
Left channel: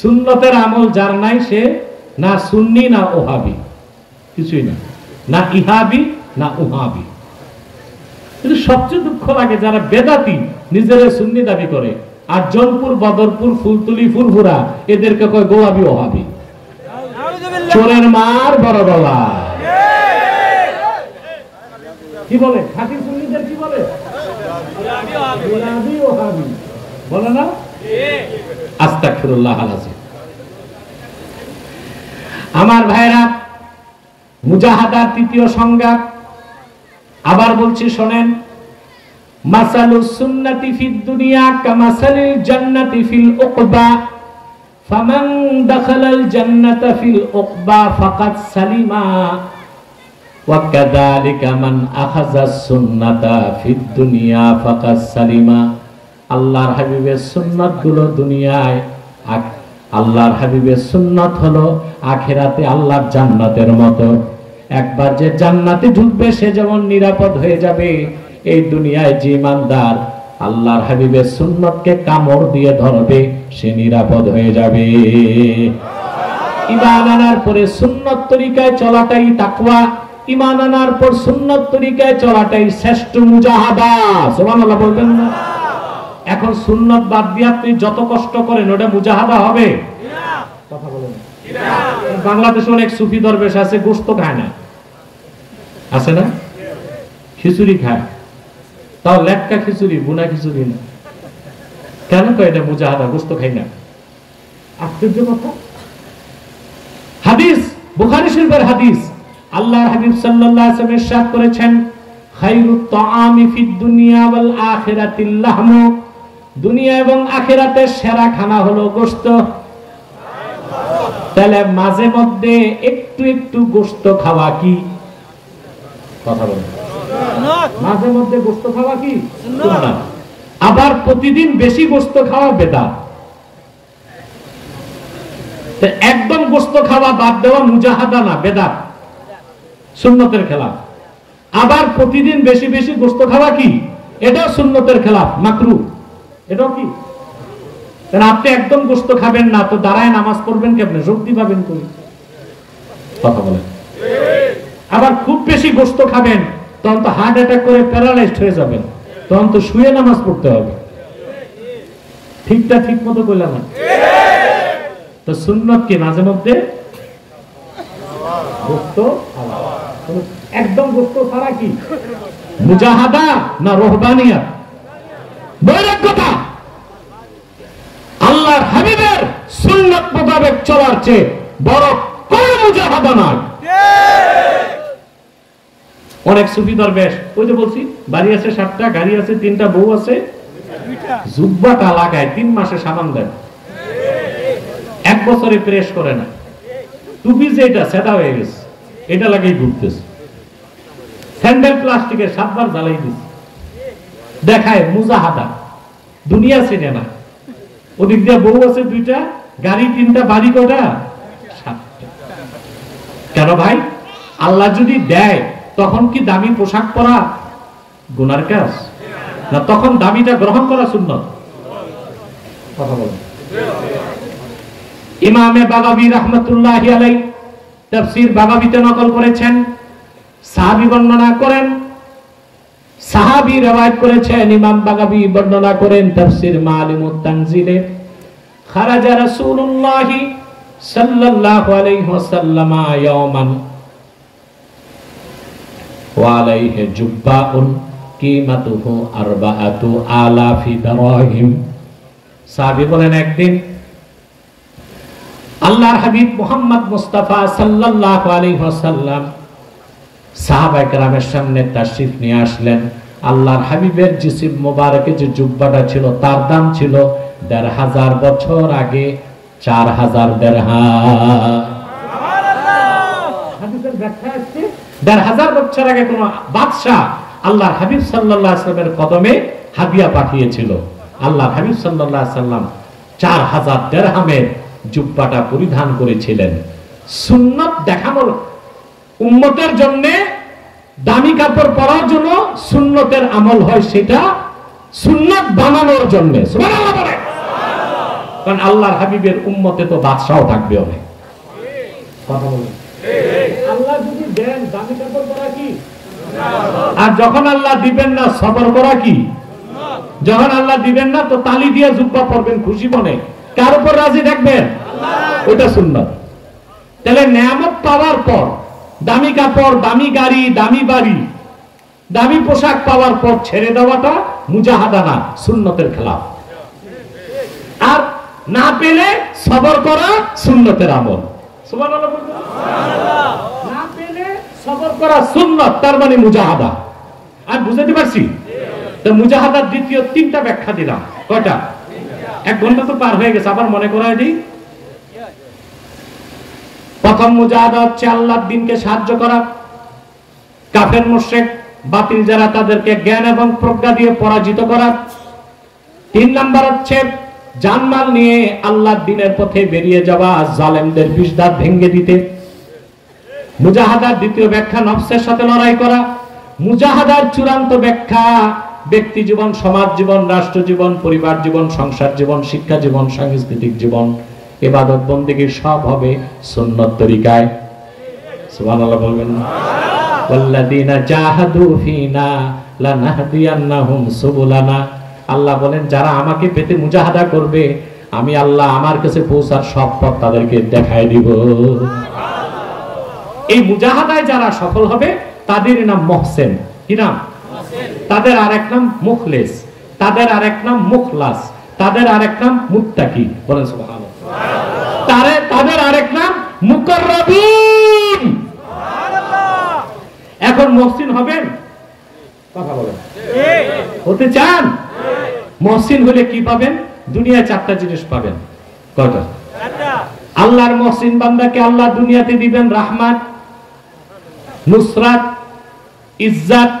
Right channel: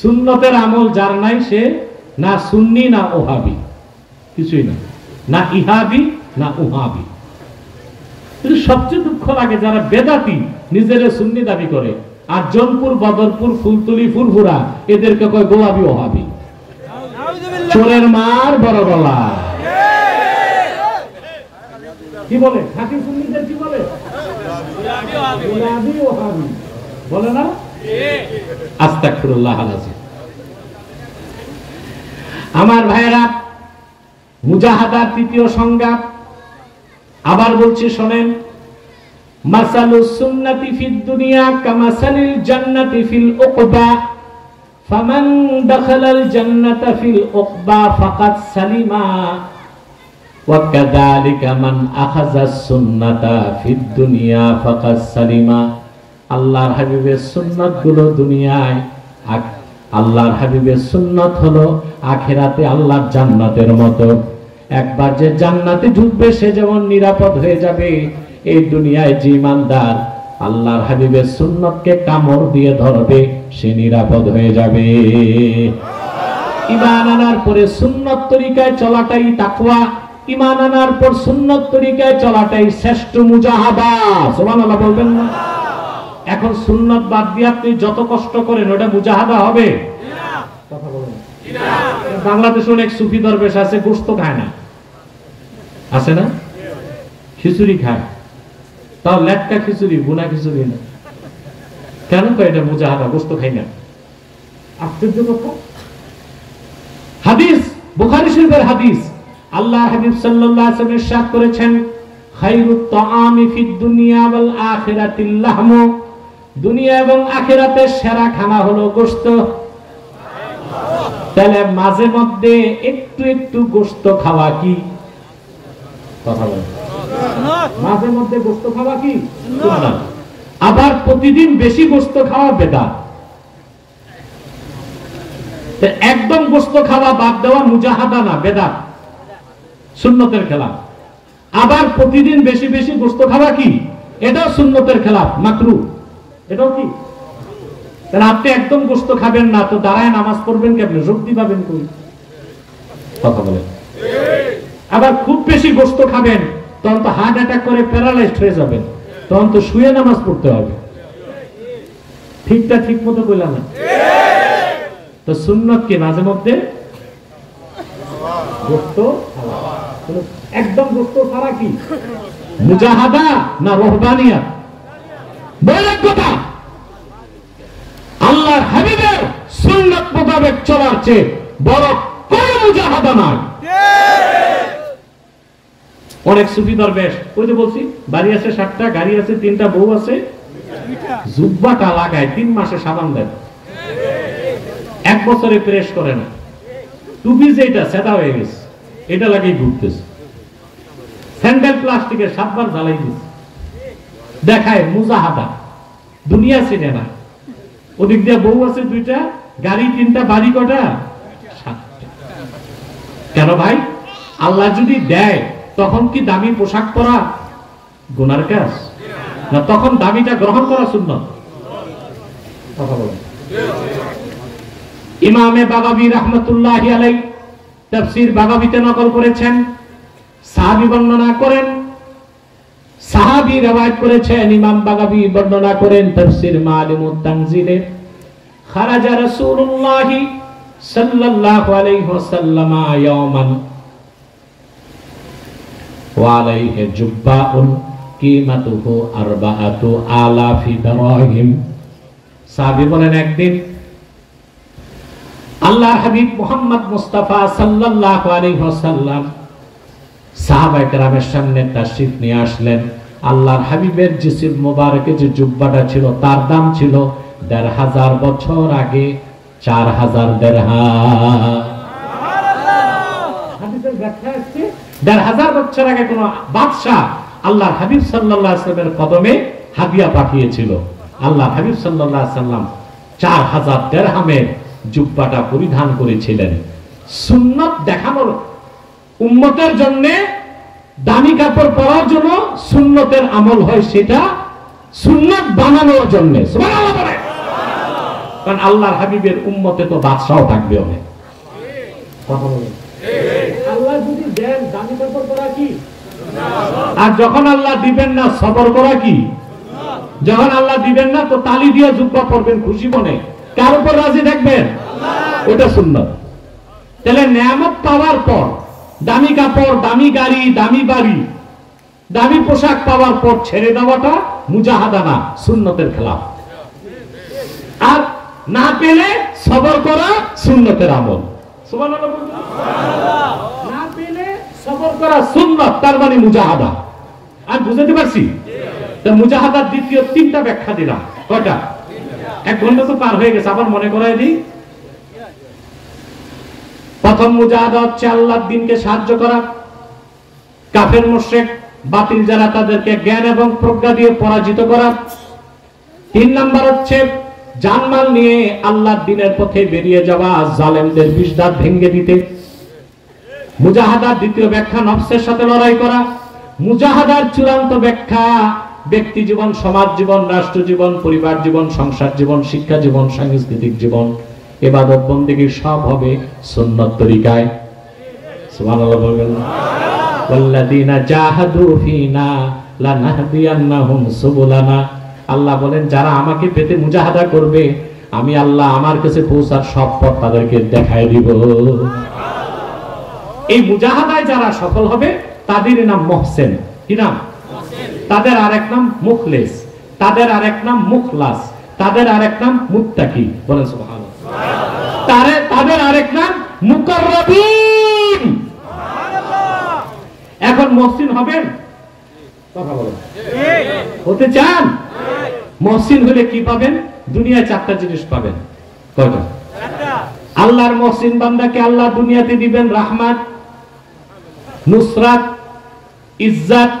সুন্নতের আমল যার নাই সে না সুন্নি না ওহাবি, কিছুই না, না ইহাবি না উহাবি। কিন্তু সবচেয়ে দুঃখ লাগে যারা বেদাতি নিজেরা সুন্নি দাবি করে, আর জনপুর, বদরপুর, ফুলতুলি, ফুলফুরা এদেরকে কয় গোয়াবি ওহাবি। চোরের মার বড় গলা। কি বলে খাঁটি সুন্নিদের? কি বলে? গোলাবি ওহাবি বলে না? আস্তাগফিরুল্লাহ আলাইহি। আমার ভাইরা, মুজাহাদার তৃতীয় সংজ্ঞা আবার বলছি, শোনেন। মাসালুস সুন্নাতি ফিদ দুনিয়া কামাসালিল জান্নাতি ফিল উকবা ফামান দাখালাল জান্নাতা ফিল উকবা ফাকাদ সালিমা ওয়া কাযালিকা মান আখাযাস সুন্নাতা ফিদ দুনিয়া ফাকাদ সালিমা। আল্লাহর হাবিবের সুন্নাতগুলো দুনিয়ায়, আল্লাহর হাবিবের সুন্নাত হলো আখিরাতে আল্লাহর জান্নাতের মতো। একবার যে জান্নাতে ঢুকবে সে যেমন নিরাপদ হয়ে যাবে, এই দুনিয়ায় যে ইমানদার আল্লাহর হাবিবের সুন্নতকে কামড় দিয়ে ধরবে সে নিরাপদ হয়ে যাবে। ঈমান আনার পরে সুন্নত তরিকায় চলাটাই তাকওয়া, ঈমান আনার পর সুন্নত তরিকায় চলাটাই শ্রেষ্ঠ মুজাহাদা। সুবহানাল্লাহ বলবেন না? এখন সুন্নত বাদ দিয়ে আপনি যত কষ্ট করেন ওটা মুজাহাদা হবে না। কথা বলেন না। বাংলাদেশে অনেক সুফি দরবেশ আছে, গোশত খায় না, আছে না? খিচুড়ি খায়, তাও লেটকা খিচুড়ি, বুনা খিচুড়ি না। কেন কয় এটা মুজাহাদা? গোশত খাই না। আশ্চর্য কথা। হাদিস, বুখারী শরীফের হাদিস, আল্লাহ হাবিব সাল্লাল্লাহু আলাইহি ওয়াসাল্লাম ইরশাদ করেছেন, খায়রুত তাআমি ফিদ দুনিয়া ওয়াল আখিরাতিল লাহমু, দুনিয়া এবং আখিরাতের সেরা খানা হলো গোশত। তাহলে মাঝে মধ্যে একটু একটু গোশত খাওয়া কি কথা বলেন? মাঝে মধ্যে গোশত খাওয়া কি সুন্নাত। আবার প্রতিদিন বেশি গোশত খাওয়া বেদাত। একদম গোশত খাওয়া বাদ দেওয়া মুজাহাদা না, বেদাত, সুন্নতের খেলাফ। আবার প্রতিদিন বেশি বেশি গোশত খাওয়া কি? এটাও সুন্নতের খেলাফ, মাকরুহ। এটাও কি? তাহলে আপনি একদম গোশত খাবেন না তো দাঁড়ায় নামাজ পড়বেন কেমনে? শক্তি পাবেন কই? কথা বলেন। আবার খুব বেশি গোশত খাবেন তখন তো হার্ট অ্যাটাক করে প্যারালাইজড হয়ে যাবেন, তখন তো শুয়ে নামাজ পড়তে হবে। ঠিকটা ঠিক মতো কইলাম না? তো সুন্নাত কি মাঝে মধ্যে গোশত খাওয়া, একদম গোশত ছাড়া কি মুজাহাদা না রহবানিয়াত? বলেন কথা। আল্লাহর হাবিবের সুন্নাত মোতাবেক চলার চেয়ে বড় কোন মুজাহাদা নাই। অনেক সুফি দরবেশ, ওই যে বলছি বাড়ি আছে 7টা, গাড়ি আছে 3টা, বউ আছে, জুব্বাটা লাগায় 3 মাসে সাবান দেয়, 1 বছরে প্রেস করে না, টুপি যেটা সেটা হয়ে গেছে এটা লাগিয়ে ঘুরতেছে, স্যান্ডেল প্লাস্টিকের 7 বার জ্বালাই দিচ্ছে, দেখায় মুজাহাদা। দুনিয়া চিনে না। ওদিক দিয়ে বউ আছে 2টা, গাড়ি 3টা, বাড়ি কটা? 7টা। কেন ভাই? আল্লাহ যদি দেয় তখন কি দামি পোশাক পরা গুনার কাজ না? তখন দামিটা গ্রহণ করা সুন্নাত। কথা বলেন। ইমামে বাগাবী রাহমাতুল্লাহি আলাইহি তাফসীর বাগাবীতে নকল করেছেন, সাহাবী বর্ণনা করেন, সাহাবী রওয়ায়াত করেছেন, ইমাম বাগাবী বর্ণনা করেন তাফসীর মাআলিমুত তানজিলে, খারাজা রাসূলুল্লাহি সাল্লাল্লাহু আলাইহি ওয়াসাল্লাম ইয়াওমান ওয়া আলাইহি জুব্বাউন কিমাতুহু 4000 দিরহাম। সাহাবী বলেন একদিন আল্লাহ হাবিব মুহাম্মদ মুস্তাফা সাল্লাল্লাহু আলাইহি ওয়াসাল্লাম সাহাবায়ে কেরামের সামনে তাশরীফ নিয়ে আসলেন। আল্লাহর হাবিবের জিসিম মোবারকে যে জুব্বাটা ছিল তার দাম ছিল 1500 বছর আগে 4000 দিরহাম। হাদিসের ব্যাখ্যা আছে 1500 বছর আগে কোন বাদশা আল্লাহর হাবিব সাল্লাল্লাহু আলাইহি ওয়াসাল্লামের কদমে হাদিয়া পাঠিয়েছিল। আল্লাহর হাবিব সাল্লাল্লাহু আলাইহি ওয়াসাল্লাম 4000 দিরহামের জুব্বাটা পরিধান করেছিলেন। সুন্নাত দেখানোর, উম্মতের জন্য দামি কাপড় পরার জন্য সুন্নতের আমল হয়, সেটা সুন্নাত বানানোর জন্য। সুবহানাল্লাহ বলে। কারণ আল্লাহর হাবিবের উম্মতে তো বাদশাও থাকবে অনেক। কথা বলেন। আল্লাহ যদি দেন দামি কাপড় পরা কি? আর যখন আল্লাহ দিবেন না সবর করা কি? যখন আল্লাহ দিবেন না তো তালি দিয়ে জুব্বা পরবেন খুশি মনে, কার উপর রাজি থাকবেন? ওটা সুন্নাত। তাহলে নিয়ামত পাওয়ার পর দামি কাপড়, দামি গাড়ি, দামি বাড়ি, দামি পোশাক পাওয়ার পর ছেড়ে দেওয়াটা মুজাহাদা না, সুন্নতের খেলাফ। আর না পেলে সবর করা সুন্নতের আমল। সুবহানাল্লাহ। না পেলে সবর করা সুন্নাত, তার মানে মুজাহাদা। আর বুঝতে পারছি তো মুজাহাদার দ্বিতীয় 3টা ব্যাখ্যা দিলাম। কয়টা? 1 ঘন্টা তো পার হয়ে গেছে, আবার মনে করাই দিই। প্রথম মুজাহাদা হচ্ছে আল্লাহর দ্বীনকে সাহায্য করা। কাফের মুশরিক বাতিল যারা তাদেরকে জ্ঞান এবং প্রজ্ঞা দিয়ে পরাজিত করা। 3 নাম্বার হচ্ছে জানমাল নিয়ে আল্লাহর দ্বীনের পথে বেরিয়ে যাওয়া, জালেমদের বিষদাঁত ভেঙে দিতে। মুজাহাদার দ্বিতীয় ব্যাখ্যা নফসের সাথে লড়াই করা। মুজাহাদার চূড়ান্ত ব্যাখ্যা ব্যক্তি জীবন, সমাজ জীবন, রাষ্ট্র জীবন, পরিবার জীবন, সংসার জীবন, শিক্ষা জীবন, সাংস্কৃতিক জীবন, ইবাদত বন্দেগী সব হবে সুন্নাত তরিকায়। সুবহানাল্লাহ বলবেন। ওয়াল্লাযীনা জাহাদু ফীনা লানাহদিয়ান্নাহুম সুবুলানা। আল্লাহ বলেন যারা আমাকে পেতে মুজাহাদা করবে আমি আল্লাহ আমার কাছে পৌঁছার সব পথ তাদেরকে দেখায় দিব। এই মুজাহাদায় যারা সফল হবে তাদের নাম মুহসিন। কি নাম? তাদের আরেক নাম মুখলেস, তাদের আরেক নাম মুখলাস, তাদের আরেক নাম মুত্তাকি। বলেন সুবহানাল্লাহ। তাদের আরেক নাম মুকাররাবিন। এখন মহসিন হবেন? কথা বলেন, হতে চান? মহসিন হলে কি পাবেন? দুনিয়ায় 4টা জিনিস পাবেন। কয়টা? আল্লাহর মহসিন বান্দাকে আল্লাহ দুনিয়াতে দিবেন রাহমাত, নুসরাত, ইজ্জত,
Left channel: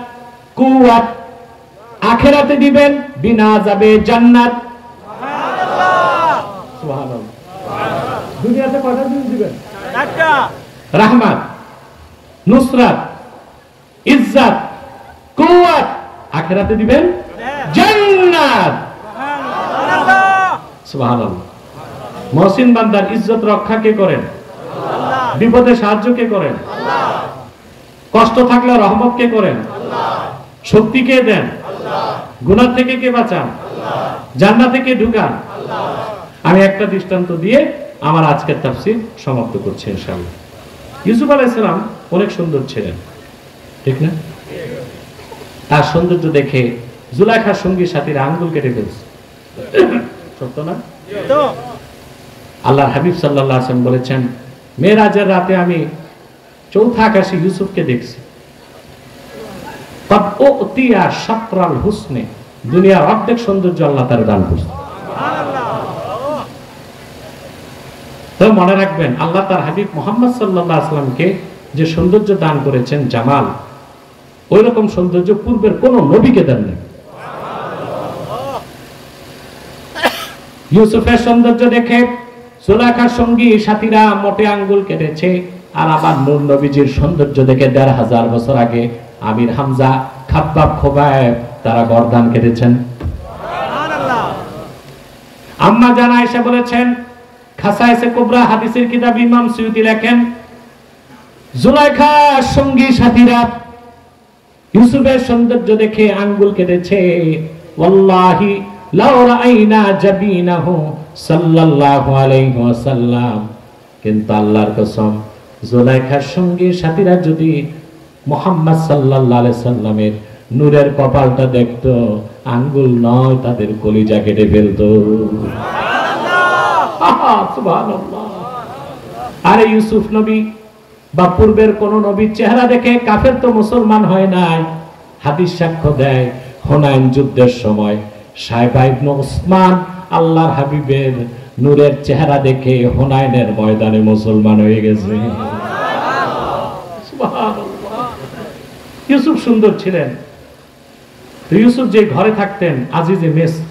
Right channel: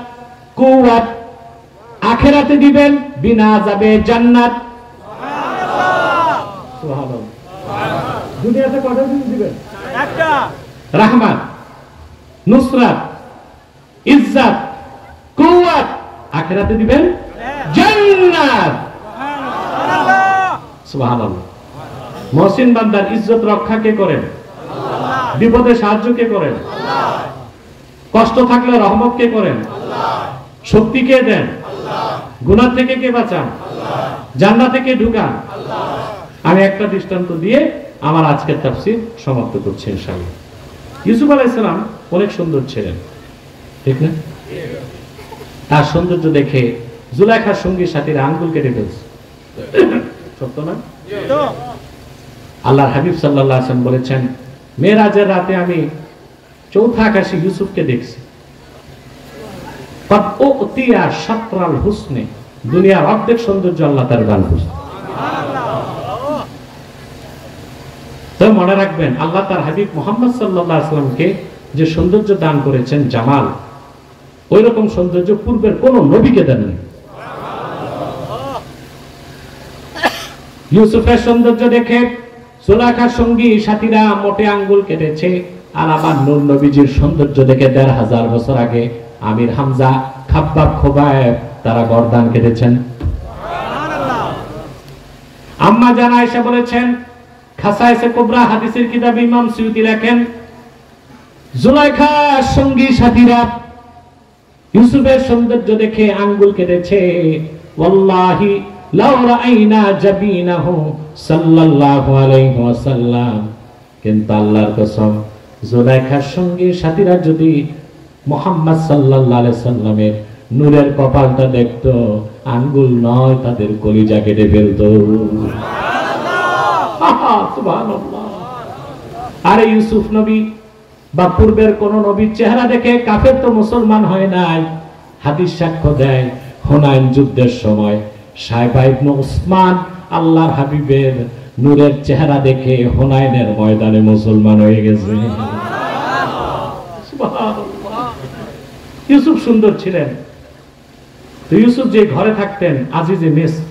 কুওয়াত। আখিরাতে দিবেন বিনা আযাবে জান্নাত। সুবহানাল্লাহ। দুনিয়াতে কয়টা জিনিস দিবেন? 4টা। রাহমাত, নুসরাত, ইজ্জত, কুওয়াত। আখিরাতে দিবেন জান্নাত। সুবহানাল্লাহ। মহসিন বান্দার ইজ্জত রক্ষা কে করেন? আল্লাহ। বিপদে সাহায্য কে করেন? আল্লাহ। কষ্ট থাকলে রহমত কে করেন? আল্লাহ। শক্তি কে দেন? আল্লাহ। গুনাহ থেকে কে বাঁচান? আল্লাহ। জান্নাতে কে ঢুকান? আল্লাহ। আমি একটা দৃষ্টান্ত দিয়ে আমার আজকের তাফসীর সমাপ্ত করছি ইনশাআল্লাহ। ইউসুফ আলাইহিস সালাম অনেক সুন্দর ছিলেন, ঠিক না? তার সৌন্দর্য দেখে জুলাইখার সঙ্গী সাথীরা আঙ্গুল কেটে ফেলছে, সত্য না? আল্লাহর হাবিব সাল্লাল্লাহু আলাইহি ওয়াসাল্লাম বলেছেন, মেরাজের রাতে আমি চৌথা আকাশে ইউসুফকে দেখছি। তব উতিয়া শাতরাল হুসনে, দুনিয়ার অর্ধেক সৌন্দর্য আল্লাহ তার দান করেছেন। তো মনে রাখবেন, আল্লাহ তার হাবিব মুহাম্মদ সাল্লাল্লাহু আলাইহি ওয়াসাল্লামকে যে সৌন্দর্য দান করেছেন, জামাল, ওই রকম সৌন্দর্য পূর্বের কোন নবীকে দেন নাই। ইউসুফের সৌন্দর্য দেখে সুলাইখার সঙ্গী সাথীরা মোটে আঙ্গুল কেটেছে। আর আবার নূর নবীজির সৌন্দর্য দেখে ১৫০০ বছর আগে আমির হামজা, খাব্বাব, খোবায়েব তারা গর্দান কেটেছেন। আম্মা জান আয়েশা বলেছেন, খাসায়েসে কুবরা হাদিসের কিতাব ইমাম সুয়ুতী লেখেন, জুলাইখার সঙ্গী সাথীরা ইউসুফের সৌন্দর্য দেখে আঙ্গুল কেটেছে। ওয়াল্লাহি লাউ রাআইনা জাবিনাহু সাল্লাল্লাহু আলাইহি ওয়াসাল্লাম, কিন্তু আল্লাহর কসম, জুলাইখার সঙ্গী সাথীরা যদি মুহাম্মদ সাল্লাল্লাহু আলাইহি সাল্লামের নূরের কপালটা দেখতো, আঙ্গুল নয় তাদের কলিজা কেটে ফেলতো। সুবহানাল্লাহ। আরে ইউসুফ নবী বা পূর্বের কোন নবীর চেহারা দেখে কাফের তো মুসলমান হয় নাই। হাদিস সাক্ষ্য দেয়, হুনাইন যুদ্ধের সময় সাইবা ইবনে উসমান আল্লাহর হাবিবের নূরের চেহারা দেখে হুনাইনের ময়দানে মুসলমান হয়ে গেছে। সুবহানাল্লাহ। ইউসুফ সুন্দর ছিলেন। তো ইউসুফ যে ঘরে থাকতেন, আজিজে মিসর,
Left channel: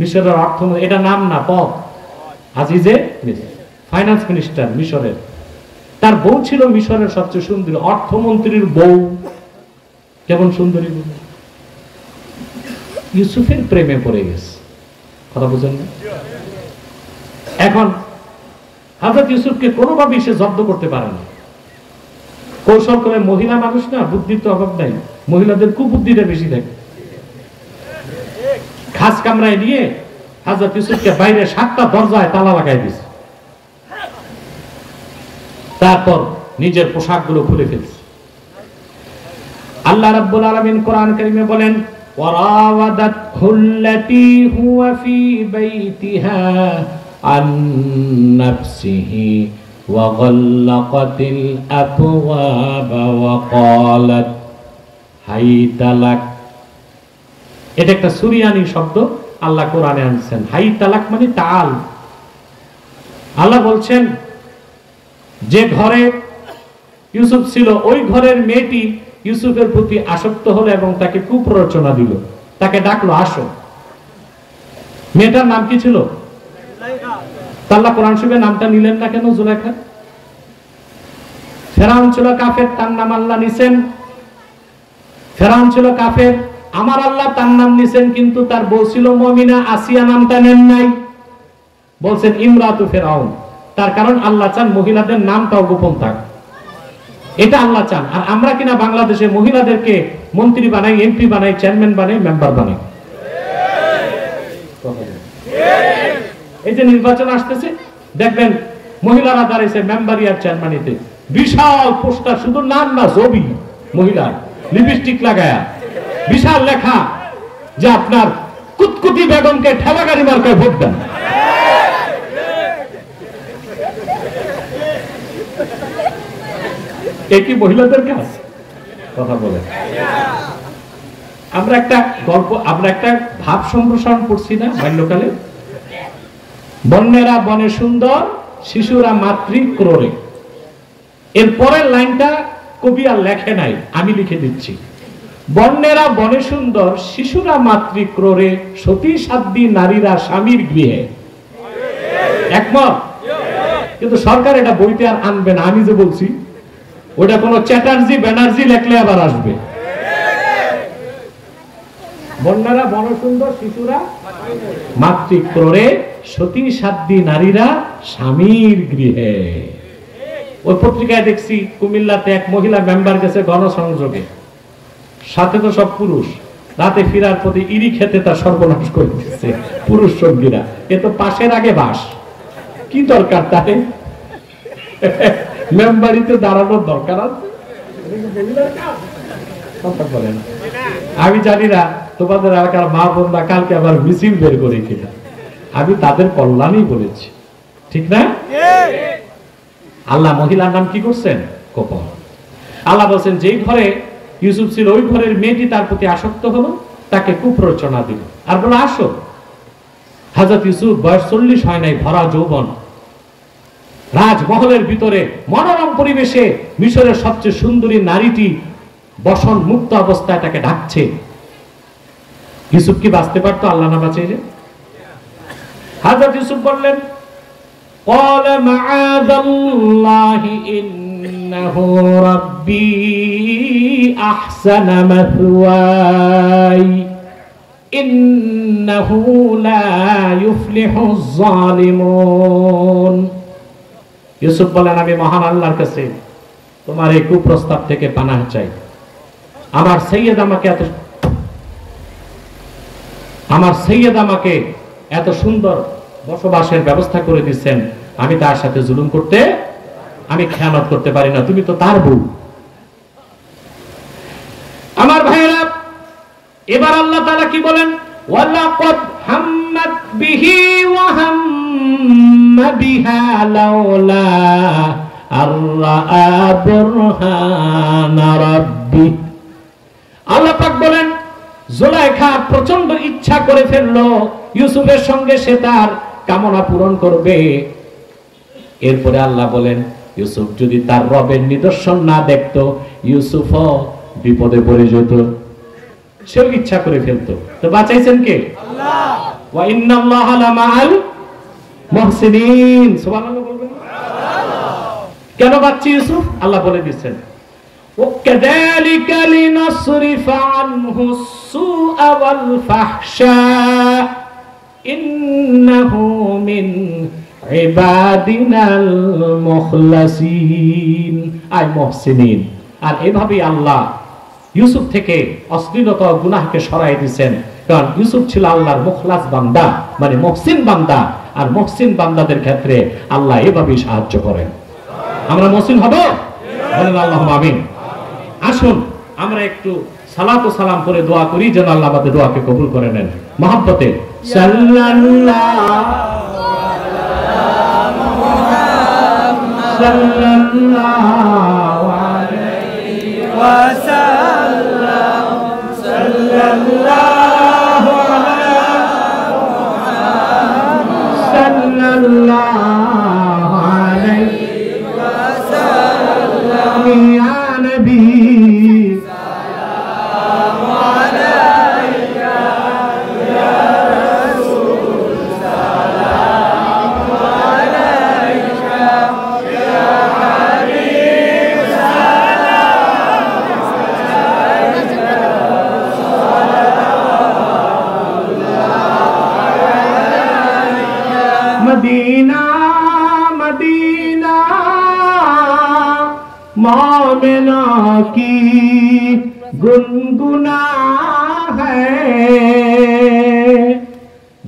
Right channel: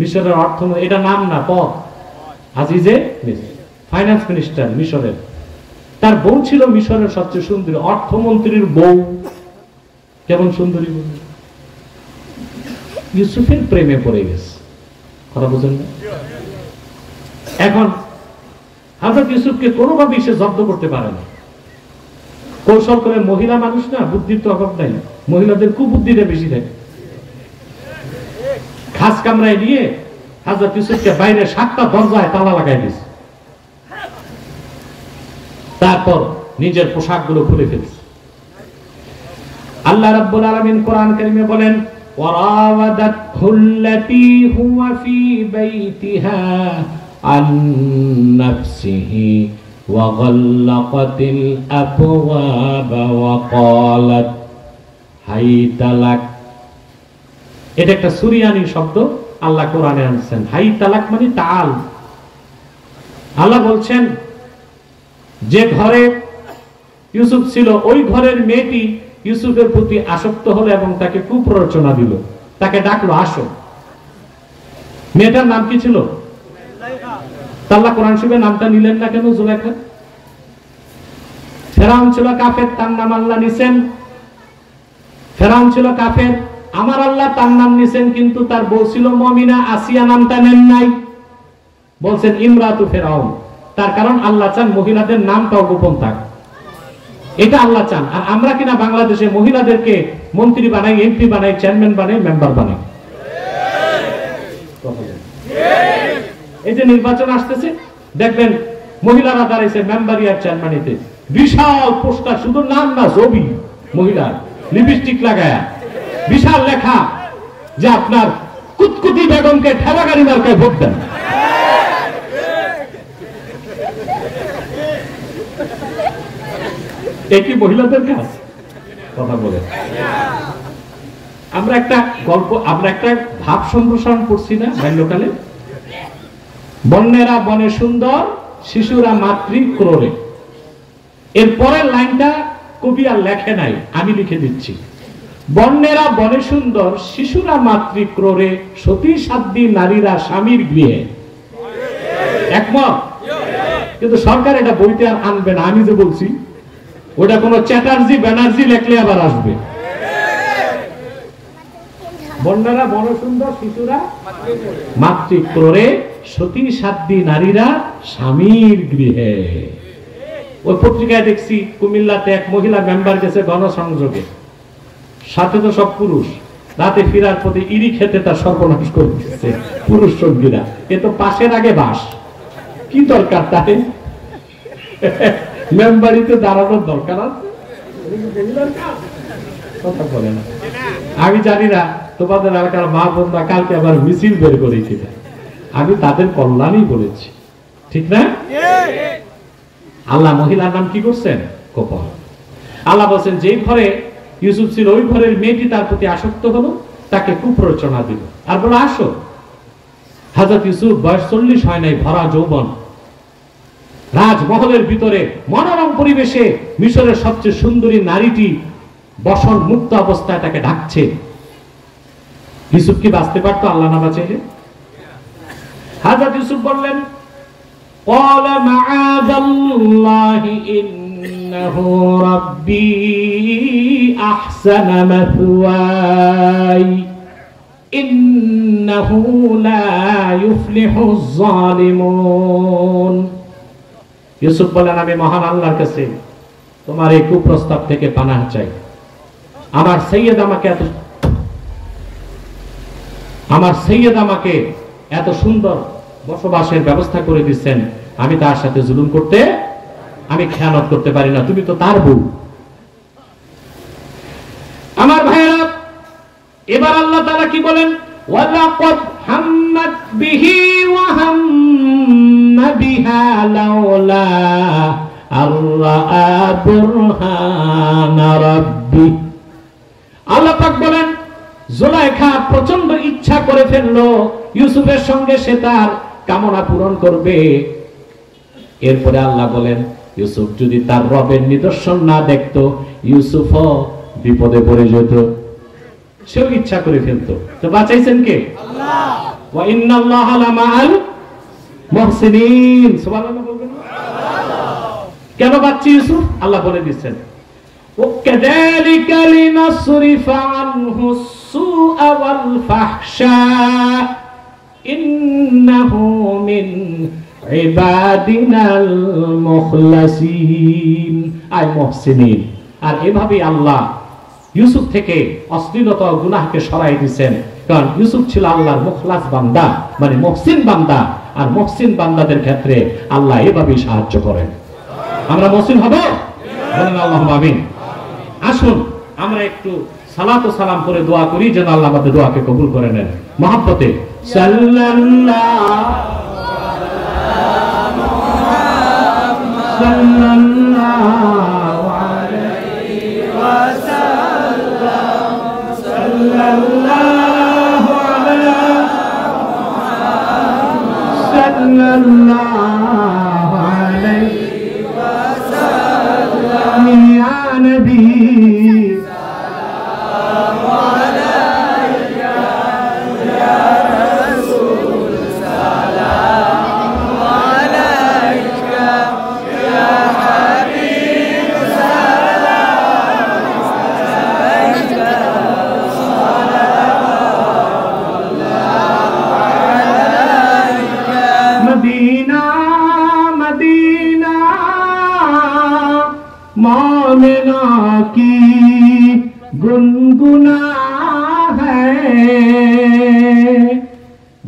মিশরের অর্থ, এটা নাম না, পদ। আজিজে মিসর, ফাইন্যান্স মিনিস্টার মিশরের। তার বউ ছিল মিশরের সবচেয়ে সুন্দরী, অর্থমন্ত্রীর বউ। কেমন সুন্দরী বউ! ইউসুফের প্রেমে পড়ে গেছে। কথা বুঝেন না? এখন হযরত ইউসুফকে কোনোভাবে সে জব্দ করতে পারে না। কৌশল করে, মহিলা মানুষ না, বুদ্ধির তো অভাব নাই, মহিলাদের কুবুদ্ধিটা বেশি থাকে। খাস কামরায় নিয়ে হযরত ইউসুফকে বাইরে 7টা দরজায় তালা লাগাই দিয়েছে। তারপর নিজের পোশাকগুলো খুলে ফেলছে। আল্লাহ রাব্বুল আলামিন কোরআন কারীমে বলেন, ওয়ারাওয়াদাতহুল্লাতী হুয়া ফী বাইতিহা আন নাফসিহি ওয়া গাল্লাকাতিল আবওয়াবা ওয়া ক্বালাত হাইতালাক। এটা একটা সুরিয়ানি শব্দ আল্লাহ কোরআনে আনছেন। হাইতালাক মানে তাআল। আল্লাহ বলছেন, যে ঘরে ইউসুফ ছিল, ওই ঘরের মেয়েটি ইউসুফের প্রতি আসক্ত হলো এবং তাকে কুপ্ররোচনা দিল, তাকে ডাকলো, আসো। মেয়েটার নাম কি ছিল? আল্লাহ কোরআন শরীফে নামটা নিলেন না কেন? জুলাইখা। ফেরাউন ছিল কাফের, তার নাম আল্লাহ নিছেন। ফেরাউন ছিল কাফের, আমার আল্লাহ তার নাম নিছেন, কিন্তু তার বউ ছিল মুমিনা, আসিয়া নামটা নেন নাই, বলছেন ইমরাতু ফেরাউন। তার কারণ আল্লাহ চান মহিলাদের নামটাও গোপন থাক, এটা আল্লাহ চান। আর আমরা কিনা বাংলাদেশে মহিলাদেরকে মন্ত্রী বানাই, এমপি বানাই, চেয়ারম্যান বানাই, মেম্বার বানাই। এই যে নির্বাচন আসতেছে, দেখবেন মহিলারা দাঁড়াইছে মেম্বারি আর চেয়ারম্যানিতে, বিশাল পোস্টার, শুধু নাম না, ছবি, মহিলা লিপস্টিক লাগায়া, বিশাল লেখা যে আপনার কুতকুতি বেগমকে ঠেলাগাড়ি মার্কায় ভোট দেন। একই মহিলাদের কাজ। কথা বলে। আমরা একটা গল্প, আমরা একটা ভাব সম্প্রসারণ করছি না বাল্যকালে, বন্যেরা বনে সুন্দর, শিশুরা মাতৃক্রোড়ে। এর পরের লাইনটা কবি আর লেখে নাই, আমি লিখে দিচ্ছি। বন্যেরা বনে সুন্দর, শিশুরা মাতৃক্রোড়ে, সতী সাধ্বী নারীরা স্বামীর গৃহে। একমত? কিন্তু সরকার এটা বইতে আর আনবে না, আমি যে বলছি ওটা কোন চ্যাটার্জি ব্যানার্জি লেখলে আবার আসবে। বন্যেরা বনে সুন্দর, শিশুরা মাতৃক্রোড়ে, সতী সাধ্বী নারীরা স্বামীর গৃহে। ওই পত্রিকায় দেখছি কুমিল্লাতে এক মহিলা মেম্বার গেছে গণসংযোগে, সাথে তো সব পুরুষ, রাতে ফিরার পথে ইরি খেতে তার সর্বনাশ করতেছে পুরুষ সঙ্গীরা। এ তো পাশের আগে বাস, কি দরকার তাতে মেম্বারিতে দাঁড়ানোর দরকার আছে? আমি জানি না তোমাদের এলাকার মা বোনরা কালকে আবার মিছিল বের করেছিল, আমি তাদের কল্যাণই বলেছি, ঠিক না? আল্লাহ মহিলার নাম কি করছেন? কপল। আল্লাহ বলছেন যেই ঘরে ইউসুফ ছিল ওই ঘরের মেয়েটি তার প্রতি আসক্ত হলো, তাকে কুপ্ররোচনা দিল আর বলে আসো। হযরত ইউসুফ বয়স 40 হয় নাই, ভরা যৌবন, রাজমহলের ভিতরে মনোরম পরিবেশে মিশরের সবচেয়ে সুন্দরী নারীটি বসন মুক্ত অবস্থায় তাকে ডাকছে। ইউসুফ কি বাঁচতে পারতো আল্লাহ না বাঁচাইলে? হযরত ইউসুফ বললেন قال معاذ الله إنه ربي أحسن مثواي إنه لا يفلح الظالمون। ইউসুফ বলেন আমি মহান আল্লাহর কাছে তোমার এই কুপ্রস্তাব থেকে পানাহ চাই। আমার সৈয়দ আমাকে এত সুন্দর বসবাসের ব্যবস্থা করে দিচ্ছেন, আমি তার সাথে জুলুম করতে, আমি খেয়ানত করতে পারি না, তুমি তো তার বউ। আমার ভাইরা, এবার আল্লাহ তাআলা কি বলেন? ওয়ালাকাদ হাম্মাত বিহি ওয়া হাম্মা বিহা লাউলা আররা বুরহান রাব্বি। আল্লাহ পাক বলেন জুলাইখা প্রচন্ড ইচ্ছা করে ফেললো ইউসুফের সঙ্গে সে তার কামনা পূরণ করবে। এরপরে আল্লাহ বলেন ইউসুফ যদি তার রবের নিদর্শন না দেখতো, ইউসুফও বিপদে পড়ে যেত। সেও ইচ্ছা করে ফেলতো, তো বাঁচাইছেন কে? আল্লাহ। ওয়া ইন্নাল্লাহা লামাআল মুহসিনিন। সুবহানাল্লাহ বলবেন। কেন বাঁচছে ইউসুফ? আল্লাহ বলে দিচ্ছেন ওয়াকাযালিকা লিনাসরিফা আনহু السوء والفحشاء إنه من عبادنا المخلصين أي محسنين। আর এভাবেই আল্লাহ ইউসুফ থেকে অশ্লীলতা ও গুনাহকে সরাই দিয়েছেন, কারণ ইউসুফ ছিল আল্লাহর মুখলাস বান্দা, মানে মুহসিন বান্দা। আর মুহসিন বান্দাদের ক্ষেত্রে আল্লাহ এভাবেই সাহায্য করেন। আমরা মুহসিন হব, বলেন আল্লাহুম্মা আমিন। আসুন আমরা একটু সালাত ও সালাম করে দোয়া করি যেন আল্লাহ আমাদের দোয়াকে কবুল করে নেন। মহব্বতে मदीना मदीना मोमिना की गुनगुना है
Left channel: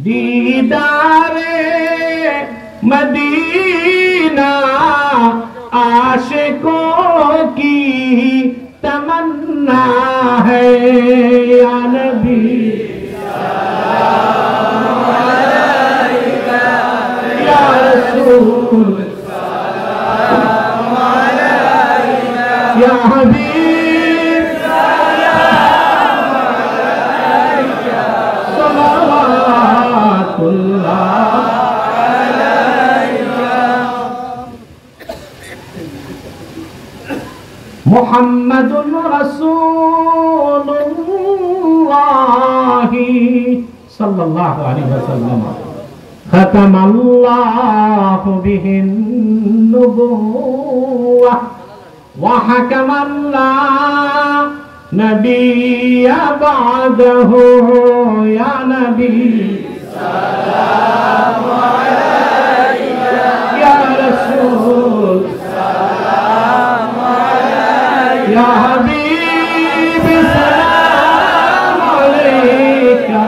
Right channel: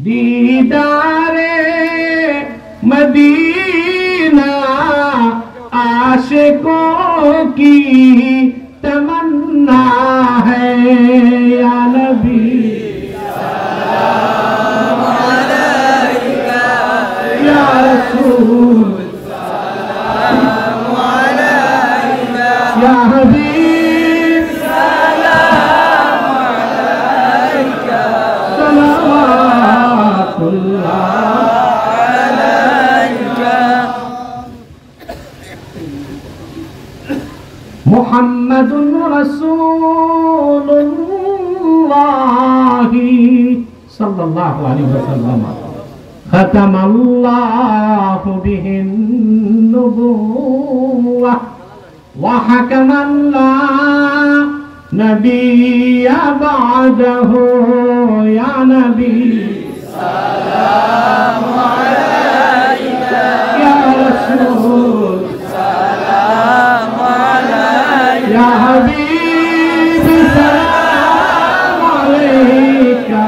दीदारे मदीना आशिकों की तमन्ना है या नबी या हबीब সাল্লাল্লাহু আলাইহি ওয়াসাল্লাম খাতামাল্লাহু বিহিন নুবুওয়াহ ওয়া হাকামান লা নাবিয়্যা বা'দাহু ইয়া নবী সালামু আলাইকা ইয়া রাসূল সালামু আলাইকা ইয়া হাবিব সালামু আলাইকা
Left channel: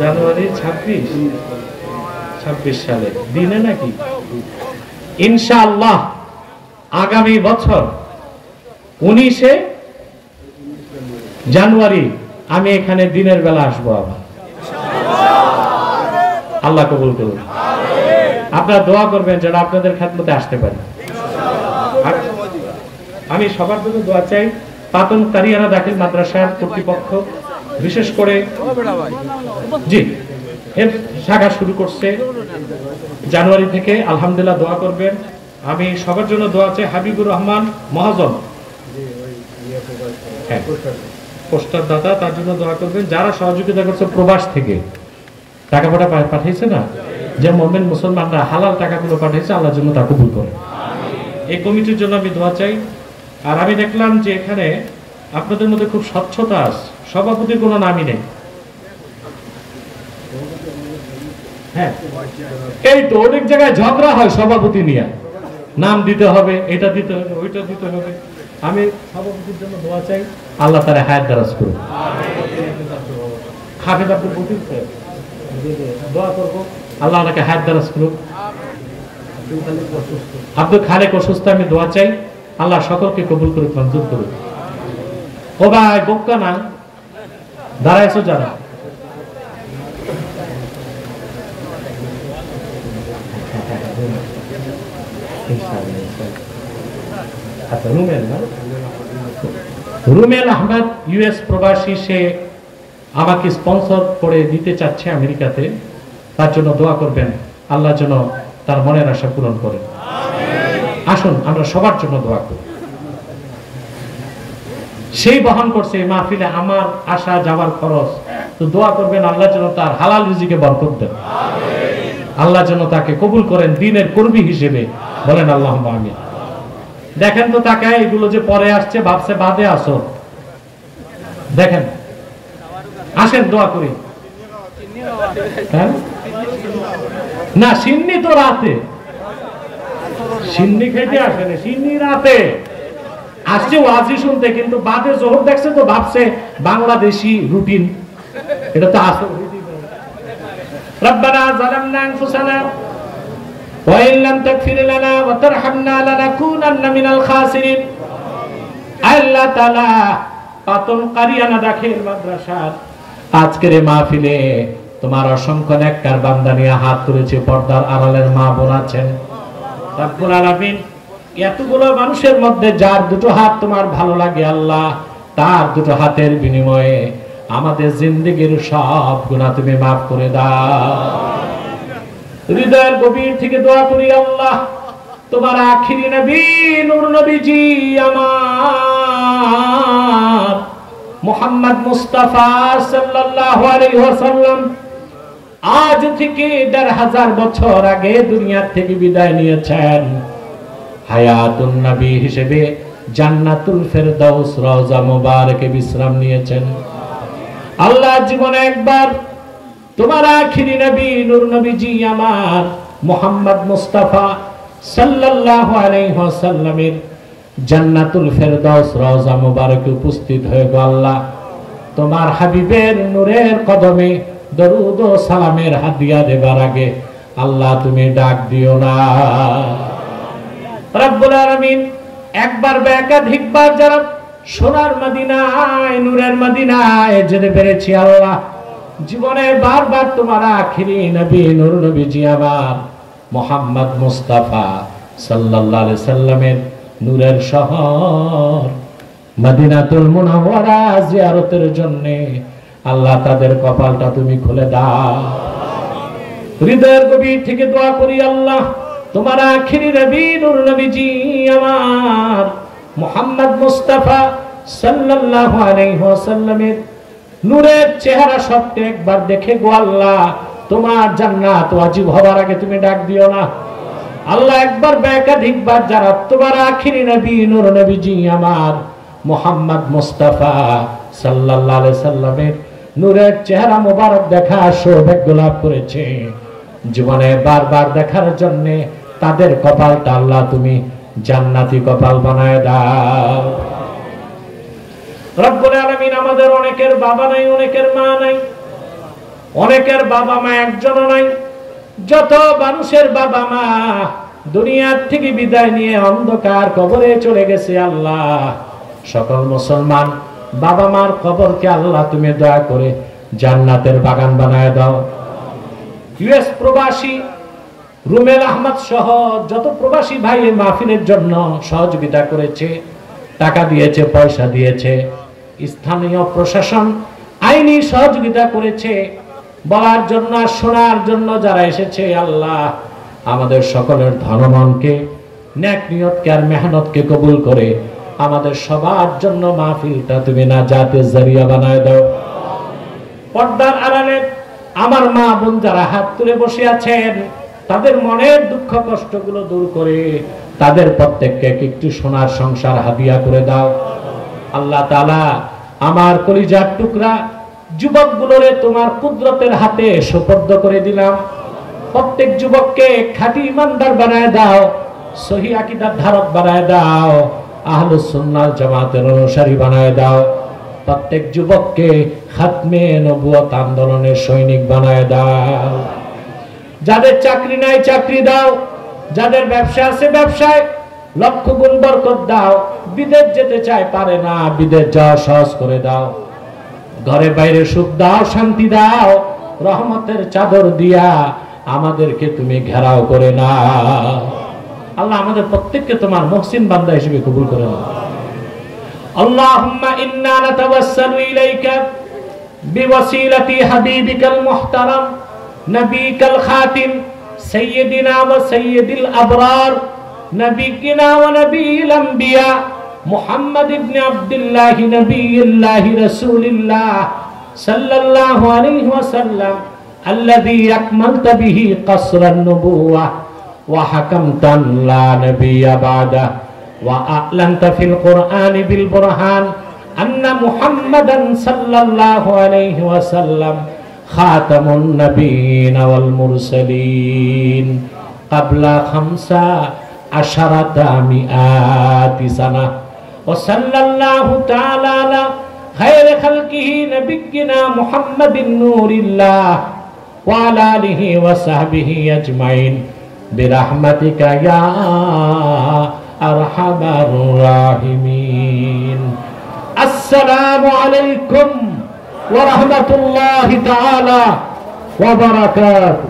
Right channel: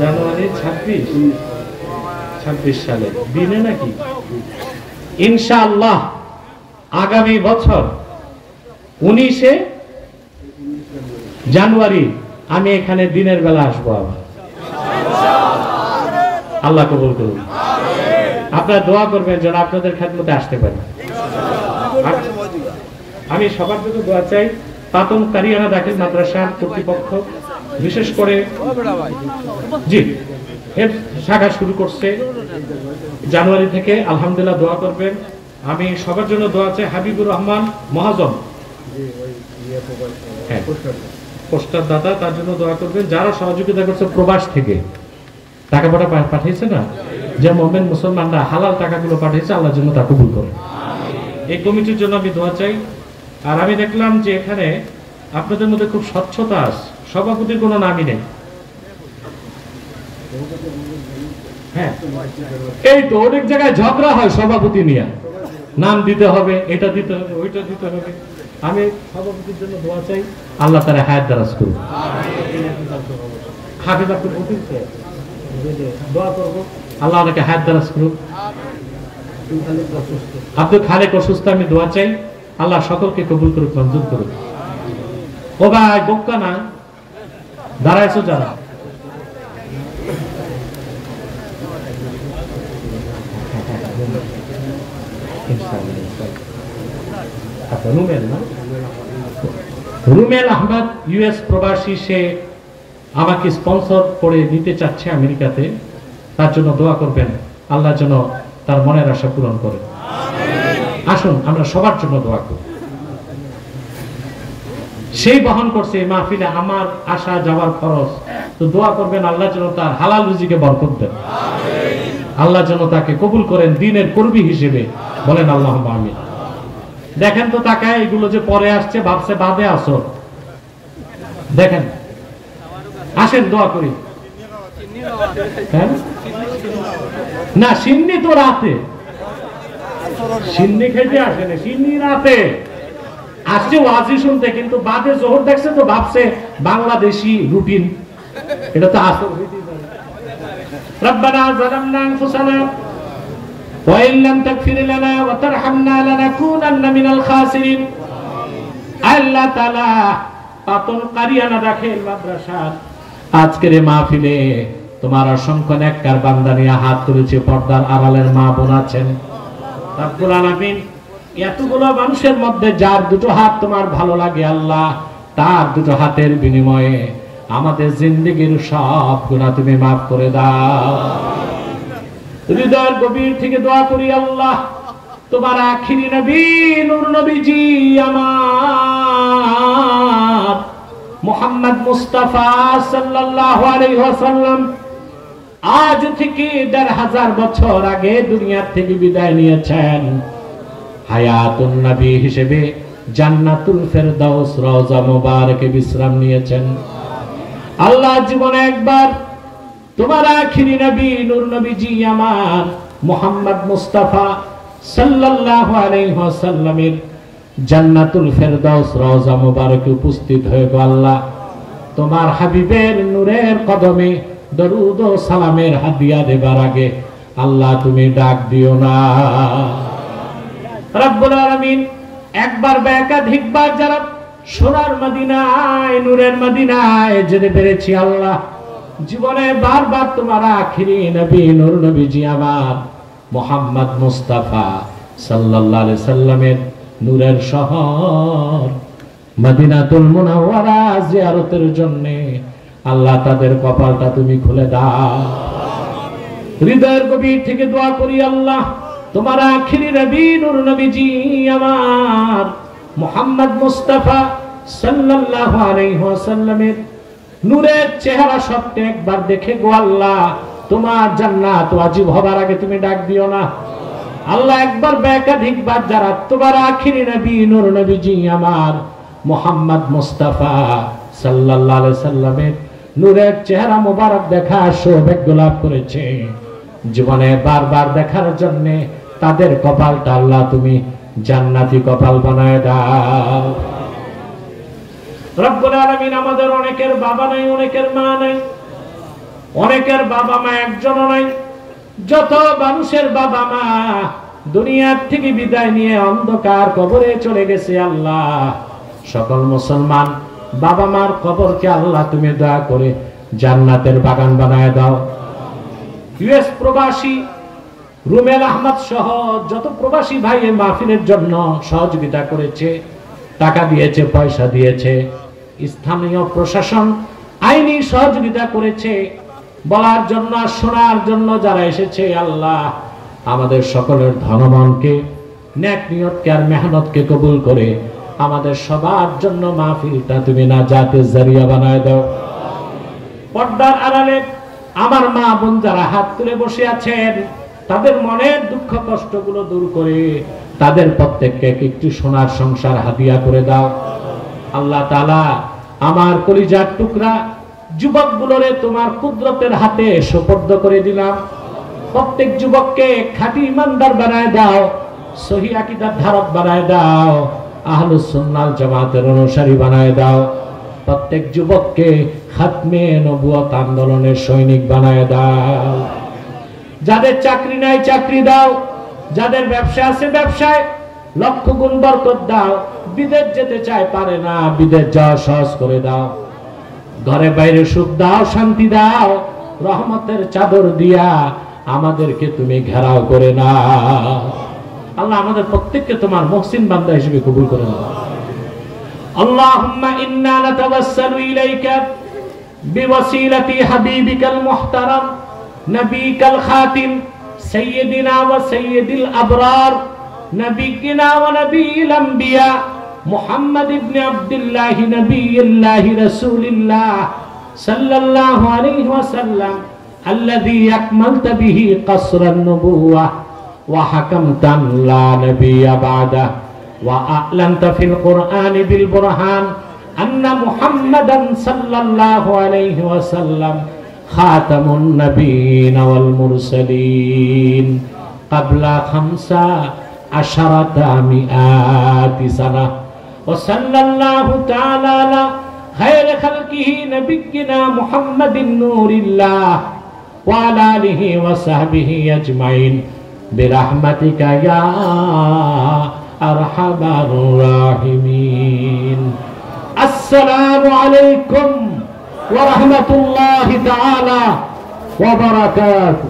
জানুয়ারি 26 সালে দিনে নাকি ইনশাআল্লাহ আগামী বছর 19 জানুয়ারি আমি এখানে দিনের বেলা আসবো আবার। আল্লাহ কবুল করুন। আপনারা দোয়া করবেন যেন আপনাদের খেদমতে আসতে পারেন। আমি সবার জন্য দোয়া চাই। পাতন কারিয়ানা দাখিল মাদ্রাসার কর্তৃপক্ষ বিশেষ করে জি শাখা শুরু করছে জানুয়ারি থেকে, আলহামদুলিল্লাহ দোয়া করবেন। আমি সবার জন্য দোয়া চাই। হাবিবুর রহমান মহাজন পোস্টার দাতা, তার জন্য দোয়া করবেন। যারা সহযোগিতা করছে প্রবাস থেকে টাকা পাঠিয়েছে না, যে মুমিন মুসলমানরা হালাল টাকাগুলো পাঠিয়েছে, আল্লাহর জন্য তা কবুল করে। এই কমিটির জন্য আমি দোয়া চাই। আর আমি দেখলাম যে এখানে আপনাদের মধ্যে খুব স্বচ্ছতা আছে, সভাপতির কোনো নামই নেই। হ্যাঁ, এই তো অনেক জায়গায় ঝগড়া হয় সভাপতি নিয়ে, নাম দিতে হবে, এটা দিতে হবে, ওইটা দিতে হবে। আমি সভাপতির জন্য দোয়া চাই, আল্লাহ তাআলা হায়াত দারাজ করুন। হাফেজ আব্দুল লতিফ দোয়া করব, আল্লাহ ওনাকে হায়াত দারাজ করুন। আব্দুল খালেক অসুস্থ, আমি দোয়া চাই, আল্লাহ সকলকে কবুল করুক, মঞ্জুর করুক। ও ভাই বোকা না দাঁড়াইছো যারা, রুমেল আহমদ ইউএস প্রবাসী, সে আমাকে স্পন্সর করে দিতে চাচ্ছে আমেরিকাতে, তার জন্য দোয়া করবেন, আল্লাহ যেন তার মনের আশা পূরণ করে। আসুন আমরা সবার জন্য দোয়া করি। সেই বহন করছে এই মাহফিলে আমার আসা যাওয়ার খরচ, তো দোয়া করবেন আল্লাহ যেন তার হালাল রিজিকে বরকত দেন, আল্লাহ যেন তাকে কবুল করেন দ্বীনের কর্মী হিসেবে, বলেন আল্লাহুম্মা আমিন। দেখেন তো তাকায়, এগুলো যে পরে আসছে ভাবছে বাদে আসো, দেখেন আসেন দোয়া করি। না সিন্নি তো রাতে, সিন্নি খেতে আসেনি, সিন্নি রাতে আসছে ওয়াজি শুনতে, কিন্তু বাদে জোহর দেখছে তো ভাবছে বাংলাদেশি রুটিন, এটা তো আসল। রব্বানা যালামনা আনফুসানা ওয়া ইন লাম তাগফির লানা ওয়া তারহামনা লানাকুনান্না মিনাল খাসিরিন। আল্লাহ তাআলা পাতন কারিয়ানা দাখিল মাদ্রাসার আজকের এই মাহফিলে তোমার অসংখ্য নেককার বান্দা নিয়ে হাত তুলেছে, পর্দার আড়ালের মা বোন আছেন। রব্বুল আলামিন, এতগুলো মানুষের মধ্যে যার দুটো হাত তোমার ভালো লাগে আল্লাহ, তার দুটো হাতের বিনিময়ে আমাদের জিন্দেগির সব গুনাহ তুমি মাফ করে দাও। হৃদয়ের গভীর থেকে দোয়া করি আল্লাহ, তোমার আখিরি নবী নূর নবীজি আমার মুহাম্মদ মুস্তাফা সাল্লাল্লাহু আলাইহি ওয়াসাল্লাম আজ থেকে ১৫০০ বছর আগে দুনিয়া থেকে বিদায় নিয়েছেন। হায়াতুন নবী হিসেবে জান্নাতুল ফেরদাউস রওজা মুবারকে বিশ্রাম নিয়েছেন। আল্লাহ জীবনে একবার তোমার আখিরি নবী নূর নবীজি আমার মুহাম্মদ মুস্তাফা সাল্লাল্লাহু আলাইহি ওয়াসাল্লামের জান্নাতুল ফেরদাউস রওজা মুবারকে উপস্থিত হয়ে গো আল্লাহ, তোমার হাবিবের নূরের কদমে দরুদ ও সালামের হাদিয়া দেবার আগে আল্লাহ তুমি ডাক দিও না। রব্বুল আলামিন, একবার বা একাধিকবার যারা সোনার মদিনায় নূরের মদিনায় যেতে পেরেছি আল্লাহ, জীবনে বারবার তোমার আখিরি নবী নূর নবীজি আমার মুহাম্মদ মুস্তাফা সাল্লাল্লাহু আলাইহি সাল্লামের নূরের শহর মদিনাতুল মুনাওয়ারা জিয়ারতের জন্য আল্লাহ তাদের কপালটা তুমি খুলে দাও। হৃদয়ের গভীর থেকে দোয়া করি আল্লাহ তোমার আখিরি নবী নূর নবীজি আমার মুহাম্মদ মুস্তাফা সাল্লাল্লাহু আলাইহি ওয়াসাল্লামের নূরের চেহারা সত্যি একবার দেখে গো আল্লাহ তোমার জান্নাত ওয়াজিব হবার আগে তুমি ডাক দিও না আল্লাহ। একবার একাধিকবার যারা তোমার আখিরি নবী নূর নবীজি আমার মুহাম্মদ মুস্তাফা সাল্লাল্লাহু আলাইহি ওয়াসাল্লামের নূরের চেহারা মোবারক দেখা সৌভাগ্য লাভ করেছে, জীবনে বারবার দেখার জন্য তাদের কপালটা আল্লাহ তুমি জান্নাতি কপাল বানায় দাও। রব্বুল আলামিন আমাদের অনেকের বাবা নাই, অনেকের মা নাই, অনেকের বাবা মা একজনও নাই। যত মানুষের বাবা মা দুনিয়ার থেকে বিদায় নিয়ে অন্ধকার কবরে চলে গেছে আল্লাহ, সকল মুসলমান বাবা মার কবরকে আল্লাহ তুমি দয়া করে জান্নাতের বাগান বানায় দাও। ইউএস প্রবাসী রুমেল আহমদ সহ যত প্রবাসী ভাই এই মাহফিলের জন্য সহযোগিতা করেছে, টাকা দিয়েছে, পয়সা দিয়েছে, স্থানীয় প্রশাসন আইনি সহযোগিতা করেছে, বলার জন্য শোনার জন্য যারা এসেছে আল্লাহ আমাদের সকলের ধনমনকে নেক নিয়তকে আর মেহনতকে কবুল করে আমাদের সবার জন্য মাহফিলটা তুমি নাজাতের জরিয়া বানায় দাও। পর্দার আড়ালে আমার মা বোন যারা হাত তুলে বসে আছেন তাদের মনের দুঃখ কষ্টগুলো দূর করে তাদের প্রত্যেককে একটু সোনার সংসার হাদিয়া করে দাও আল্লাহ তাআলা। আমার কলিজার টুকরা যুবকগুলোরে তোমার কুদরতের হাতে সুপর্দ করে দিলাম। প্রত্যেক যুবককে খাঁটি ইমানদার বানায় দাও, সহিহ আকীদার ধারক বানায় দাও, আহলুস সুন্নাহ জামাতের অনুসারী বানায় দাও। প্রত্যেক যুবককে খাতমে নবুয়ত আন্দোলনের সৈনিক বানায় দাও। যাদের চাকরি নাই চাকরি দাও, যাদের ব্যবসা আছে ব্যবসায় লক্ষ গুণ বরকত দাও। বিদেশ যেতে চায় পারে না, বিদেশ যাওয়া সহজ করে দাও। ঘরে বাইরে সুখ দাও, শান্তি দাও, রহমতের চাদর দিয়া আমাদেরকে তুমি ঘেরাও করে না আল্লাহ। আমাদের প্রত্যেককে তোমার মুহসিন বান্দা হিসেবে কবুল করে নাও। আল্লাহুম্মা ইন্না নাতাওয়াসসালু ইলাইকা বিওয়াসিলাতি হাবিবিকাল মুহতারাম নবিকাল খাতিম সাইয়্যিদিনা ওয়া সাইয়্যিদিল আবরার নবিয়িনা ওয়া নবিয়িল আম্বিয়া মুহাম্মদ ইবনে আব্দুল্লাহ নবিয়ুল্লাহ রাসূলুল্লাহ সাল্লাল্লাহু আলাইহি ওয়াসাল্লাম আল্লাযী আকমালতা বিহি কসরান নবুওয়া ওয়া হাকামতা লা নাবিয়্যা বা'দা ওয়া আ'লানতা ফিল কুরআনি বিল বুরহান আন্না মুহাম্মাদান সাল্লাল্লাহু আলাইহি ওয়াসাল্লাম খাতামুন নবিয়্যিন ওয়াল মুরসালিন ক্বাবলা 15 মিআতি সানা ওয়া সাল্লাল্লাহু তাআলা আলা খায়রি খালকিহি নবিয়্যিনা মুহাম্মাদিন নূরিল্লাহ ওয়া আলা আলিহি ওয়া সাহবিহি আজমাইন বিরহমাতিকা ইয়া আরহামার রাহিমিন। আসসালামু আলাইকুম ওয়া রাহমাতুল্লাহি তাআলা ওয়া বারাকাতুহু।